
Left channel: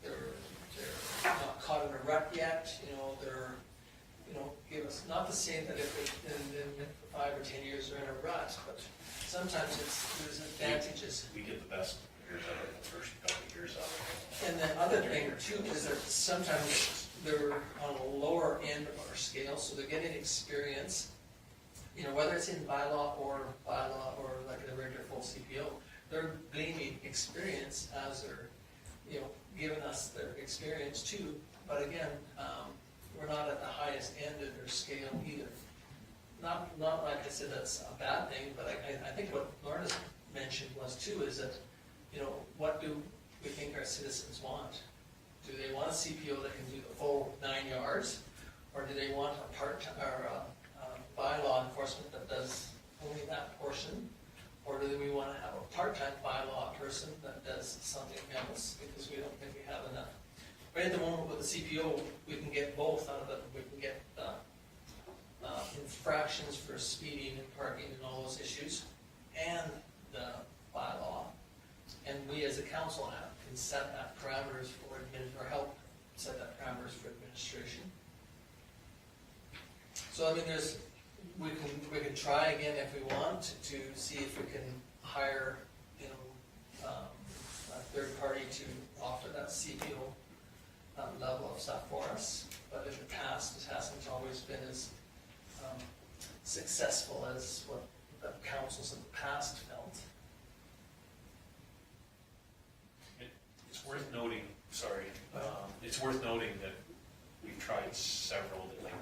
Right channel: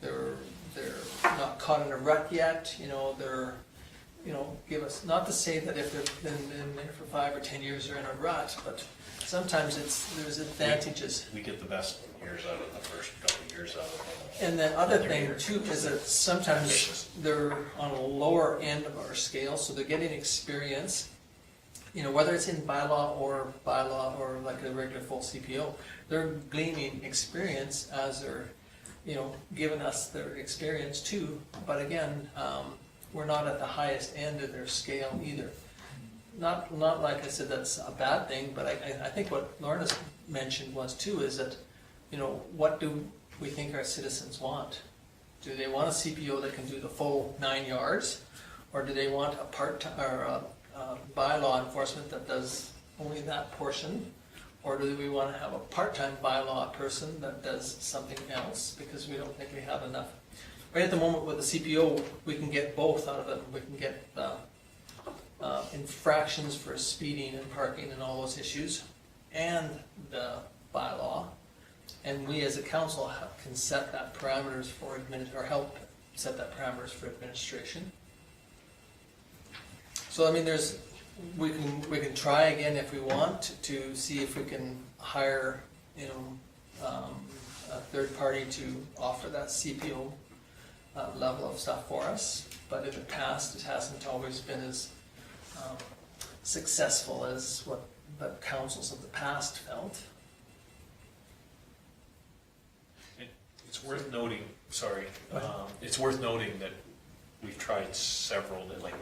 They're not caught in a rut yet. They're give us, not to say that if they've been there for 5 or 10 years they're in a rut, but sometimes there's advantages. We get the best years out of the first couple of years out of it. And the other thing too is that sometimes they're on a lower end of our scale, so they're getting experience. Whether it's in bylaw or like a regular full CPO, they're gleaning experience as they're, giving us their experience too. But again, we're not at the highest end of their scale either. Not like I said that's a bad thing, but I think what Lorna's mentioned was too is that, what do we think our citizens want? Do they want a CPO that can do the full 9 yards, or do they want a part-time or a bylaw enforcement that does only that portion, or do we want to have a part-time bylaw person that does something else because we don't think we have enough? Right at the moment with the CPO, we can get both out of it. We can get infractions for speeding and parking and all those issues, and the bylaw. And we as a council can set that parameters for or help set that parameters for administration. So I mean, we can try again if we want to see if we can hire a third party to offer that CPO level of stuff for us, but in the past, it hasn't always been as successful as what the councils of the past felt. It's worth noting, it's worth noting that we've tried several, like,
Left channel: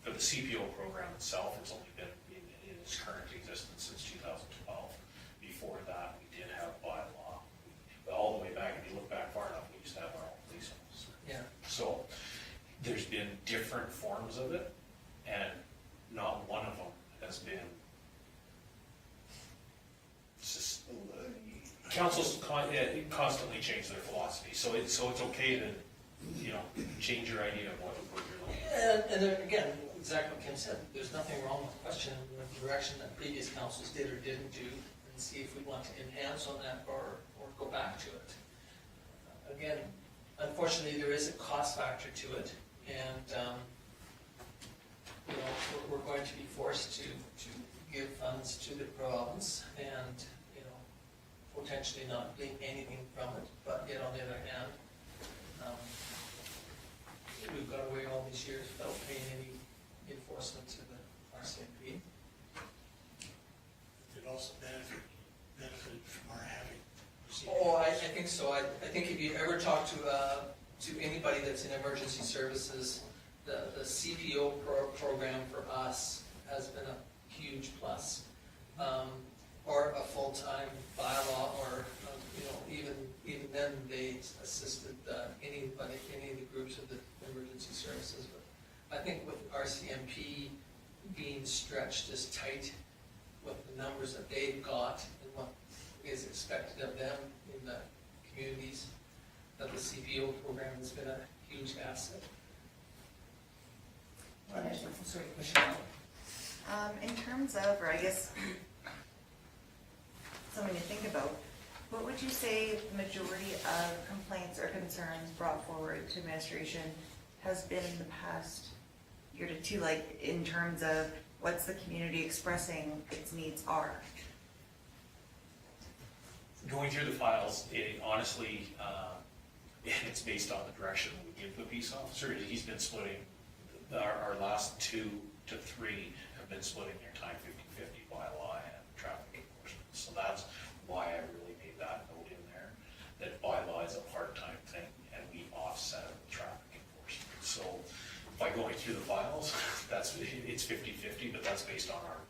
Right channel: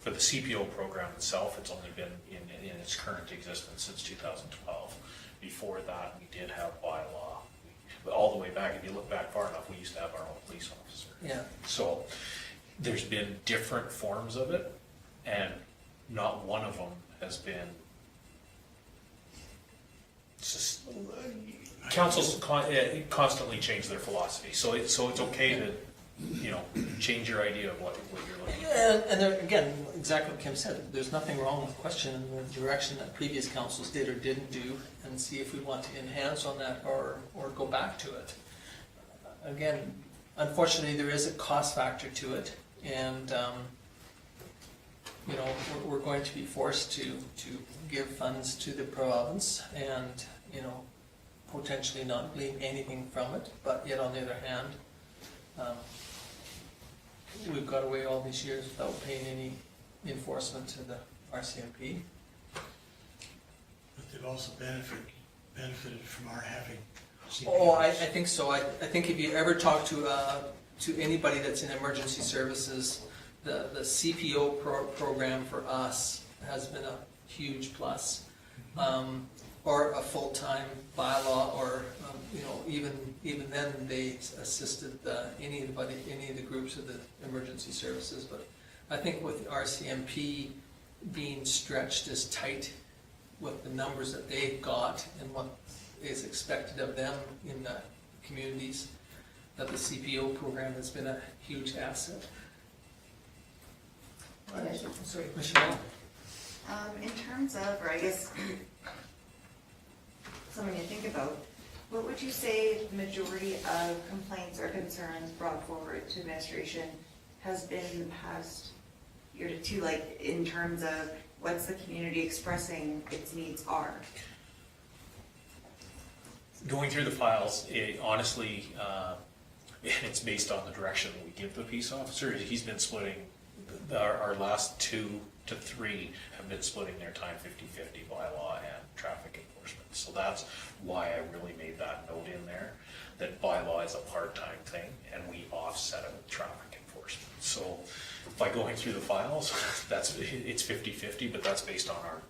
for the CPO program itself, it's only been in its current existence since 2012. Before that, we did have bylaw. But all the way back, if you look back far enough, we used to have our own police officer. Yeah. So there's been different forms of it, and not one of them has been councils constantly change their philosophy, so it's okay to, you know, change your idea of what you're looking at. Yeah, and there, again, exactly what Kim said, there's nothing wrong with questioning the direction that previous councils did or didn't do, and see if we want to enhance on that or go back to it. Again, unfortunately, there is a cost factor to it, and you know, we're going to be forced to give funds to the province, and you know, potentially not glean anything from it, but yet on the other hand, we've got away all these years without paying any enforcement to the RCMP. But they've also benefited from our having CPOs. Oh, I think so. I think if you ever talk to anybody that's in emergency services, the CPO program for us has been a huge plus. Or a full-time bylaw, or you know, even then they assisted any of the groups of the emergency services. But I think with RCMP being stretched as tight with the numbers that they've got and what is expected of them in the communities, that the CPO program has been a huge asset. Sorry, Michelle. In terms of, or I guess, something to think about, what would you say the majority of complaints or concerns brought forward to administration has been in the past year to two, like in terms of what's the community expressing its needs are? Going through the files, honestly, it's based on the direction we give the peace officer. He's been splitting, our last 2 to 3 have been splitting their time 50-50 bylaw and traffic enforcement. So that's why I really made that note in there, that bylaw is a part-time thing and we offset it with traffic enforcement. So by going through the files, it's 50-50, but that's based on our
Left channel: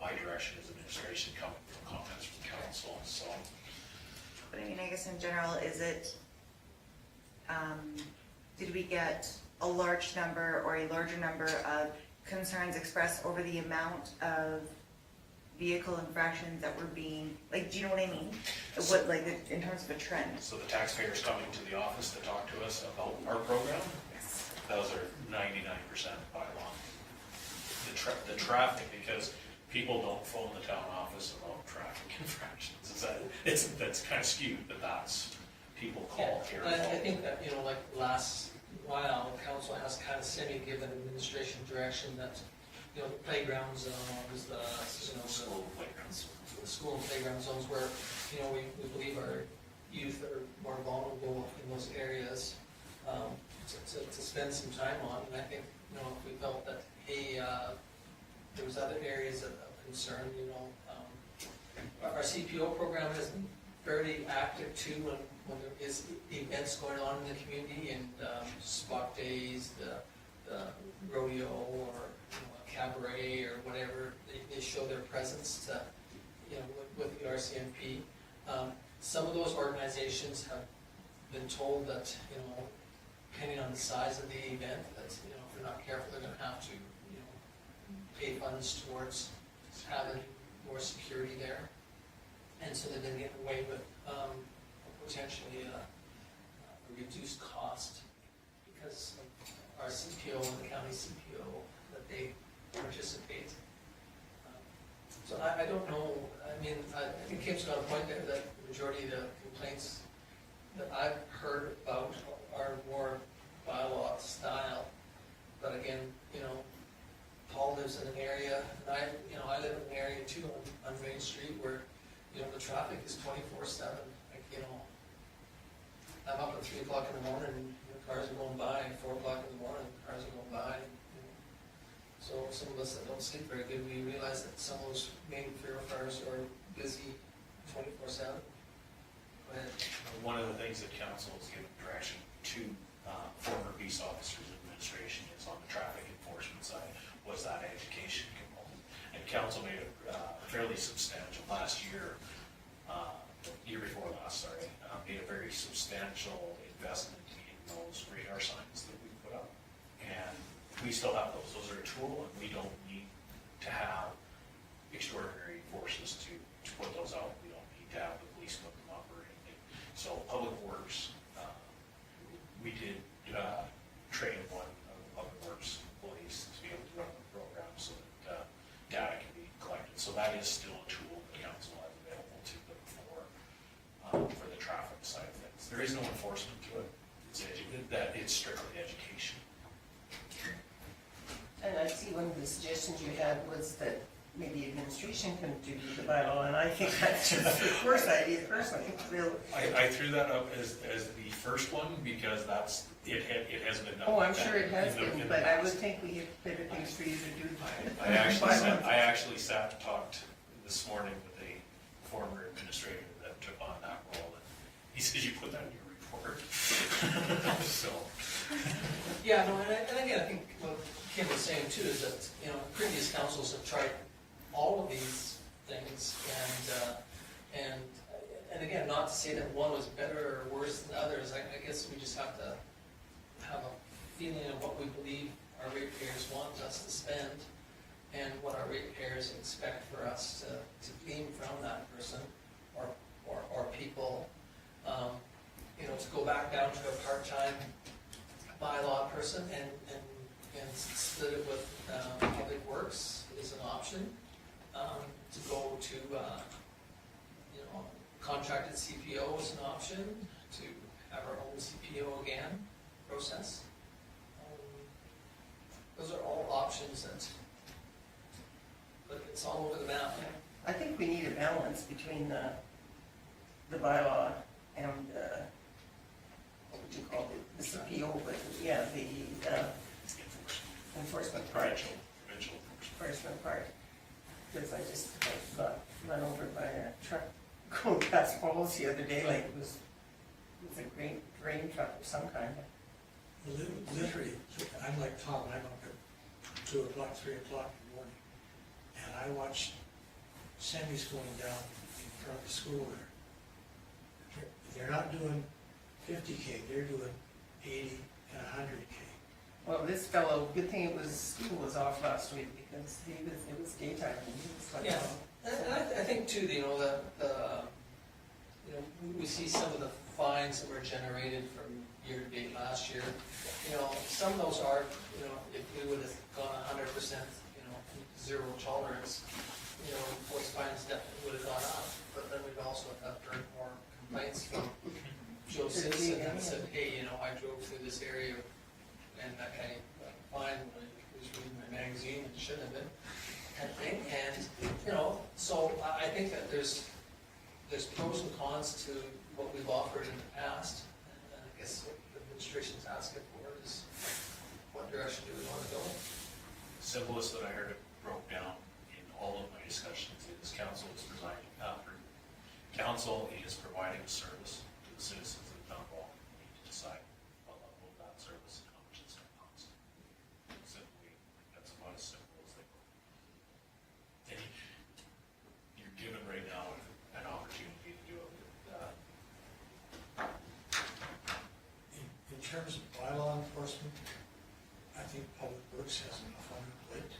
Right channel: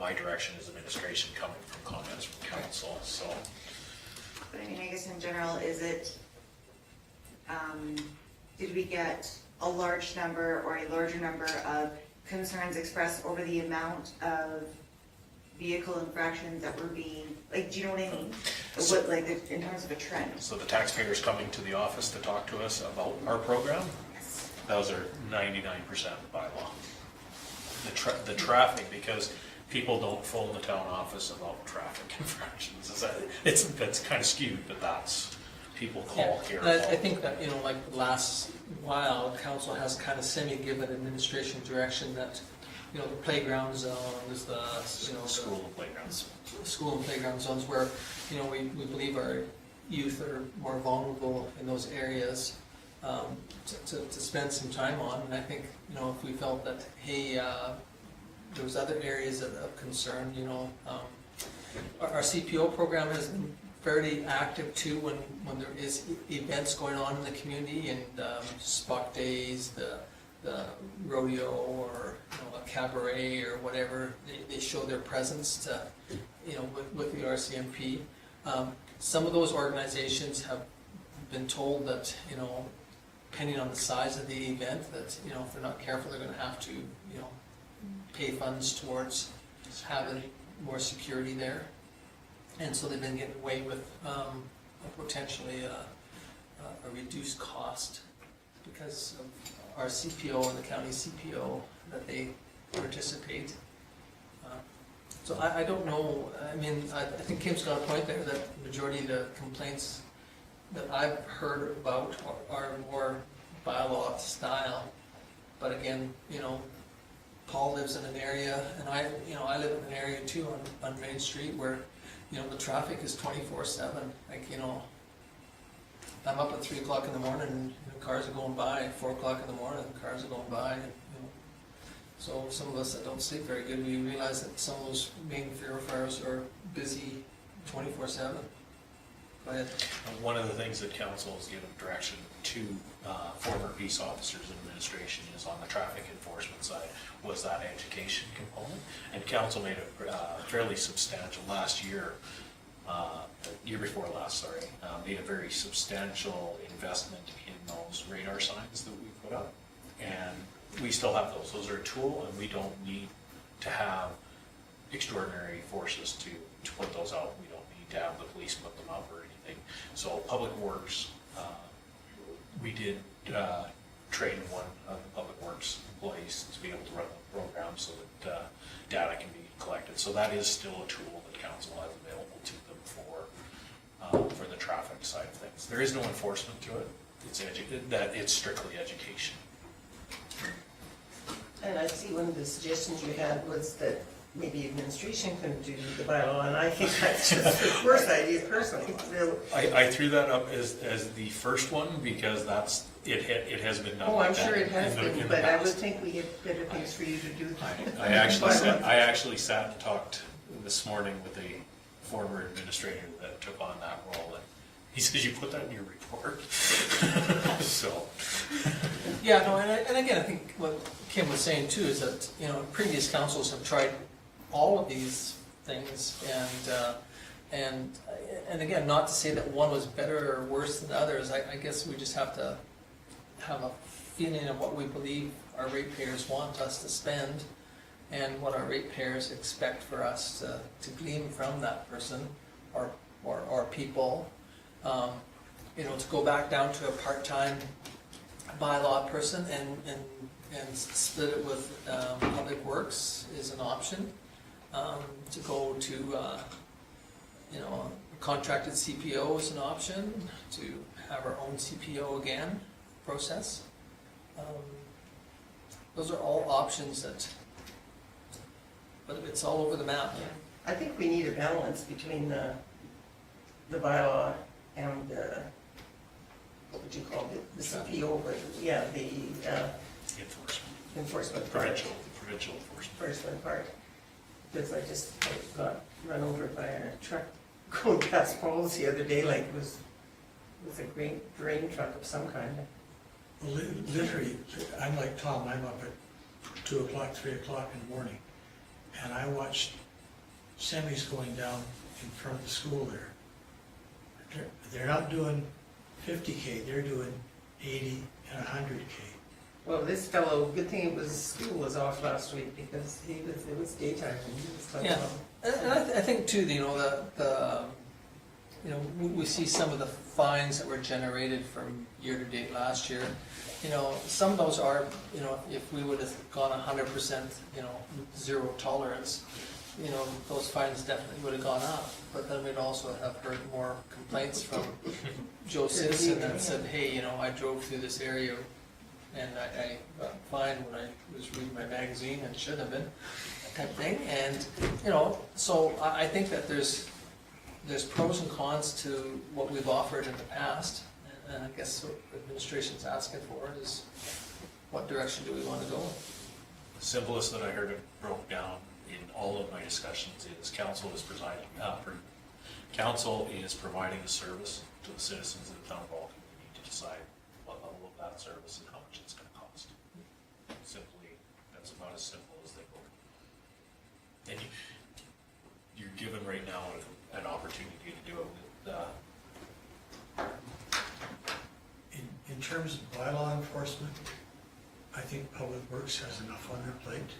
my direction as administration coming from comments from council. So, But I mean, I guess in general, is it, did we get a large number or a larger number of concerns expressed over the amount of vehicle infractions that were being, like, do you know what I mean? So, What, like, in terms of a trend? so the taxpayers coming to the office to talk to us about our program, Yes. those are 99% bylaw. The traffic, because people don't phone the town office about traffic infractions. That's kind of skewed, but that's, people call here. I think that, you know, like last while, council has kind of semi-given administration direction that, you know, the playground zones, you know, School playgrounds. school and playground zones where, you know, we believe our youth are more vulnerable in those areas, to spend some time on. And I think, you know, if we felt that, hey, there was other areas of concern, you know, our CPO program has been fairly active too when there is events going on in the community, and spot days, the rodeo, or you know, a cabaret or whatever, they show their presence to, you know, with the RCMP. Some of those organizations have been told that, you know, depending on the size of the event, that, you know, if they're not careful, they're going to have to, you know, pay funds towards having more security there. And so they've been getting away with potentially a reduced cost because of our CPO and the county CPO that they participate. So I don't know, I mean, I think Kim's got a point there that the majority of the complaints that I've heard about are more bylaw style. But again, you know, Paul lives in an area, and I live in an area too on Main Street where, you know, the traffic is 24/7, like, you know, I'm up at 3 o'clock in the morning and cars are going by, 4 o'clock in the morning, cars are going by, you know. So some of us that don't sleep very good, we realize that some of those main thoroughfares are busy 24/7. Go ahead. One of the things that council has given direction to former peace officers and administration is on the traffic enforcement side was that education component. And council made a fairly substantial last year, year before last, sorry, made a very substantial investment in those radar signs that we put up. And we still have those. Those are a tool, and we don't need to have extraordinary forces to put those out. We don't need to have the police put them up or anything. So Public Works, we did train one of the Public Works employees to be able to run the program so that data can be collected. So that is still a tool that council has available to them for the traffic side of things. There is no enforcement to it. It's strictly education. And I see one of the suggestions you had was that maybe administration can do the bylaw, and I think that's just the worst idea personally. I threw that up as the first one because it has been done. Oh, I'm like sure that it has in the been, but I would past. think we have better things for you to do. I actually sat and talked this morning with a former administrator that took on that role, and he says, you put that in your report? So. Yeah, no, and again, I think what Kim was saying too is that, you know, previous councils have tried all of these things, and again, not to say that one was better or worse than others. I guess we just have to have a feeling of what we believe our ratepayers want us to spend, and what our ratepayers expect for us to glean from that person or people. You know, to go back down to a part-time bylaw person and split it with Public Works is an option. To go to, you know, contracted CPO is an option, to have our own CPO again process. Those are all options but it's all over the map. I think we need a balance between the bylaw and what would you call it, the CPO, but yeah, the enforcement part. Provincial enforcement. Part. Because I just got run over by a truck going past Falls the other day, like it was a grain truck of some kind. Literally, I'm like Tom, I'm up at 2 o'clock, 3 o'clock in the morning, and I watched semis going down in front of the school there. They're not doing 50K, they're doing 80 and 100K. Well, this fellow, good thing school was off last week because it was daytime and he was talking Yeah. about. And I think too, you know, you know, we see some of the fines that were generated from year to date last year. You know, some of those are, you know, if we would have gone 100%, you know, zero tolerance, you know, those fines definitely would have gone up. But then we'd also have heard more complaints from Joe Simpson that said, hey, you know, I drove through this area and I got fined when I was reading my magazine and shouldn't have been, type thing. And, you know, so I think that there's pros and cons to what we've offered in the past. And I guess what the administration's asking for is, what direction do we want to go? The simplest that I heard it broke down in all of my discussions is council is providing a service to the citizens of the town of Vulcan. We need to decide what level of that service and how much it's going to cost. Simply, that's about as simple as they go. And you're given right now an opportunity to do it with In terms of bylaw enforcement, I think Public Works has enough on their plate.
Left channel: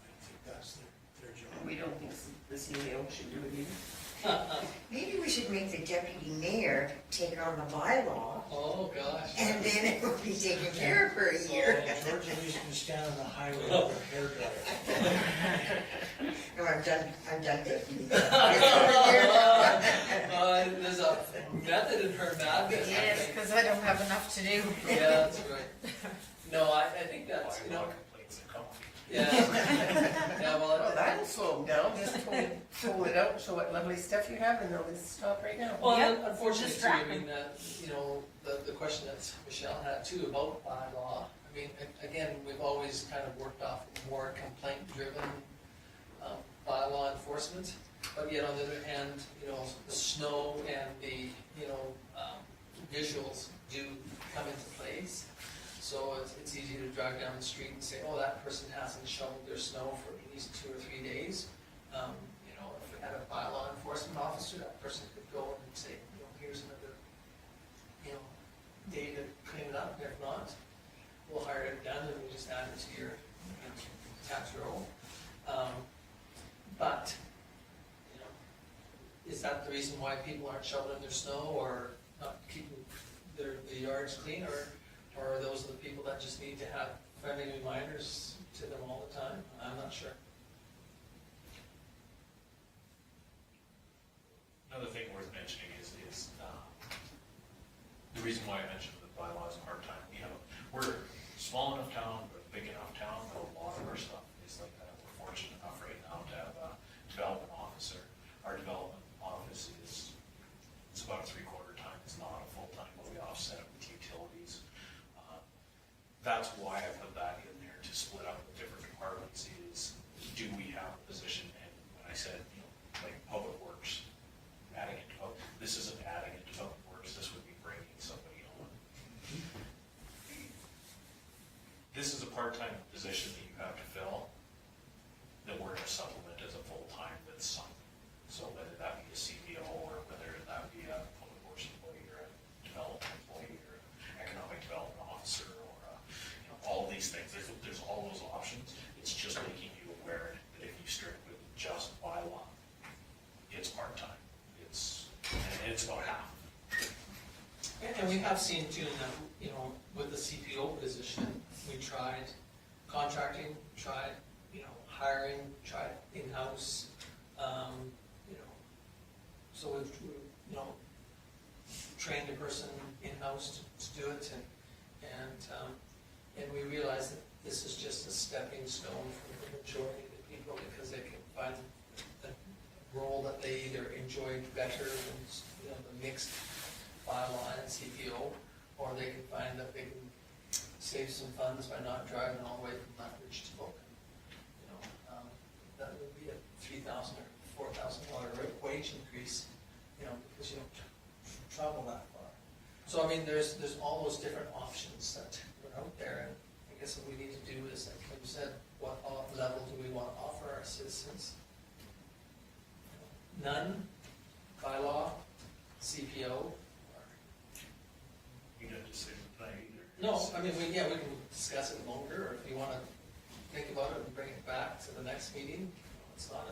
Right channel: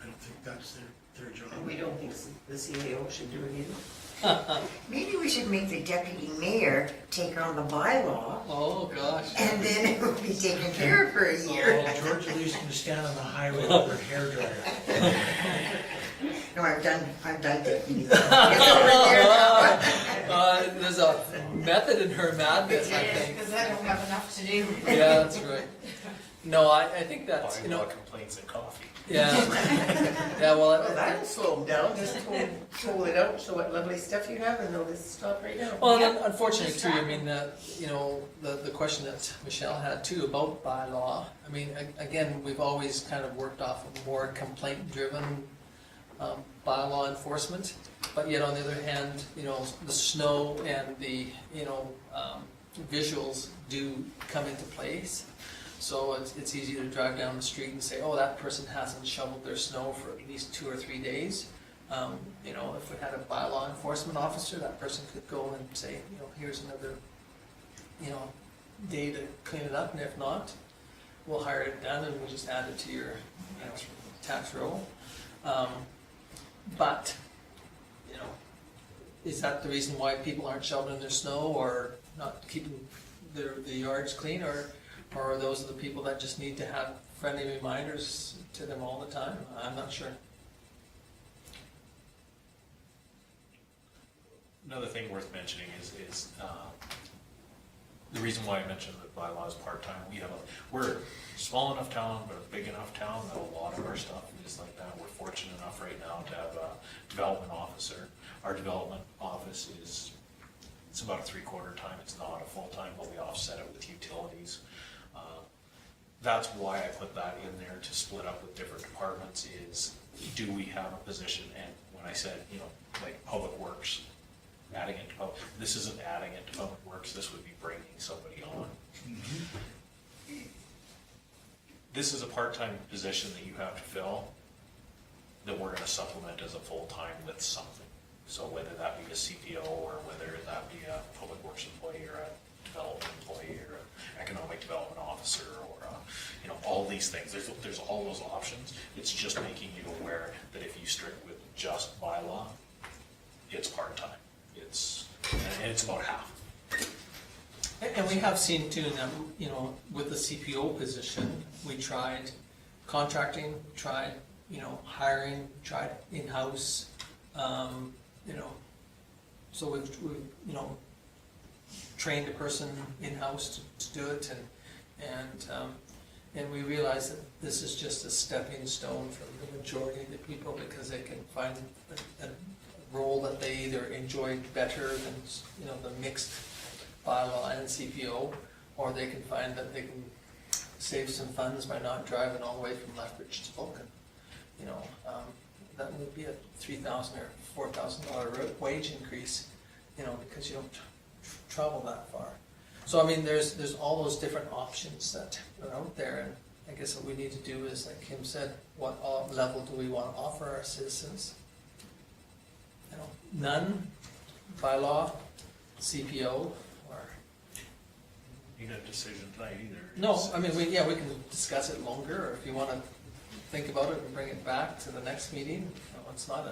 I don't think that's their job. We don't think the CAO should do it either. Maybe we should make the deputy mayor take on the bylaw, Oh, gosh. and then it will be taken care of for a year. George Lee's gonna stand on the highway with her hairdryer. No, I'm done deputy. It's over here now. There's a method in her madness, I Yes, think. because I don't have enough to do. Yeah, that's right. No, I think that's, you know, bylaw complaints and coffee. Yeah, yeah, well, Well, that'll slow them down, just pull it out, show what lovely stuff you have, and they'll just stop right now. well, then unfortunately too, I mean, you know, the question that Michelle had too about bylaw, I mean, again, we've always kind of worked off of more complaint-driven bylaw enforcement, but yet on the other hand, you know, the snow and the, you know, visuals do come into place. So it's easy to drive down the street and say, oh, that person hasn't shoveled their snow for at least 2 or 3 days. You know, if we had a bylaw enforcement officer, that person could go and say, you know, here's another, you know, day to clean it up, and if not, we'll hire it done and we'll just add it to your, you know, tax roll. But, you know, is that the reason why people aren't shoveling their snow or not keeping the yards clean, or are those the people that just need to have friendly reminders to them all the time? I'm not sure. Another thing worth mentioning is the reason why I mentioned the bylaw is part-time. We're a small enough town, but a big enough town that a lot of our stuff is like that. We're fortunate enough right now to have a development officer. Our development office it's about a 3/4 time. It's not a full-time, but we offset it with utilities. That's why I put that in there to split up with different departments is, do we have a position? And when I said, you know, like Public Works, adding it to this isn't adding it to Public Works, this would be bringing somebody on. This is a part-time position that you have to fill that we're gonna supplement as a full-time with something. So whether that be a CPO or whether that be a Public Works employee or a development employee or an economic development officer or you know, all these things, there's all those options. It's just making you aware that if you strict with just bylaw, it's part-time. And it's about half. And we have seen too, that, you know, with the CPO position, we tried contracting, tried, you know, hiring, tried in-house, you know, so we've you know, trained a person in-house to do it, and we realize that this is just a stepping stone for the majority of the people, because they can find a role that they either enjoy better than, you know, the mixed bylaw and CPO, or they can find that they can save some funds by not driving all the way from Lethbridge to Vulcan. You know, that would be a $3,000 or $4,000 wage increase, you know, because you don't travel that far. So I mean, there's all those different options that are out there, and I guess what we need to do is, like Kim said, what level do we want to offer our citizens? You know, none, bylaw, CPO, or You got a decision tonight either. no. I mean, we can discuss it longer, or if you want to think about it and bring it back to the next meeting. You know, it's not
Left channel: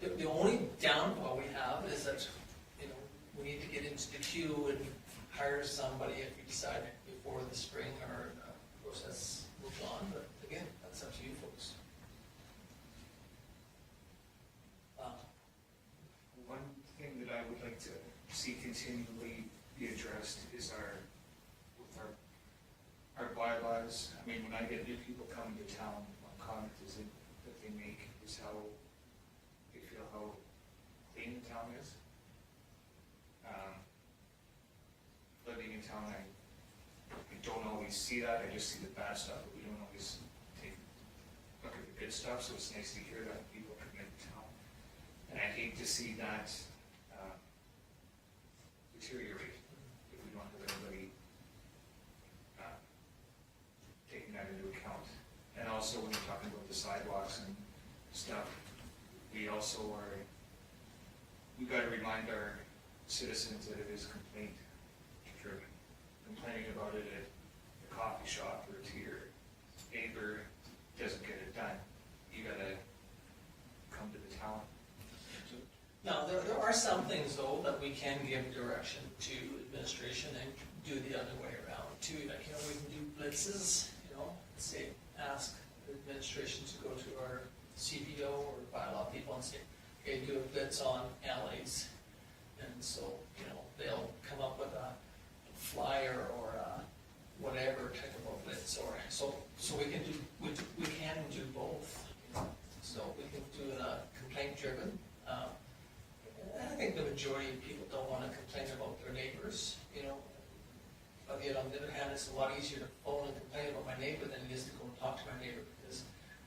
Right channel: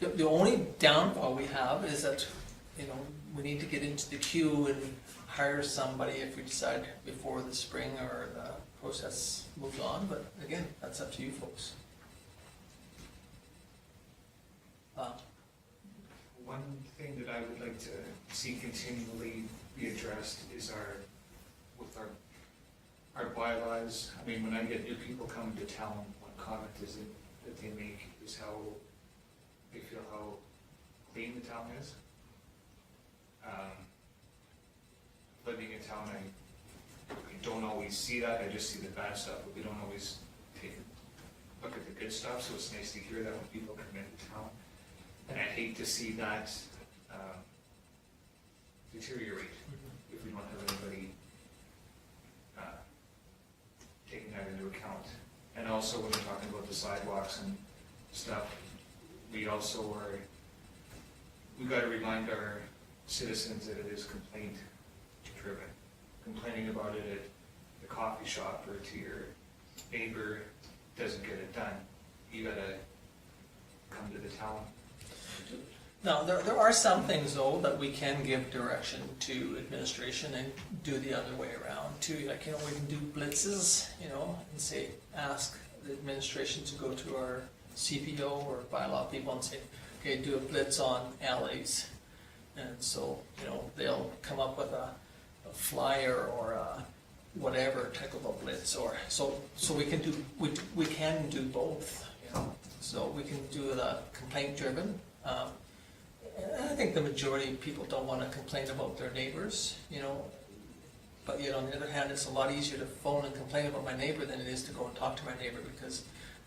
the only downfall we have is that, you know, we need to get into the queue and hire somebody if we decide before the spring or the process moves on, but again, that's up to you folks. One thing that I would like to see continually be addressed is our bylaws. I mean, when I get new people coming to town, one comment is that they make is how they feel how clean the town is. Living in town, I don't always see that. I just see the bad stuff, but we don't always take a look at the good stuff. So it's nice to hear that when people come into town. And I hate to see that deteriorate if we don't have anybody taking that into account. And also when we're talking about the sidewalks and stuff, we got to remind our citizens that it is complaint driven. Complaining about it at the coffee shop or to your neighbor doesn't get it done. You gotta come to the town. Now, there are some things though that we can give direction to administration and do the other way around too. Like, you know, we can do blitzes, you know, and say, ask the administration to go to our CPO or bylaw people and say, okay, do a blitz on alleys. And so, you know, they'll come up with a flyer or whatever type of a blitz, or, so we can do both, you know. So we can do the complaint driven. And I think the majority of people don't wanna complain about their neighbors, you know. But yet on the other hand, it's a lot easier to phone and complain about my neighbor than it is to go and talk to my neighbor, because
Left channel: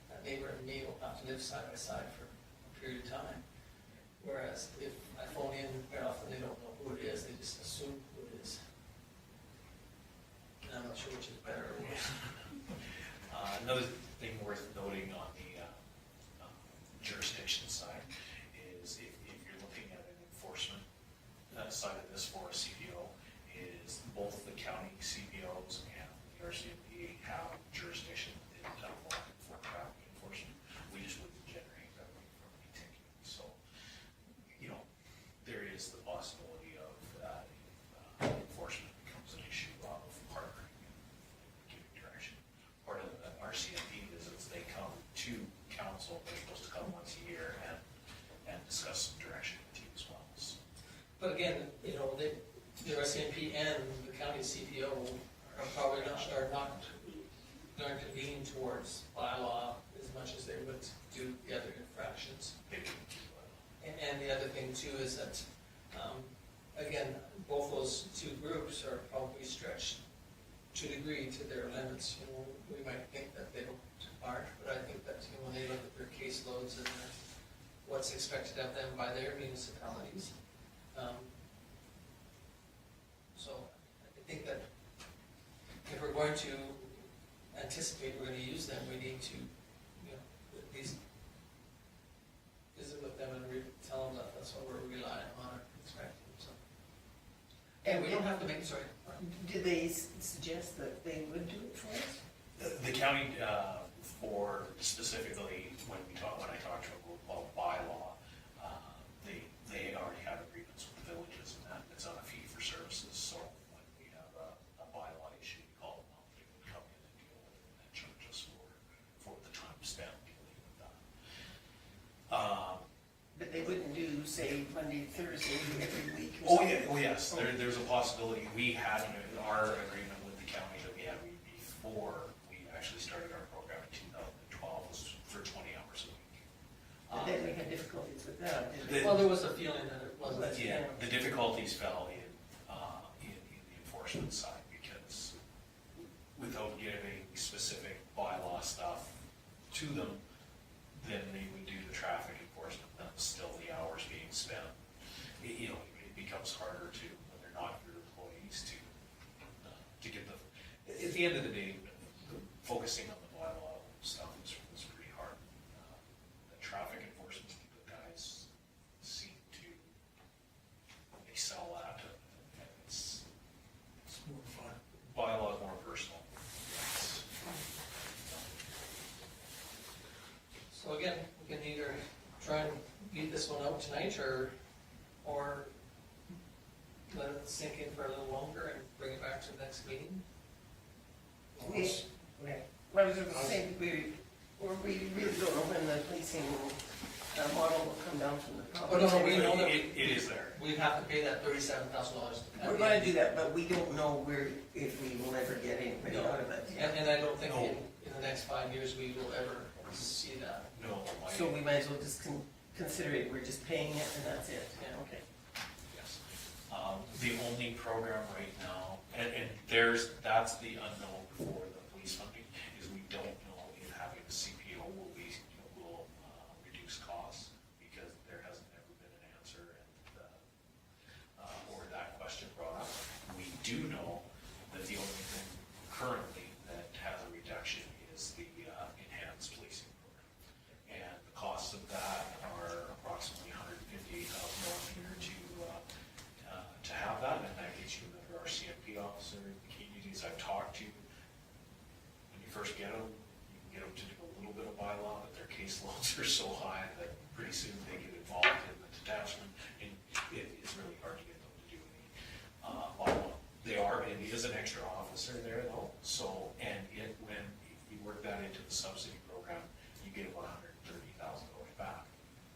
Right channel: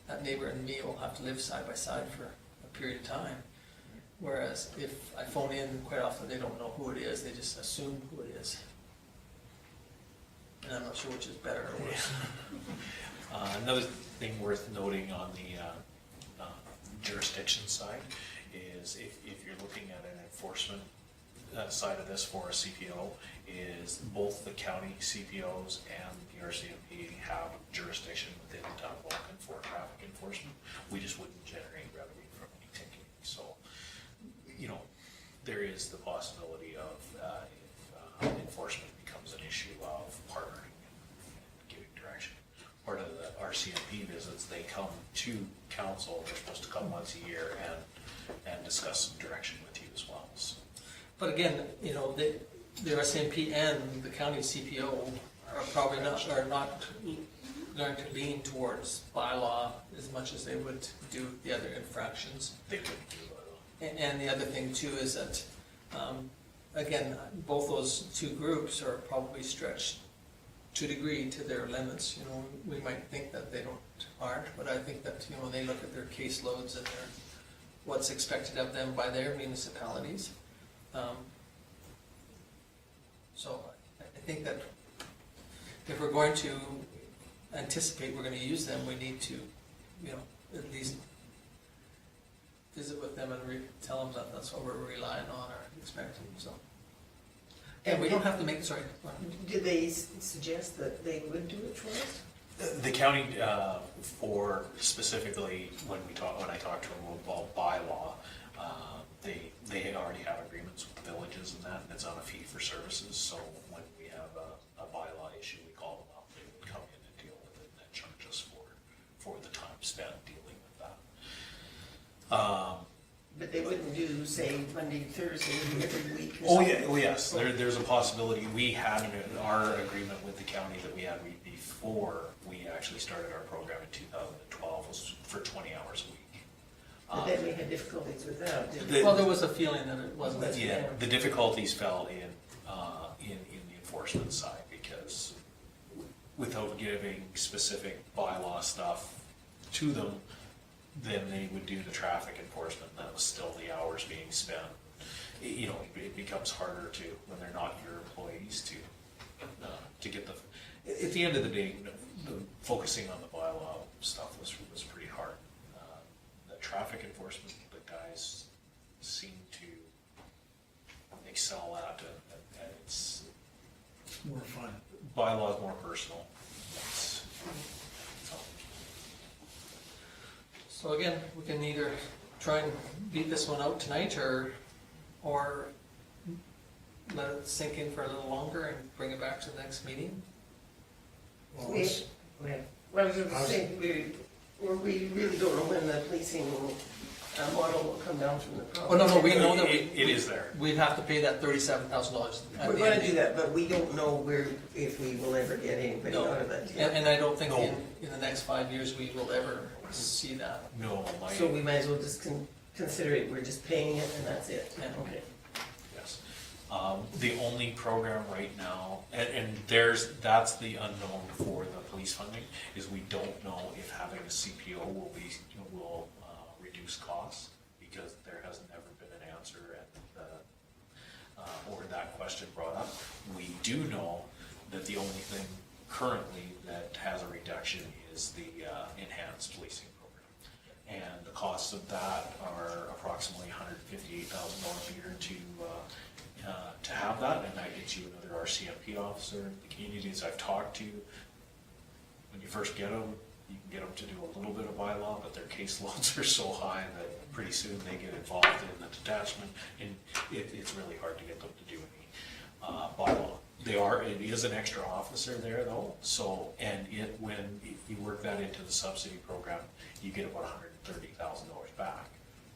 that neighbor and me will have to live side by side for a period of time. Whereas if I phone in, quite often they don't know who it is, they just assume who it is. And I'm not sure which is better or worse. Another thing worth noting on the jurisdiction side is if you're looking at an enforcement side of this for a CPO, is both the county CPOs and the RCMP have jurisdiction within the town of Vulcan for traffic enforcement. We just wouldn't generate revenue from any ticketing. So, you know, there is the possibility of if enforcement becomes an issue of partnering and giving direction. Part of the RCMP visits, they come to council, they're supposed to come once a year and discuss some direction with you as well. So. But again, you know, the RCMP and the county CPO are probably not going to lean towards bylaw as much as they would do the other infractions. They wouldn't do bylaw. And the other thing too is that, again, both those two groups are probably stretched to a degree to their limits. You know, we might think that they aren't, but I think that, you know, when they look at their caseloads and what's expected of them by their municipalities. So I think that if we're going to anticipate we're going to use them, we need to, you know, at least visit with them and tell them that that's what we're relying on or expecting. So, and we don't have to make. Sorry. Did they suggest that they would do it for us? The county, for specifically when I talked to them about bylaw, they already have agreements with the villages and that, and it's on a fee for services. So when we have a bylaw issue, we call them up. They would come in and deal with it and then charge us for the time spent dealing with that. But they wouldn't do, say, Monday, Thursday, every week or something? Oh yes, there's a possibility. We had our agreement with the county that we had before we actually started our program in 2012 was for 20 hours a week. But then we had difficulties with that, didn't we? Well, there was a feeling that it wasn't. Yeah, the difficulties fell in the enforcement side, because without giving specific bylaw stuff to them, then they would do the traffic enforcement, and that was still the hours being spent. You know, it becomes harder to, when they're not your employees, to get the, at the end of the day, focusing on the bylaw stuff was pretty hard. The traffic enforcement, the guys seem to excel at, and it's More fun. bylaw is more personal. So again, we can either try and beat this one out tonight, or let it sink in for a little longer and bring it back to the next meeting. Well, I was gonna say, we really don't know when the policing model will come down from the Oh, province. no, we know that It is there. we'd have to pay that $37,000. We're gonna do that, but we don't know if we will ever get anybody No. out of it. Yeah. And I don't think No. in the next 5 years we will ever see that. No, So we might as well just consider it, we're just paying it and that's it. Yeah. Okay. yes. The only program right now, and that's the unknown for the police funding, is we don't know if having a CPO will reduce costs, because there hasn't ever been an answer or that question brought up. We do know that the only thing currently that has a reduction is the enhanced policing program. And the costs of that are approximately $158,000 a year to have that, and that gets you another RCMP officer. The communities I've talked to, when you first get them, you can get them to do a little bit of bylaw, but their caseloads are so high that pretty soon they get involved in the detachment, and it's really hard to get them to do any bylaw. It is an extra officer there though, so, and when you work that into the subsidy program, you get about $130,000 back.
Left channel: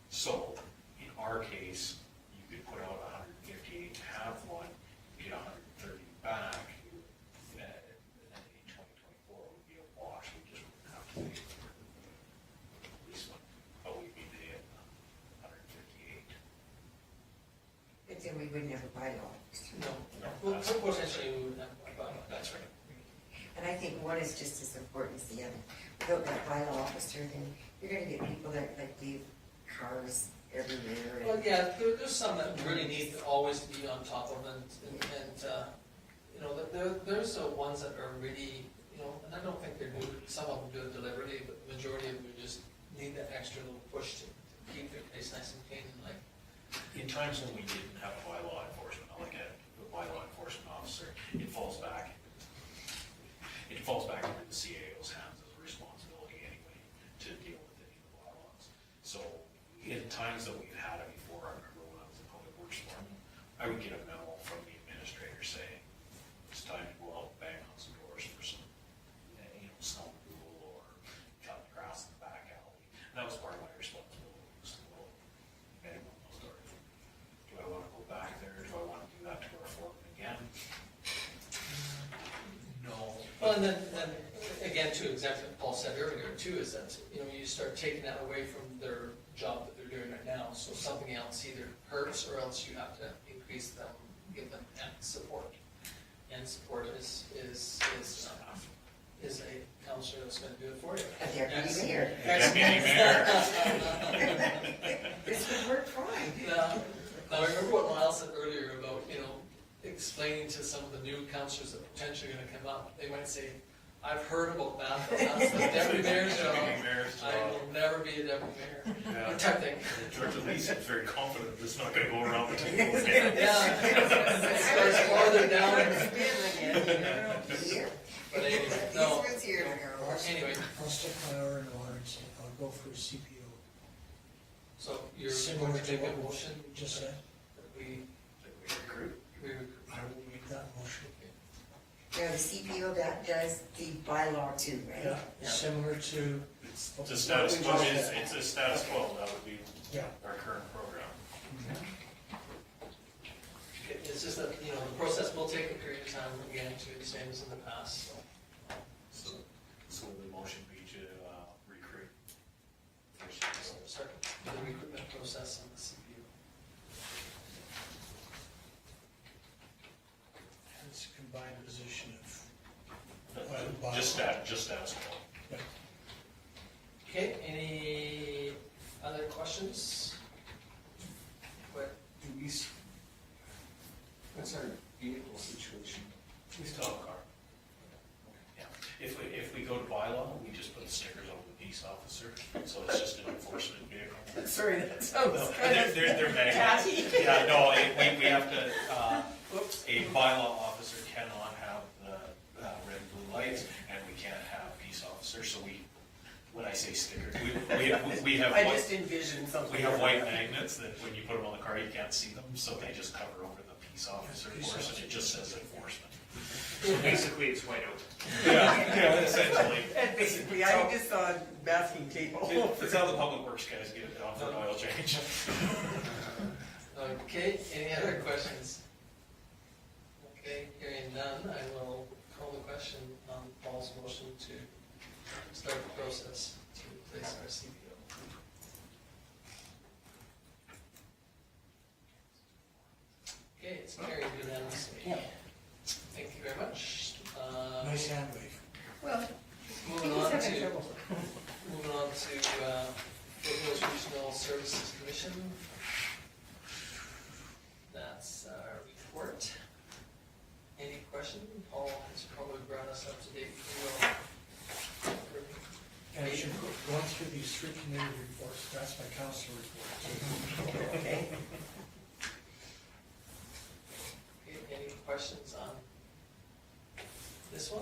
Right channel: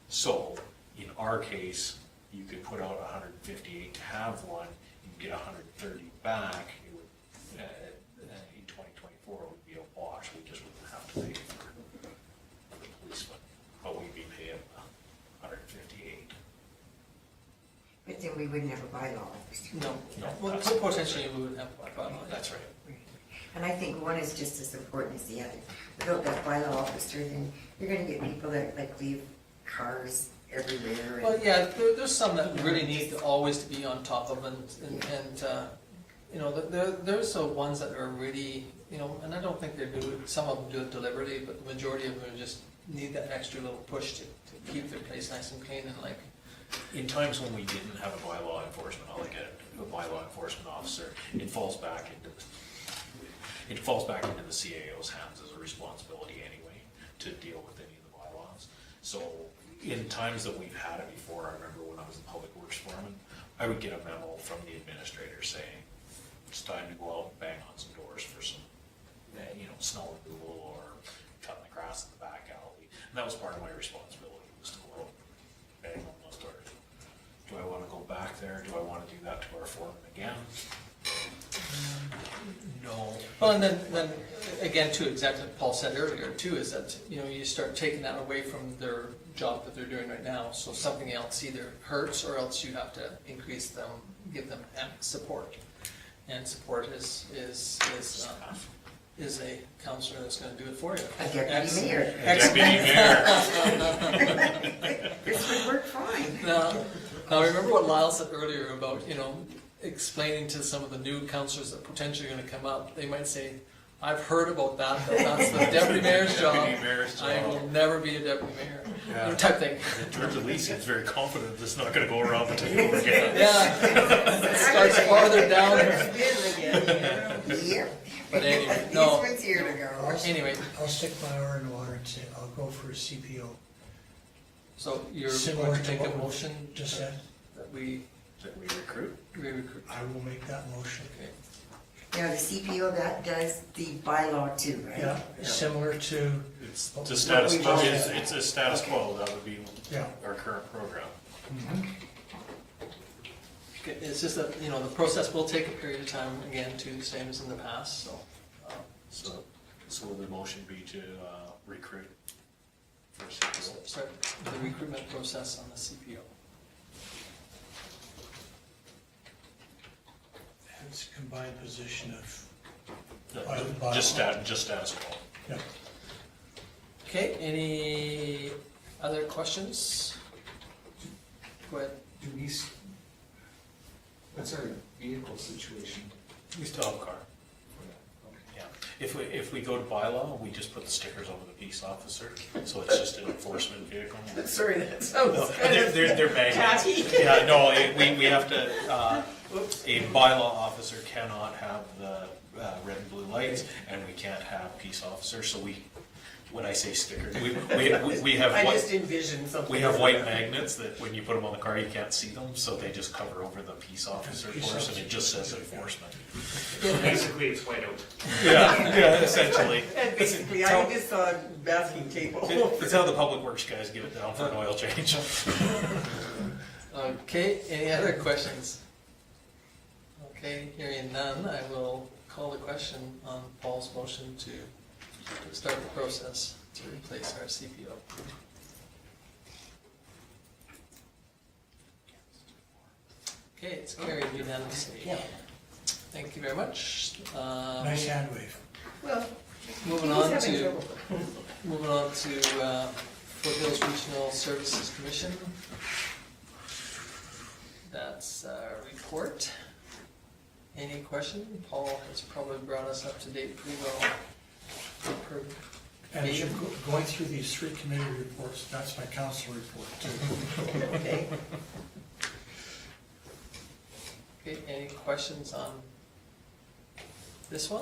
So, in our case, you could put out 158 to have one, you get 130 back. then we wouldn't have a bylaw. No, No, well, that's- potentially we would have a bylaw. That's right. And I think one is just as important as the other. Without that bylaw officer, then you're gonna get people that like leave cars everywhere. Well, and- yeah, there's some that really need to always to be on top of and, you know, there's the ones that are really, you know, and I don't think they do, some of them do it deliberately, but the majority of them just need that extra little push to keep their place nice and clean and like, In times when we didn't have a bylaw enforcement, like a bylaw enforcement officer, it falls back into the CAO's hands as a responsibility anyway, to deal with any of the bylaws. So in times that we've had it before, I remember when I was a public works foreman, I would get a memo from the administrator saying, it's time to go out and bang on some doors for some, snow removal or cutting the grass in the back alley. And that was part of my responsibility, was to go out and bang on those doors. Do I wanna go back there? Do I wanna do that to our foreman again? No. well, and then again, too, exactly what Paul said earlier too, is that, you know, you start taking that away from their job that they're doing right now, so something else either hurts or else you have to increase them, give them support. And support is a counselor that's gonna do it for you. A deputy mayor. Deputy mayor. This would work fine. Now remember what Lyle said earlier about, you know, explaining to some of the new counselors that potentially are gonna come up, they might say, I've heard about that, but that's the deputy mayor's job. Deputy mayor's I job. will never be a deputy mayor, Yeah. type thing. George Elise is very confident this is not gonna go around the table again. Yeah, it starts farther down, Yeah. but anyway, This no, one's here to go. anyway, I'll stick my oar in the water and say, I'll go for a CPO. so you're Similar going to to make a what we motion Just said, that we That we recruit? recruit. I will make that motion. Okay. Now, the CPO, that does the bylaw too, right? Yeah, Yeah. similar to, It's the status we've quo, all it's a status quo, that would be yeah. our current program. Okay, it's just that, you know, the process will take a period of time, again, too, the same as in the past, so. So would the motion be to recruit for CPO? Start the recruitment process on the CPO. It's a combined position of, Just status quo. yeah. Okay, any other questions? Go ahead. What's our vehicle situation? We still have a car. Yeah. If we go to bylaw, we just put the stickers over the peace officer, so it's just an enforcement vehicle. Sorry, that sounds No, kind of they're magnets. tacky. Yeah, no, we have to, a bylaw officer cannot have the red and blue lights, and we can't have peace officers, so when I say stickers, we have I white, just envisioned something. we have white magnets that when you put them on the car, you can't see them, so they just cover over the peace officer for us, and it just says enforcement. So basically, it's white out. Yeah, essentially. And basically, I just saw masking tape all over. It's how the public works guys get it down for an oil change. Okay, any other questions? Okay, hearing none, I will call the question on Paul's motion to start the process to replace our CPO. Okay, it's carried unanimously. Yeah. Thank you very much. Nice hand wave. Well, Moving he's on having to, trouble. Foothills Regional Services Commission. That's our report. Any question? Paul has probably brought us up to date pretty well. And as you're going through these three committee reports, that's my council report too. Okay. Okay, any questions on this one?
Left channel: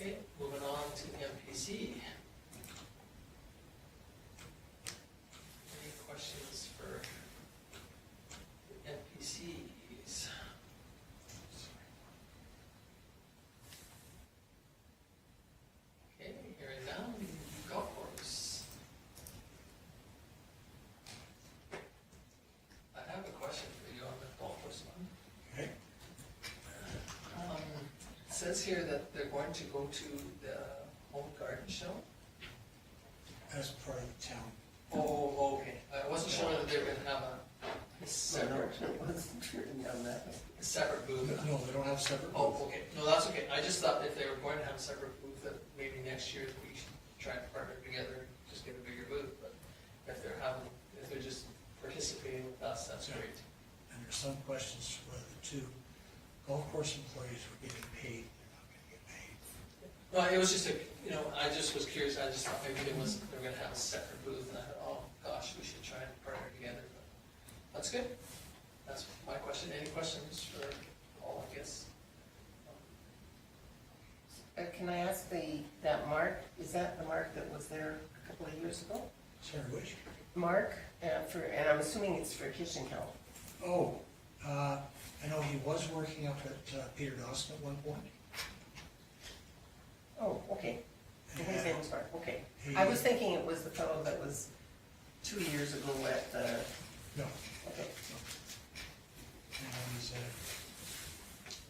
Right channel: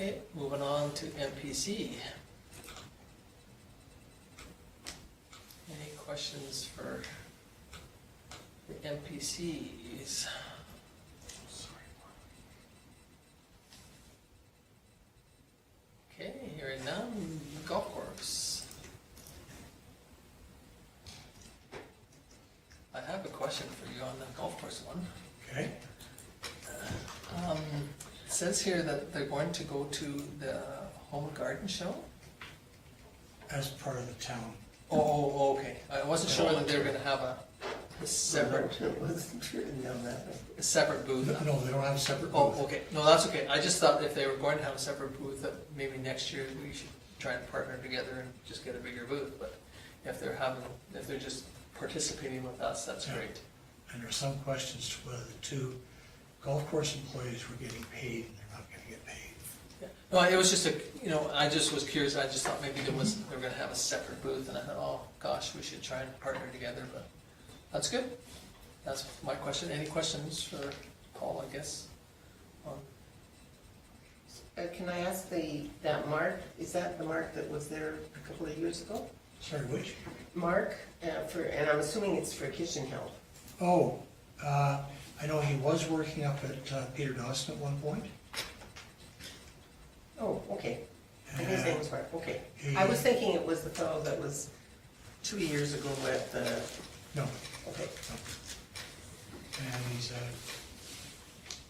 Okay, moving on to MPC. Any questions for the MPCs? Okay, hearing none, golf course. I have a question for you on the golf course one. Okay, It says here that they're going to go to the Home and Garden Show? as part of the town. Oh, okay. I wasn't sure whether they were gonna have a A separate, It wasn't written down that way. a separate booth. No, they don't have a separate Oh, booth. okay, no, that's okay, I just thought if they were going to have a separate booth, that maybe next year we should try and partner together and just get a bigger booth, but if they're just participating with us, that's Yeah. great. And there's some questions whether the two golf course employees were getting paid and they're not gonna get paid. Yeah. No, it was just I just was curious, I just thought maybe they were gonna have a separate booth, and I thought, oh, gosh, we should try and partner together, but that's good. That's my question. Any questions for Paul, I guess? Can I ask that Mark, is that the Mark that was there a couple of years ago? Sorry, which? Mark, and I'm assuming it's for kitchen help. Oh, I know he was working up at Peter Dawson at one point. Oh, okay. And his name was Mark, okay. He- I was thinking it was the fellow that was 2 years ago at the, No, okay. and he's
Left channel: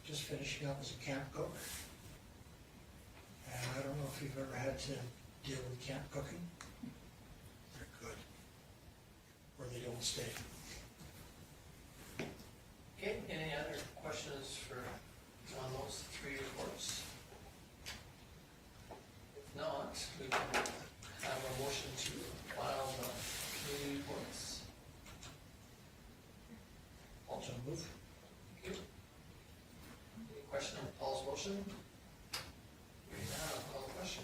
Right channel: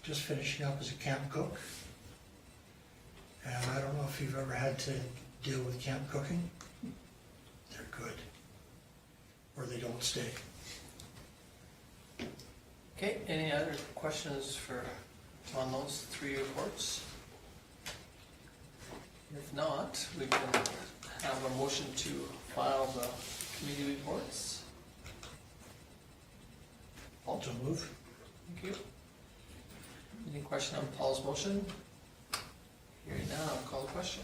just finishing up as a camp cook. And I don't know if you've ever had to deal with camp cooking. They're good. Or they don't stay. Okay, any other questions on those three reports? If not, we can have a motion to file the committee reports. Paul, So move. thank you. Any question on Paul's motion? Hearing none, I'll call the question.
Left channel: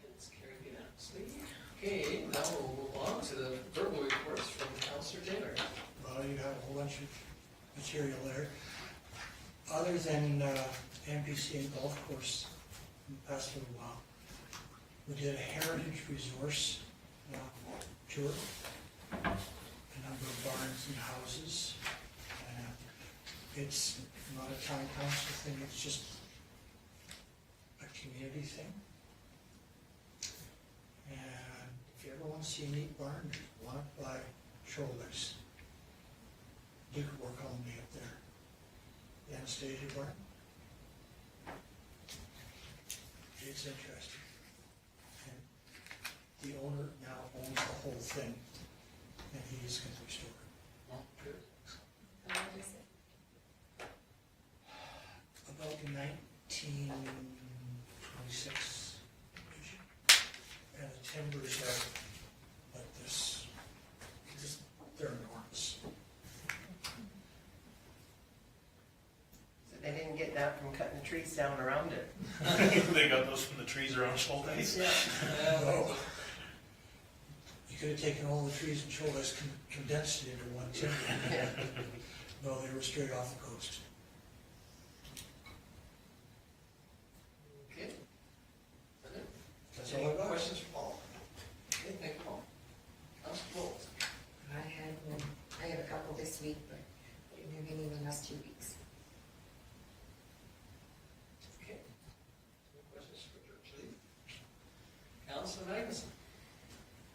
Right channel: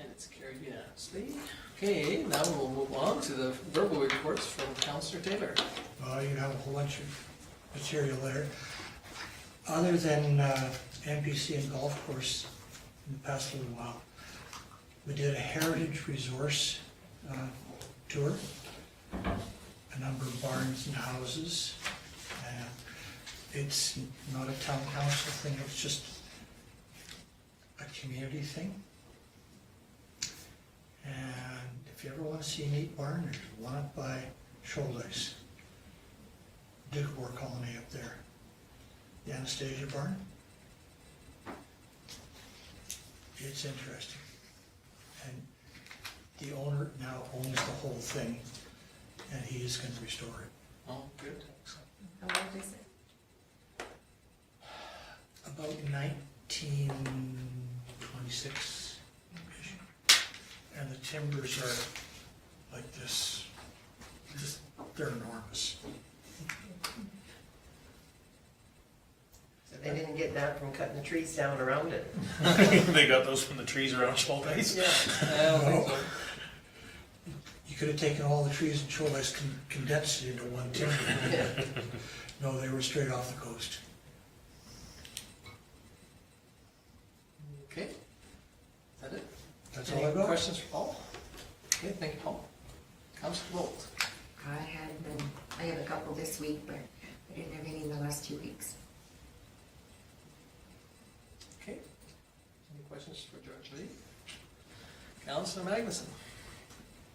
And it's carried unanimously. Okay, now we'll move on to the verbal reports from Councillor Taylor. Well, you have a whole bunch of material there. Other than NPC and golf course in the past little while, we did a heritage resource tour, a number of barns and houses. It's not a town council thing, it's just a community thing. And if you ever want to see a neat barn, there's one up by Shoaldice. Duke War Colony up there, the Anastasia barn. It's interesting. And the owner now owns the whole thing, and he is going to restore it. Oh, good. How old is it? About 1926-ish. And the timbers are like this, they're enormous. So they didn't get that from cutting the trees down around it. They got those from the trees around Shoaldice? Yeah, I don't think so. You could have taken all the trees in Shoaldice, condensed it into one timber. Yeah. No, they were straight off the coast. Okay. Is that it? That's all Any I've got. questions for Paul? Okay, thank you, Paul. Councillor Bolt. I have a couple this week, but I didn't have any in the last 2 weeks. Okay. Any questions for George Lee? Councillor Magnuson.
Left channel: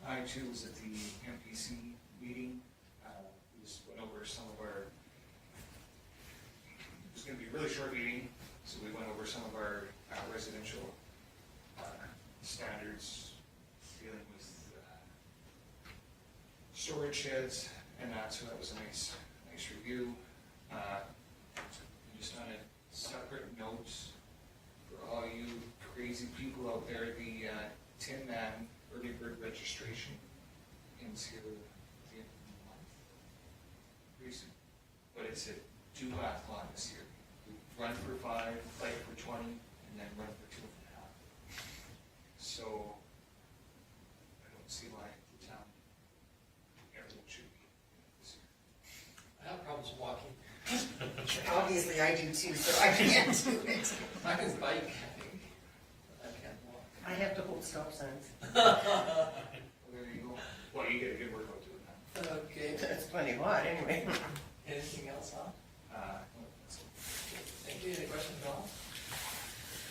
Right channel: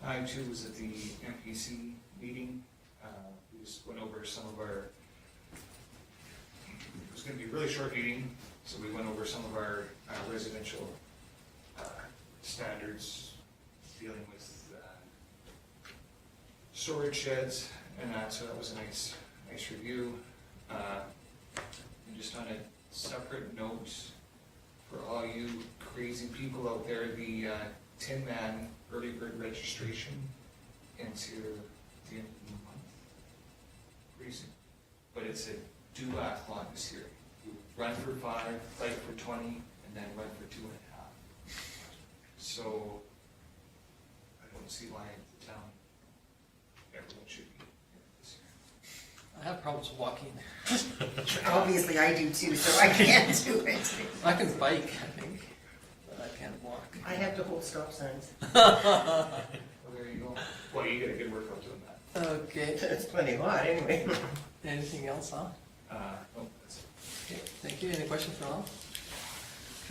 I too was at the MPC meeting. We just went over some of our, it was gonna be a really short meeting, so we went over some of our residential standards dealing with storage sheds and that, so that was a nice review. And just on a separate note, for all you crazy people out there, the Tin Man early bird registration into the end of the month. Pretty soon. But it's a duathlon this year. You run for 5, bike for 20, and then run for 2.5. So I don't see why the town, everyone should be in it this year. I have problems walking. Obviously, I do too, so I can't do it. I can bike, I think, but I can't walk. I have to hold stop signs. Well, there you go. Well, you get a good workout doing that. Okay. It's plenty hot anyway. Anything else, huh? No, that's it. Okay, thank you. Any questions for all?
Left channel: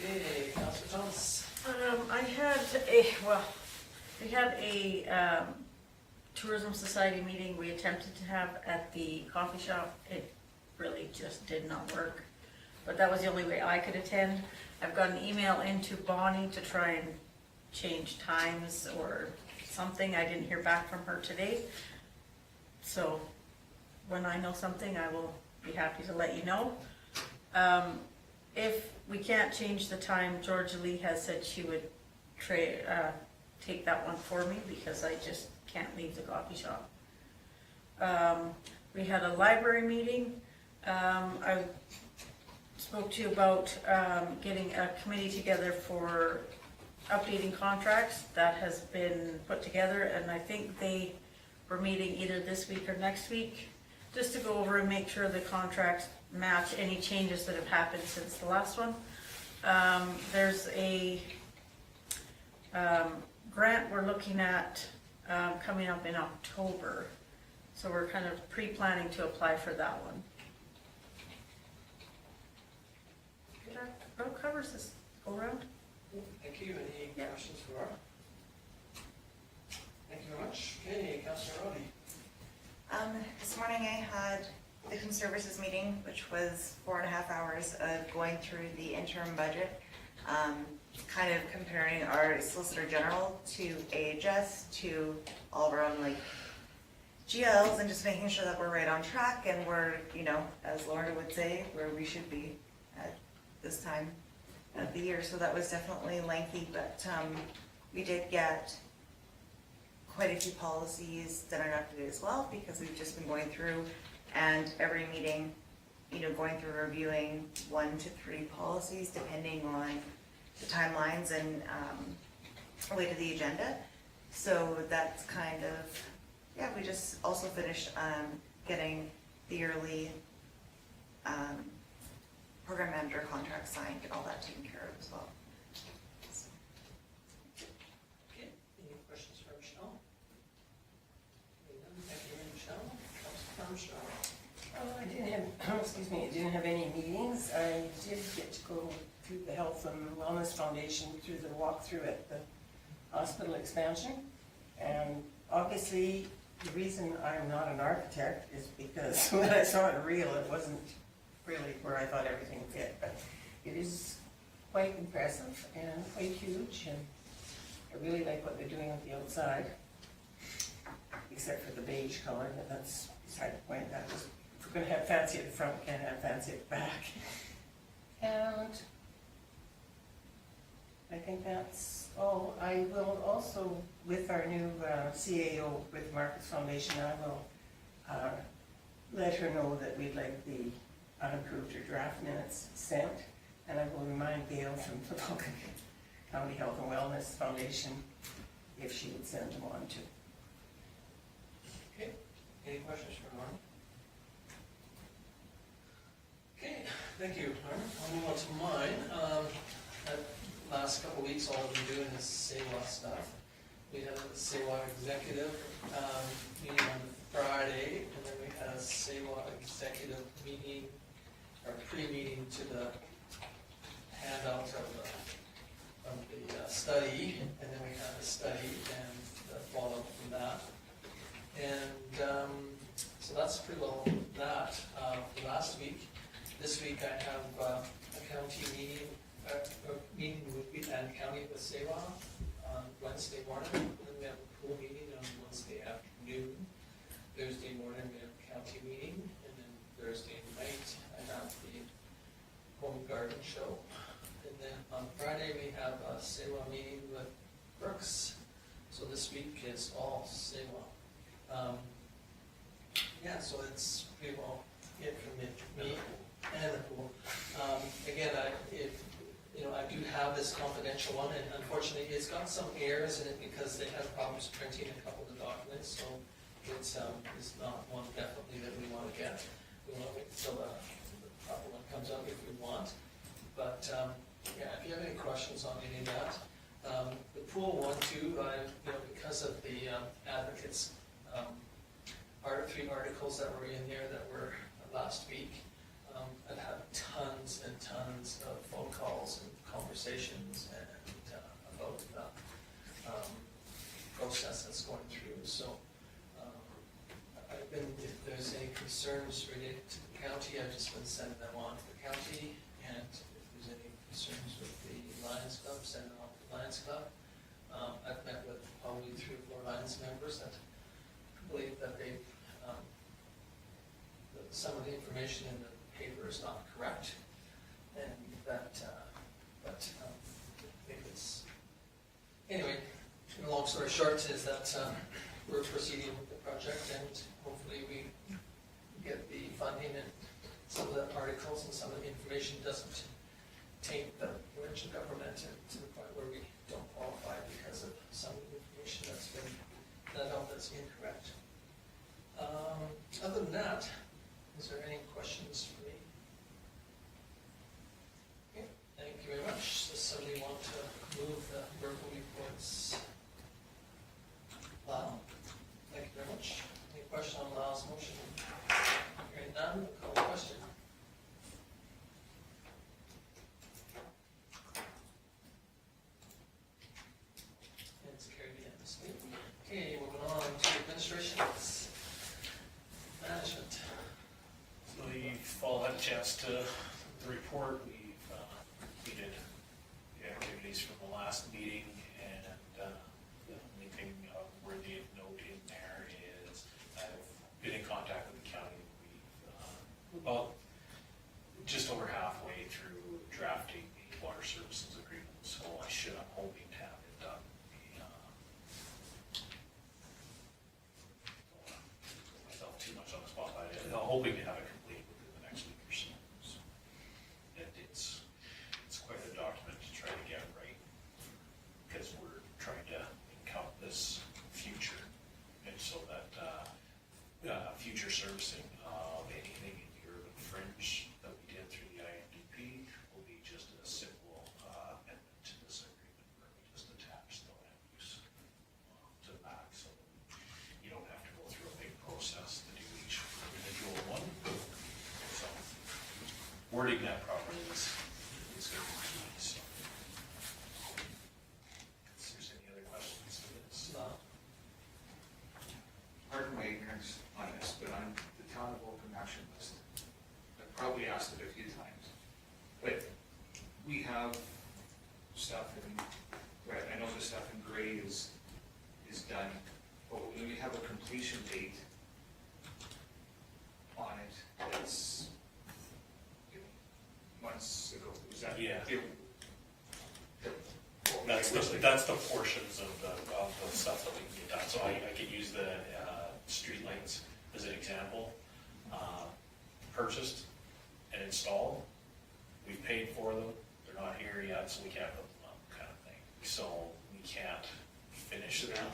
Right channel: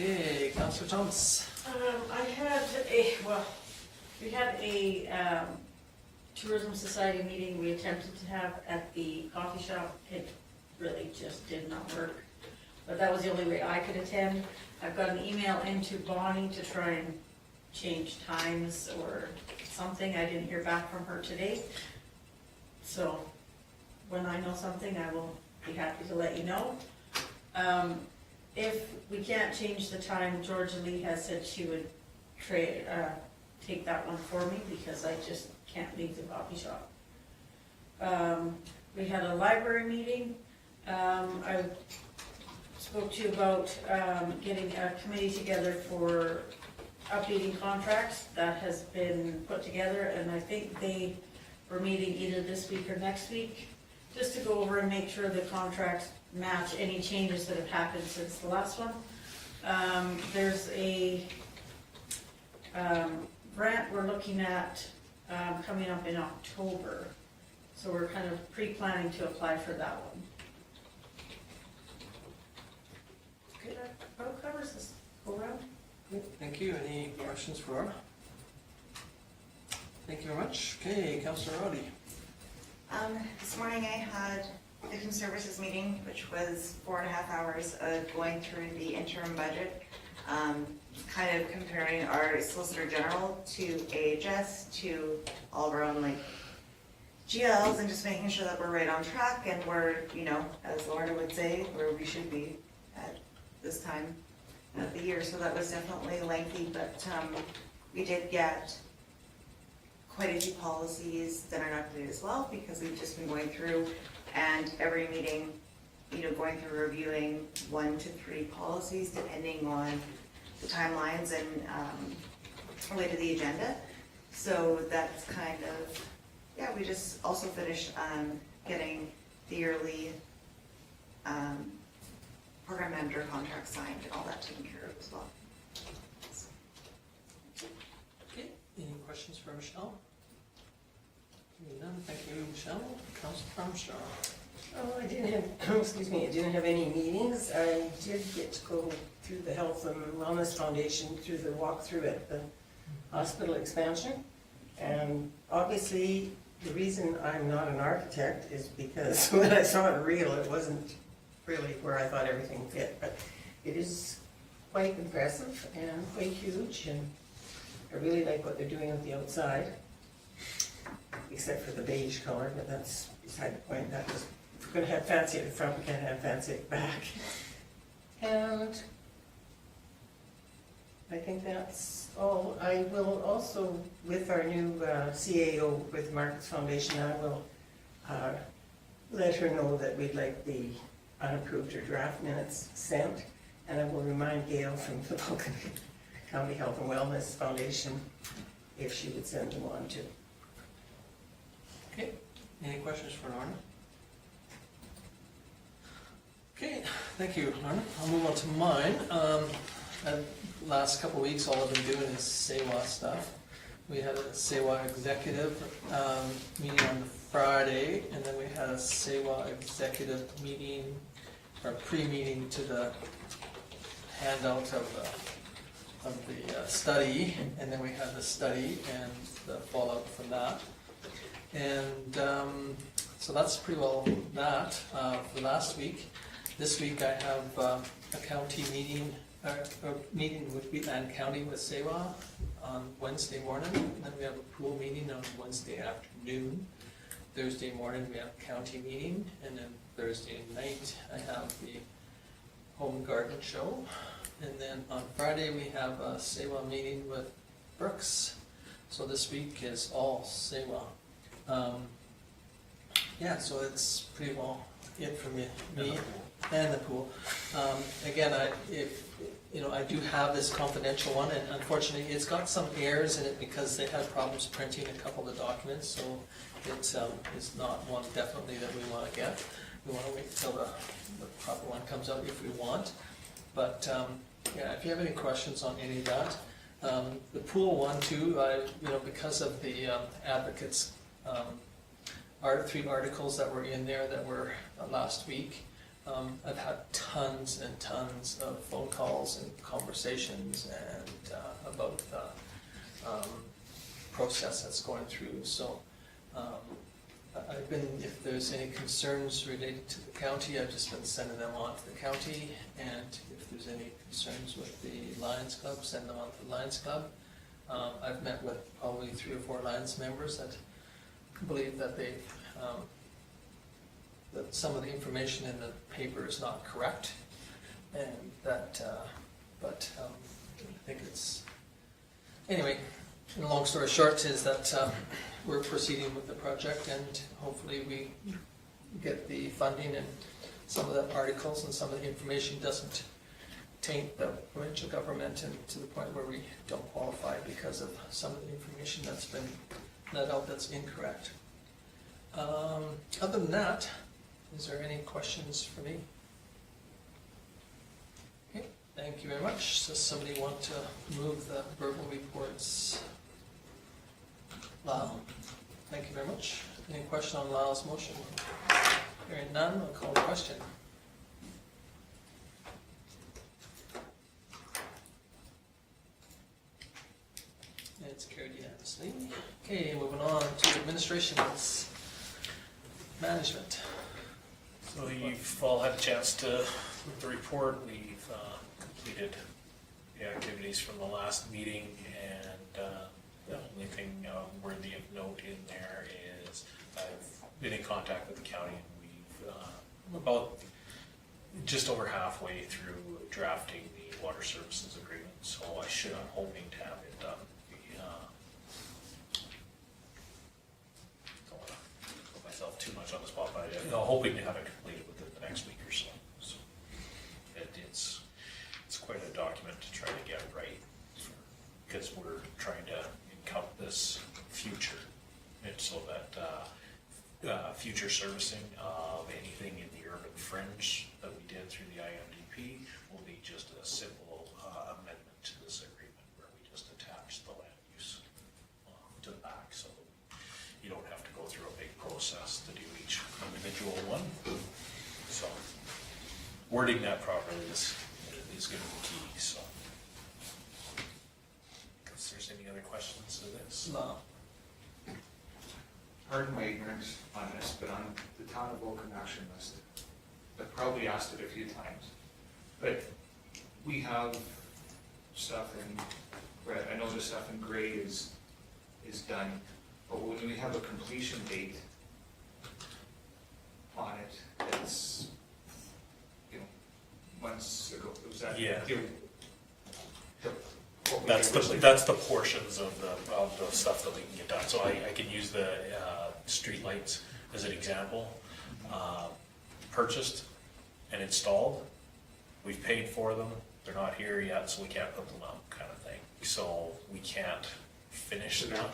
Okay, Councillor Thomas. We had a tourism society meeting we attempted to have at the coffee shop. It really just did not work. but that was the only way I could attend. I've got an email into Bonnie to try and change times or something. I didn't hear back from her today. So when I know something, I will be happy to let you know. If we can't change the time, Georgia Lee has said she would take that one for me because I just can't leave the coffee shop. We had a library meeting. I spoke to you about getting a committee together for updating contracts. That has been put together, and I think they were meeting either this week or next week, just to go over and make sure the contracts match any changes that have happened since the last one. There's a grant we're looking at coming up in October, so we're kind of pre-planning to apply for that one. Okay, that about covers this go round. Thank you. Any questions for Laura? Thank you very much. Okay, Councillor Roddy. This morning I had the Human Services meeting, which was 4.5 hours of going through the interim budget, kind of comparing our Solicitor General to AHS, to all of our own like GLs, and just making sure that we're right on track and we're, you know, as Lorna would say, where we should be at this time of the year. So that was definitely lengthy, but we did get quite a few policies that are updated as well, because we've just been going through and every meeting, you know, going through reviewing 1 to 3 policies depending on the timelines and way to the agenda. So that's kind of, yeah, we just also finished getting the yearly program manager contract signed and all that taken care of as well. Okay, any questions for Michelle? None, thank you, Michelle. Councillor Armstrong. Oh, I didn't have, excuse me, I didn't have any meetings. I did get to go through the Health and Wellness Foundation through the walkthrough at the hospital expansion. And obviously, the reason I'm not an architect is because when I saw it real, it wasn't really where I thought everything fit. But it is quite impressive and quite huge, and I really like what they're doing with the outside, except for the beige color, but that's beside the point. That was, if we're going to have fancy at the front, we can't have fancy at the back. And I think that's all. I will also, with our new CAO with the Markets Foundation, I will let her know that we'd like the unapproved or draft minutes sent, and I will remind Gail from the Vulcan County Health and Wellness Foundation if she would send them on too. Okay, any questions for Lorna? Okay, thank you, Lorna. I'll move on to mine. Last couple of weeks, all I've been doing is SAEWA stuff. We had a SAEWA executive meeting on Friday, and then we had a SAEWA executive meeting, or pre-meeting to the handout of the study, and then we had the study and the fallout from that. And so that's pretty well that for last week. This week I have a county meeting, a meeting with Wheatland County with SAEWA on Wednesday morning, and then we have a pool meeting on Wednesday afternoon. Thursday morning we have a county meeting, and then Thursday night I have the home garden show, and then on Friday we have a SAEWA meeting with Brooks. So this week is all SAEWA. Yeah, so it's pretty well it for me and the pool. Again, I do have this confidential one, and unfortunately it's got some errors in it because they had problems printing a couple of the documents, so it's not one definitely that we want to get. We want to wait until the proper one comes out if we want. But yeah, if you have any questions on any of that, the pool one too, because of the advocates' 3 articles that were in there that were last week, I've had tons and tons of phone calls and conversations and about the process that's going through. So I've been, if there's any concerns related to the county, I've just been sending them on to the county, there's any concerns with the Lions Club, send them on to the Lions Club. I've met with probably 3 or 4 Lions members that believe that they, that some of the information in the paper is not correct, and that, I think it's, anyway, and long story short is that we're proceeding with the project, and hopefully we get the funding, and some of the articles and some of the information doesn't taint the provincial government and to the point where we don't qualify because of some of the information that's been let out that's incorrect. Other than that, is there any questions for me? Okay, thank you very much. Does somebody want to move the verbal reports? Lyle, thank you very much. Any question on Lyle's motion? Hearing none, we'll call the question. It's carried unanimously. Okay, moving on to administration's management. So you've all had a chance to look at the report. We've completed the activities from the last meeting, and the only thing worthy of note in there is I've been in contact with the county, and we've about just over halfway through drafting the water services agreement, so I'm hoping to have it done. Don't want to put myself too much on the spot, but I'm hoping to have it completed within the next week or so. So it's quite a document to try to get right, because we're trying to encompass future, and so that future servicing of anything in the urban fringe that we did through the IMDP will be just a simple amendment to this agreement where we just attach the land use to the back, so you don't have to go through a big process to do each individual one. So wording that properly is going to be key. So, if there's any other questions to this? No. Pardon my ignorance on this, but on the town of Vulcan action list, I've probably asked it a few times, but we have stuff in red. I know the stuff in gray is done, but when we have a completion date on it, that's, months ago, was that? Yeah. What we originally- That's the portions of the stuff that we can get done. So I can use the street lights as an example. Purchased and installed, we've paid for them, they're not here yet, so we can't put them up, kind of thing. So we can't finish them.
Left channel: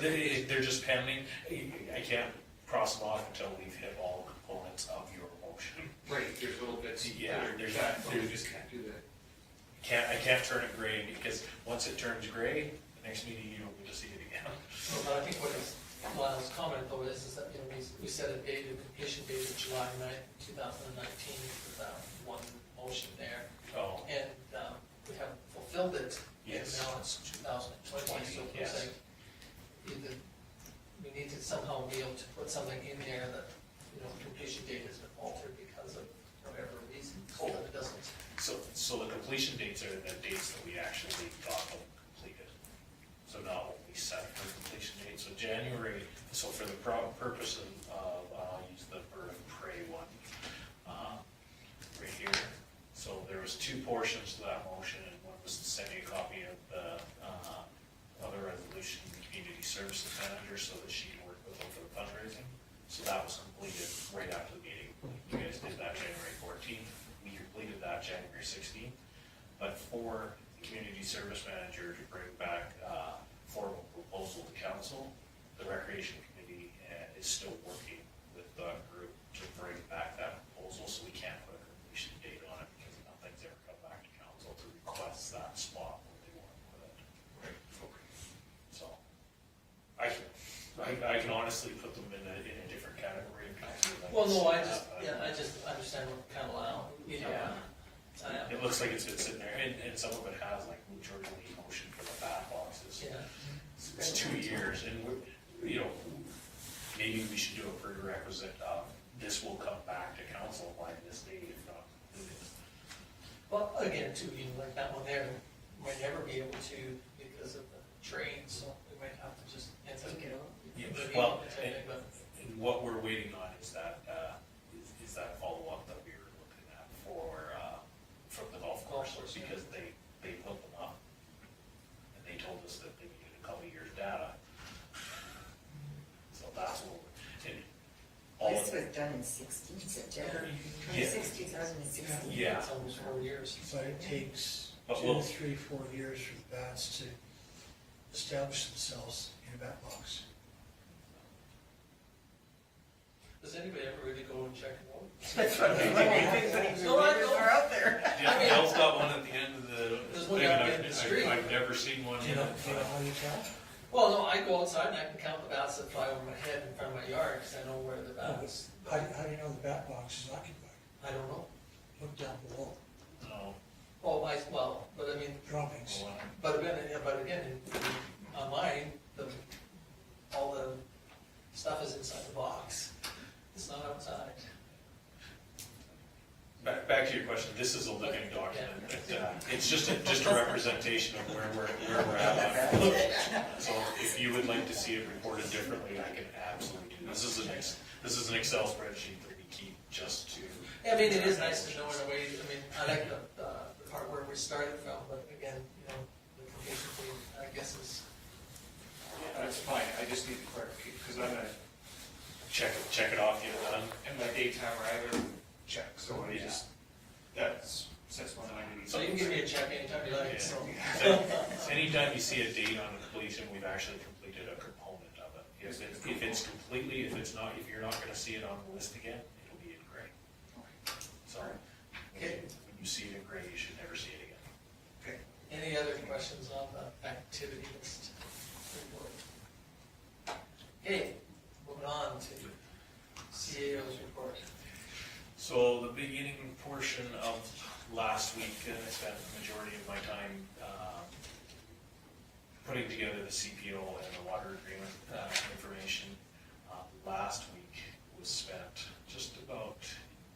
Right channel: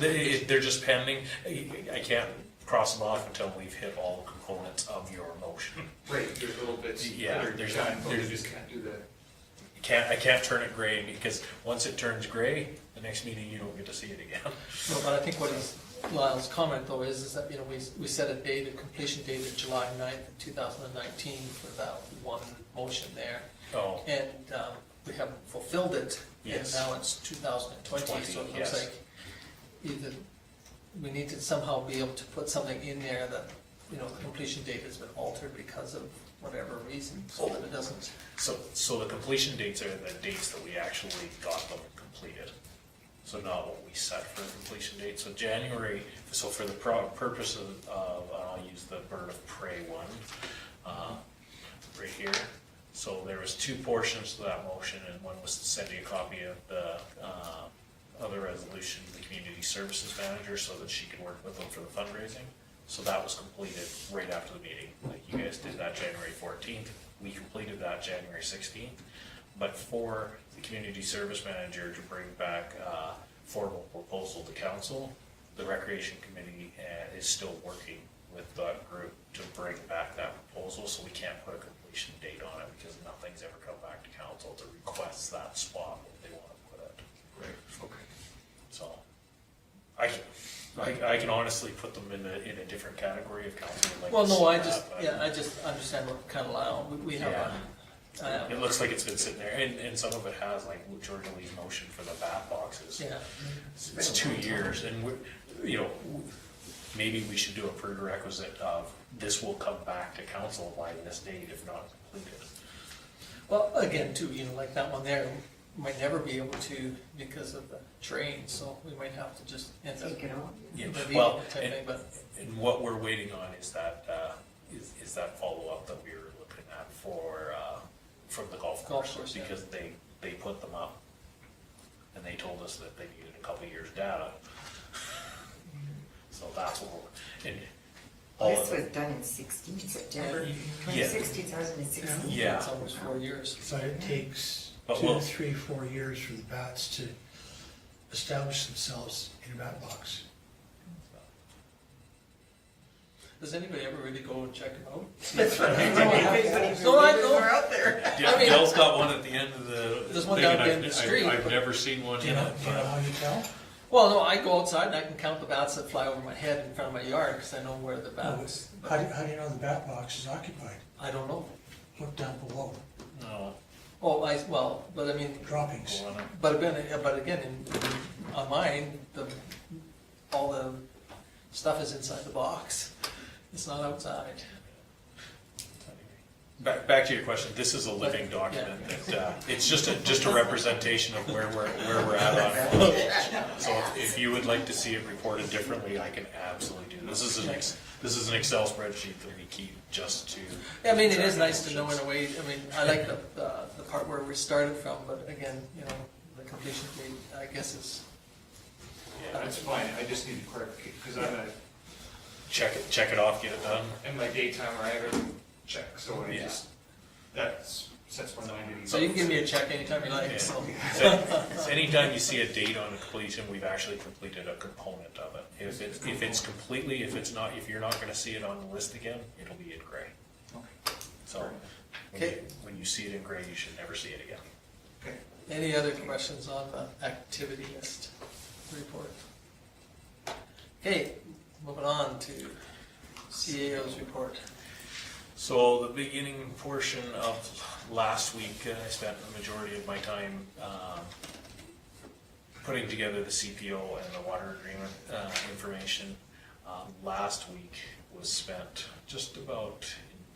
They're just pending. I can't cross them off until we've hit all the components of your motion. Right, there's little bits Yeah, that are there's- done, but we there's- just can't do the. I can't turn it gray, because once it turns gray, the next meeting you don't get to see it again. Well, but I think what Lyle's comment though is that, we set a date, a completion date of July 9th, 2019 for that one motion there. Oh, And we haven't fulfilled it, and Yes. now it's 2020, so it looks Yes. like either we need to somehow be able to put something in there that, the completion date has been altered because of whatever reason, so that it doesn't. so the completion dates are the dates that we actually got them completed. So not what we set for the completion date. So January, so for the purpose of, I'll use the bird of prey one, right here. So there was 2 portions to that motion, and one was to send you a copy of the other resolution to the community services manager so that she can work with them for the fundraising. So that was completed right after the meeting. Like, you guys did that January 14th, we completed that January 16th. But for the community service manager to bring back a formal proposal to council, the recreation committee is still working with that group to bring back that proposal, so we can't put a completion date on it because nothing's ever come back to council to request that spot where they want to put it. Right, okay. So, I can honestly put them in a different category if council would like Well, to no, see I that, just understand what kind of Lyle, we have Yeah. It looks like it's been sitting there, and some of it has, like Georgia Lee's motion for the bat boxes. yeah. It's 2 years, and maybe we should do a prerequisite of this will come back to council by this date if not completed. Well, again, too, you know, like that one there, might never be able to because of the terrain, so we might have to just end up. Take it off. Yeah, deleting well, it type thing, but and what we're waiting on is that, is that follow-up that we were looking at for, from the golf Golf course. course, yeah. Because they put them up, and they told us that they needed a couple of years' data. So that's what, and all This of was it, done in 16, September Yeah. 2016, 2016. Yeah. it's almost 4 years. But it takes But 2, we'll- 3, 4 years for the bats to establish themselves in a bat box. Does anybody ever really go and check them out? That's what I'm wondering, if anybody No, I remembers know. are out there. Dale's got one at the end of the. There's one thing, down and the I've- end of the street, I've but- never seen one Do you in know, it, do you know but how you tell? Well, no, I go outside and I can count the bats that fly over my head in front of my yard, because I know where the bats. How do you know the bat box is occupied? I don't know. Look down below, no. Oh, but I mean, droppings. Go on it. but again, on mine, all the stuff is inside the box. It's not outside. Back to your question, this is a living document that, it's just a representation of where we're at on it. So if you would like to see it reported differently, I can absolutely do. This is an Excel spreadsheet that we keep just to. Yeah, I mean, it is nice to know in a way, I mean, I like the part where we started from, but again, you know, the completion date, I guess is, Yeah, that's fine, I just need to clarify, because I'm gonna, Check it off, get it done. in my daytime, I have everything checked, so I Yeah. just, that sets my mind at ease. so you can give me a check anytime you like, so. So anytime you see a date on completion, we've actually completed a component of it. If it's completely, if you're not gonna see it on the list again, it'll be in gray. Okay. So, Okay. when you see it in gray, you should never see it again. Okay. Any other questions on the activity list report? Okay, moving on to CAO's report. So the beginning portion of last week, I spent the majority of my time putting together the CPO and the water agreement information. Last week was spent just about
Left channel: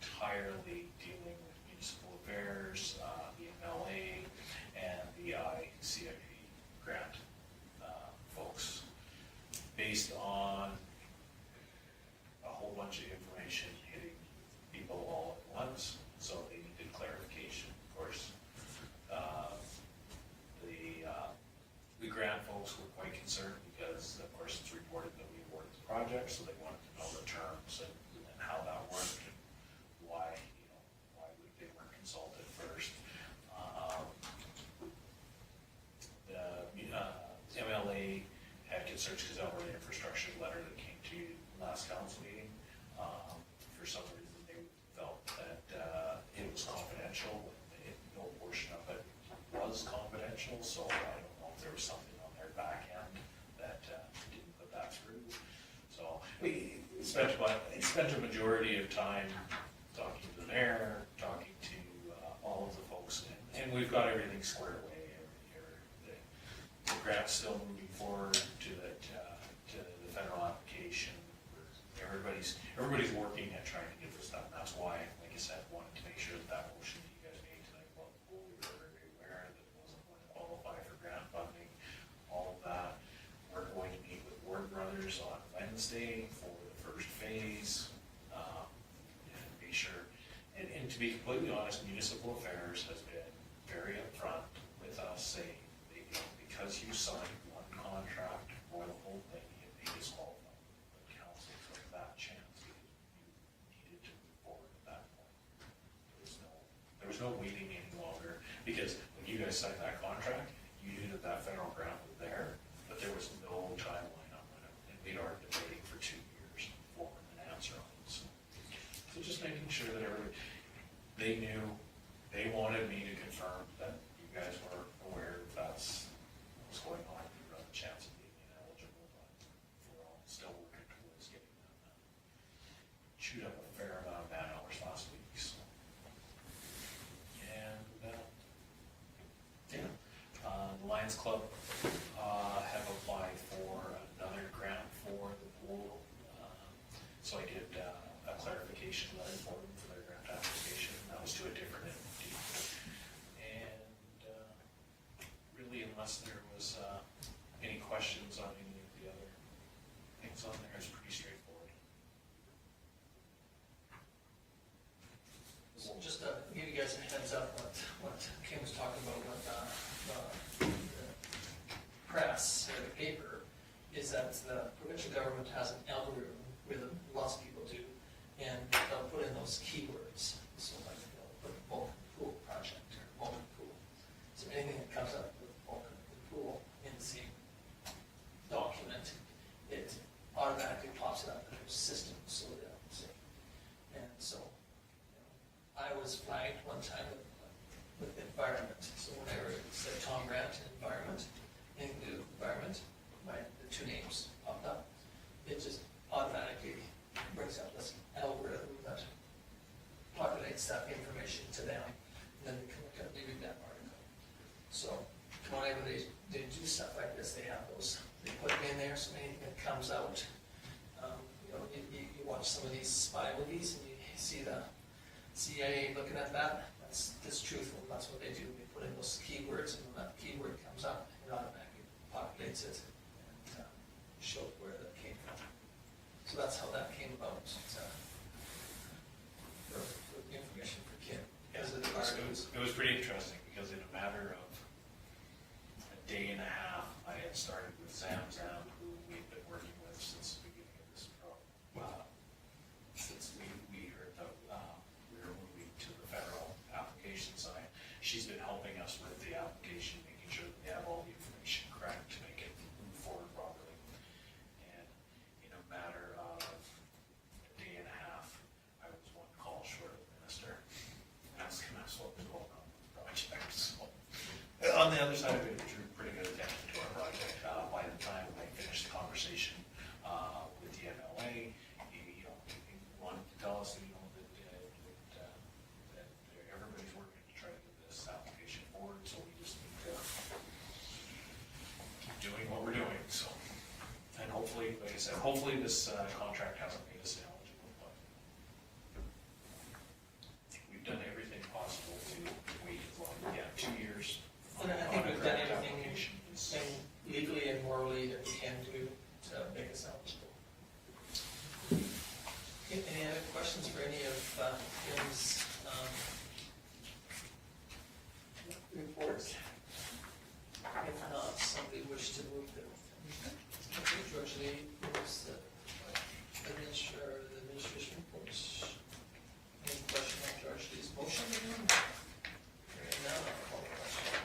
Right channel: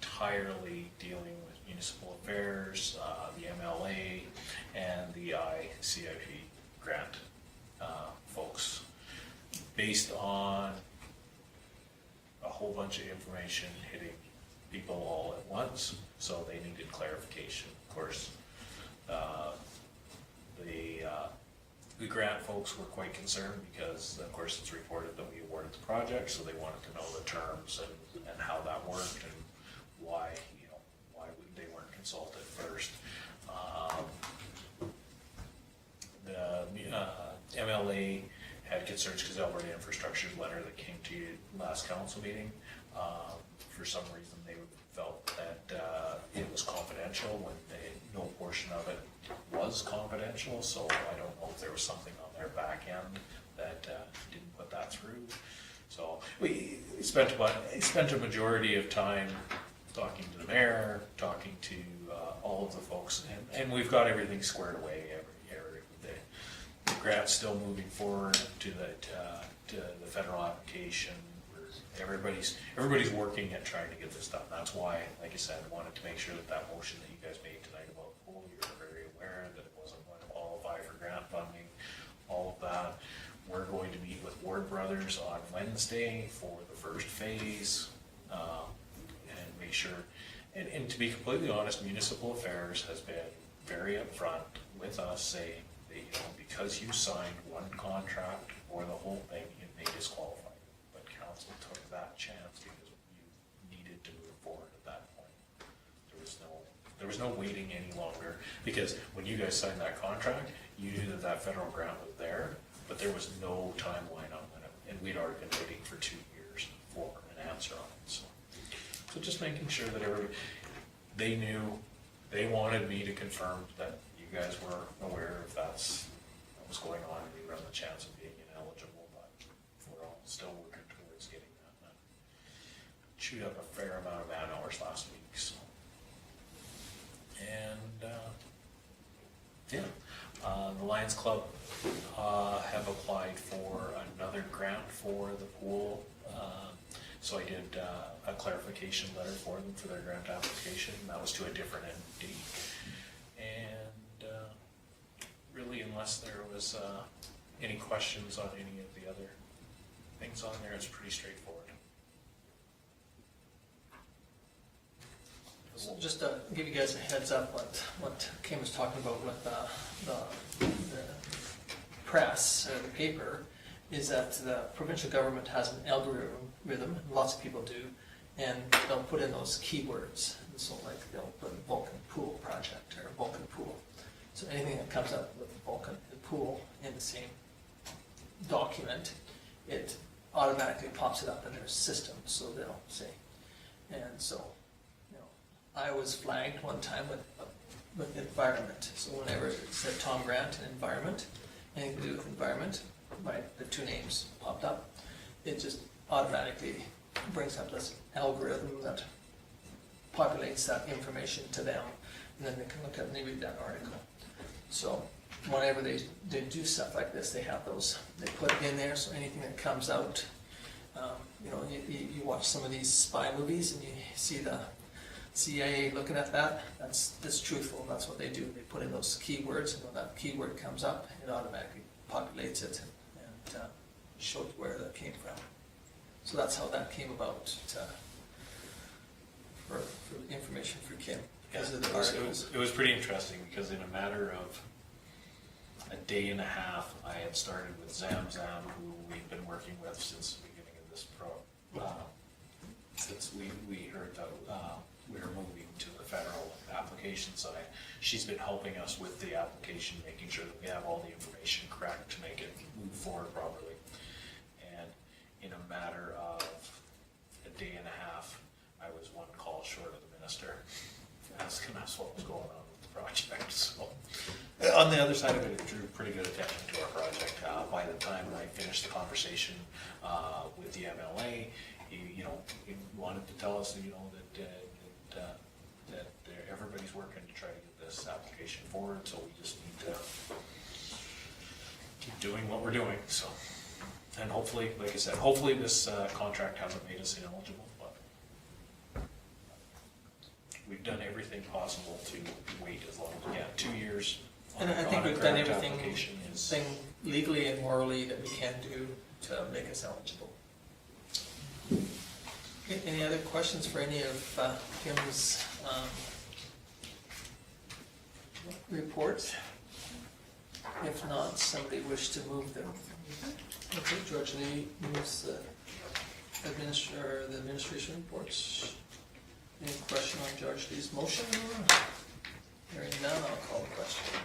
entirely dealing with municipal affairs, the MLA, and the ICIP grant folks, based on a whole bunch of information hitting people all at once, so they needed clarification, of course. The grant folks were quite concerned because, of course, it's reported that we awarded the project, so they wanted to know the terms and how that worked and why, they weren't consulted first. The MLA had concerns because Alberta Infrastructure's letter that came to you last council meeting, for some reason they felt that it was confidential when no portion of it was confidential, so I don't know if there was something on their back end that didn't put that through. So we spent a majority of time talking to the mayor, talking to all of the folks, and we've got everything squared away. The grant's still moving forward to the federal application. Everybody's working at trying to get this done. That's why, like I said, I wanted to make sure that motion that you guys made tonight about the pool, we were very aware that it wasn't going to qualify for grant funding, all of that. We're going to meet with Ward Brothers on Wednesday for the first phase, and make sure, and to be completely honest, Municipal Affairs has been very upfront with us saying that, because you signed one contract for the whole thing, it may disqualify. But council took that chance because you needed to move forward at that point. There was no waiting any longer, because when you guys signed that contract, you knew that federal grant was there, but there was no timeline on it, and we'd already been waiting for 2 years for an answer on it, so just making sure that they knew, they wanted me to confirm that you guys were aware of what was going on, and we run the chance of being ineligible, but we're all still working towards getting that done. Chewed up a fair amount of man hours last week, so. And, the Lions Club have applied for another grant for the pool. So I did a clarification letter for them for their grant application. That was to a different entity. unless there was, any questions on any of the other things on there, it's pretty straightforward. So just to give you guys a heads up, what Kim was talking about with the press or the paper, is that the provincial government has an algorithm, lots of people do, and they'll put in those keywords. And so like they'll put Vulcan pool project or Vulcan pool. So anything that comes up with Vulcan and pool in the same document, it automatically pops it up in their system, so they'll say. And so, you know, I was flagged one time with environment. So whenever it said Tom Grant and environment, anything to do with environment, the two names popped up, it just automatically brings up this algorithm that populates that information to them, and then they can look at and they read that article. So whenever they do stuff like this, they have those, they put it in there, so anything that comes out, you know, you watch some of these spy movies and you see the CIA looking at that, that's truthful, that's what they do. They put in those keywords, and when that keyword comes up, it automatically populates it and shows where that came from. So that's how that came about, for information for Kim, because of the articles. It was pretty interesting, because in a matter of a day and a half, I had started with Zamzam, who we've been working with since the beginning of this since we heard that we were moving to the federal application side. She's been helping us with the application, making sure that we have all the information correct to make it move forward properly. And in a matter of a day and a half, I was one call short of the minister, asking us what was going on with the project. So on the other side of it, it drew pretty good attention to our project. By the time I finished the conversation with the MLA, he wanted to tell us, that everybody's working to try to get this application forward, so we just need to keep doing what we're doing. So, and hopefully, like I said, hopefully this contract hasn't made us ineligible, but we've done everything possible to wait as long as, 2 years. And I think on a we've done grant everything application is- legally and morally that we can do to make us eligible. Okay, any other questions for any of Kim's reports? If not, somebody wish to move them. Okay, George Lee moves the administration reports. Any question on George Lee's motion? Hearing none, I'll call the question.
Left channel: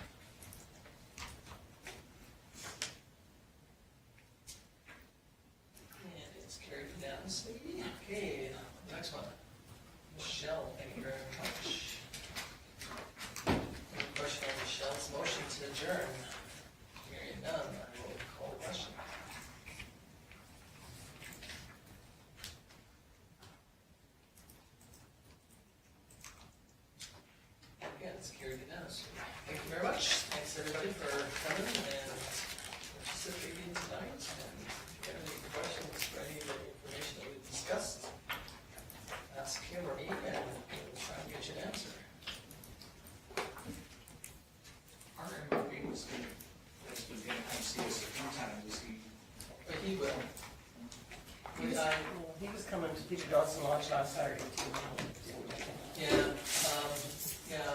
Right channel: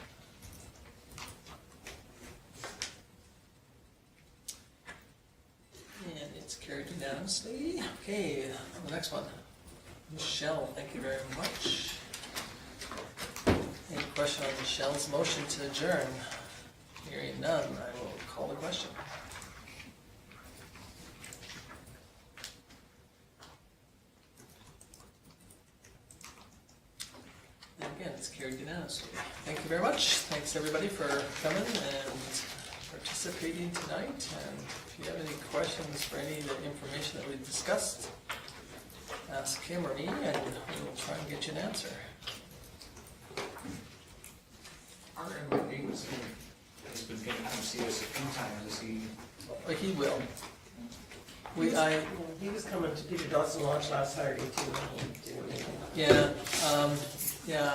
And it's carried unanimously. Okay, the next one. Michelle, thank you very much. Any question on Michelle's motion to adjourn? Hearing none, I will call the question. And again, it's carried unanimously. Thank you very much. Thanks everybody for coming and participating tonight. And if you have any questions for any of the information that we've discussed, ask Kim or me and we will try and get you an answer. Our MLA has been going to come see us a few times, is he? But he will. He was coming to Peter Dawson Lodge last Saturday too, and he didn't make it. Yeah,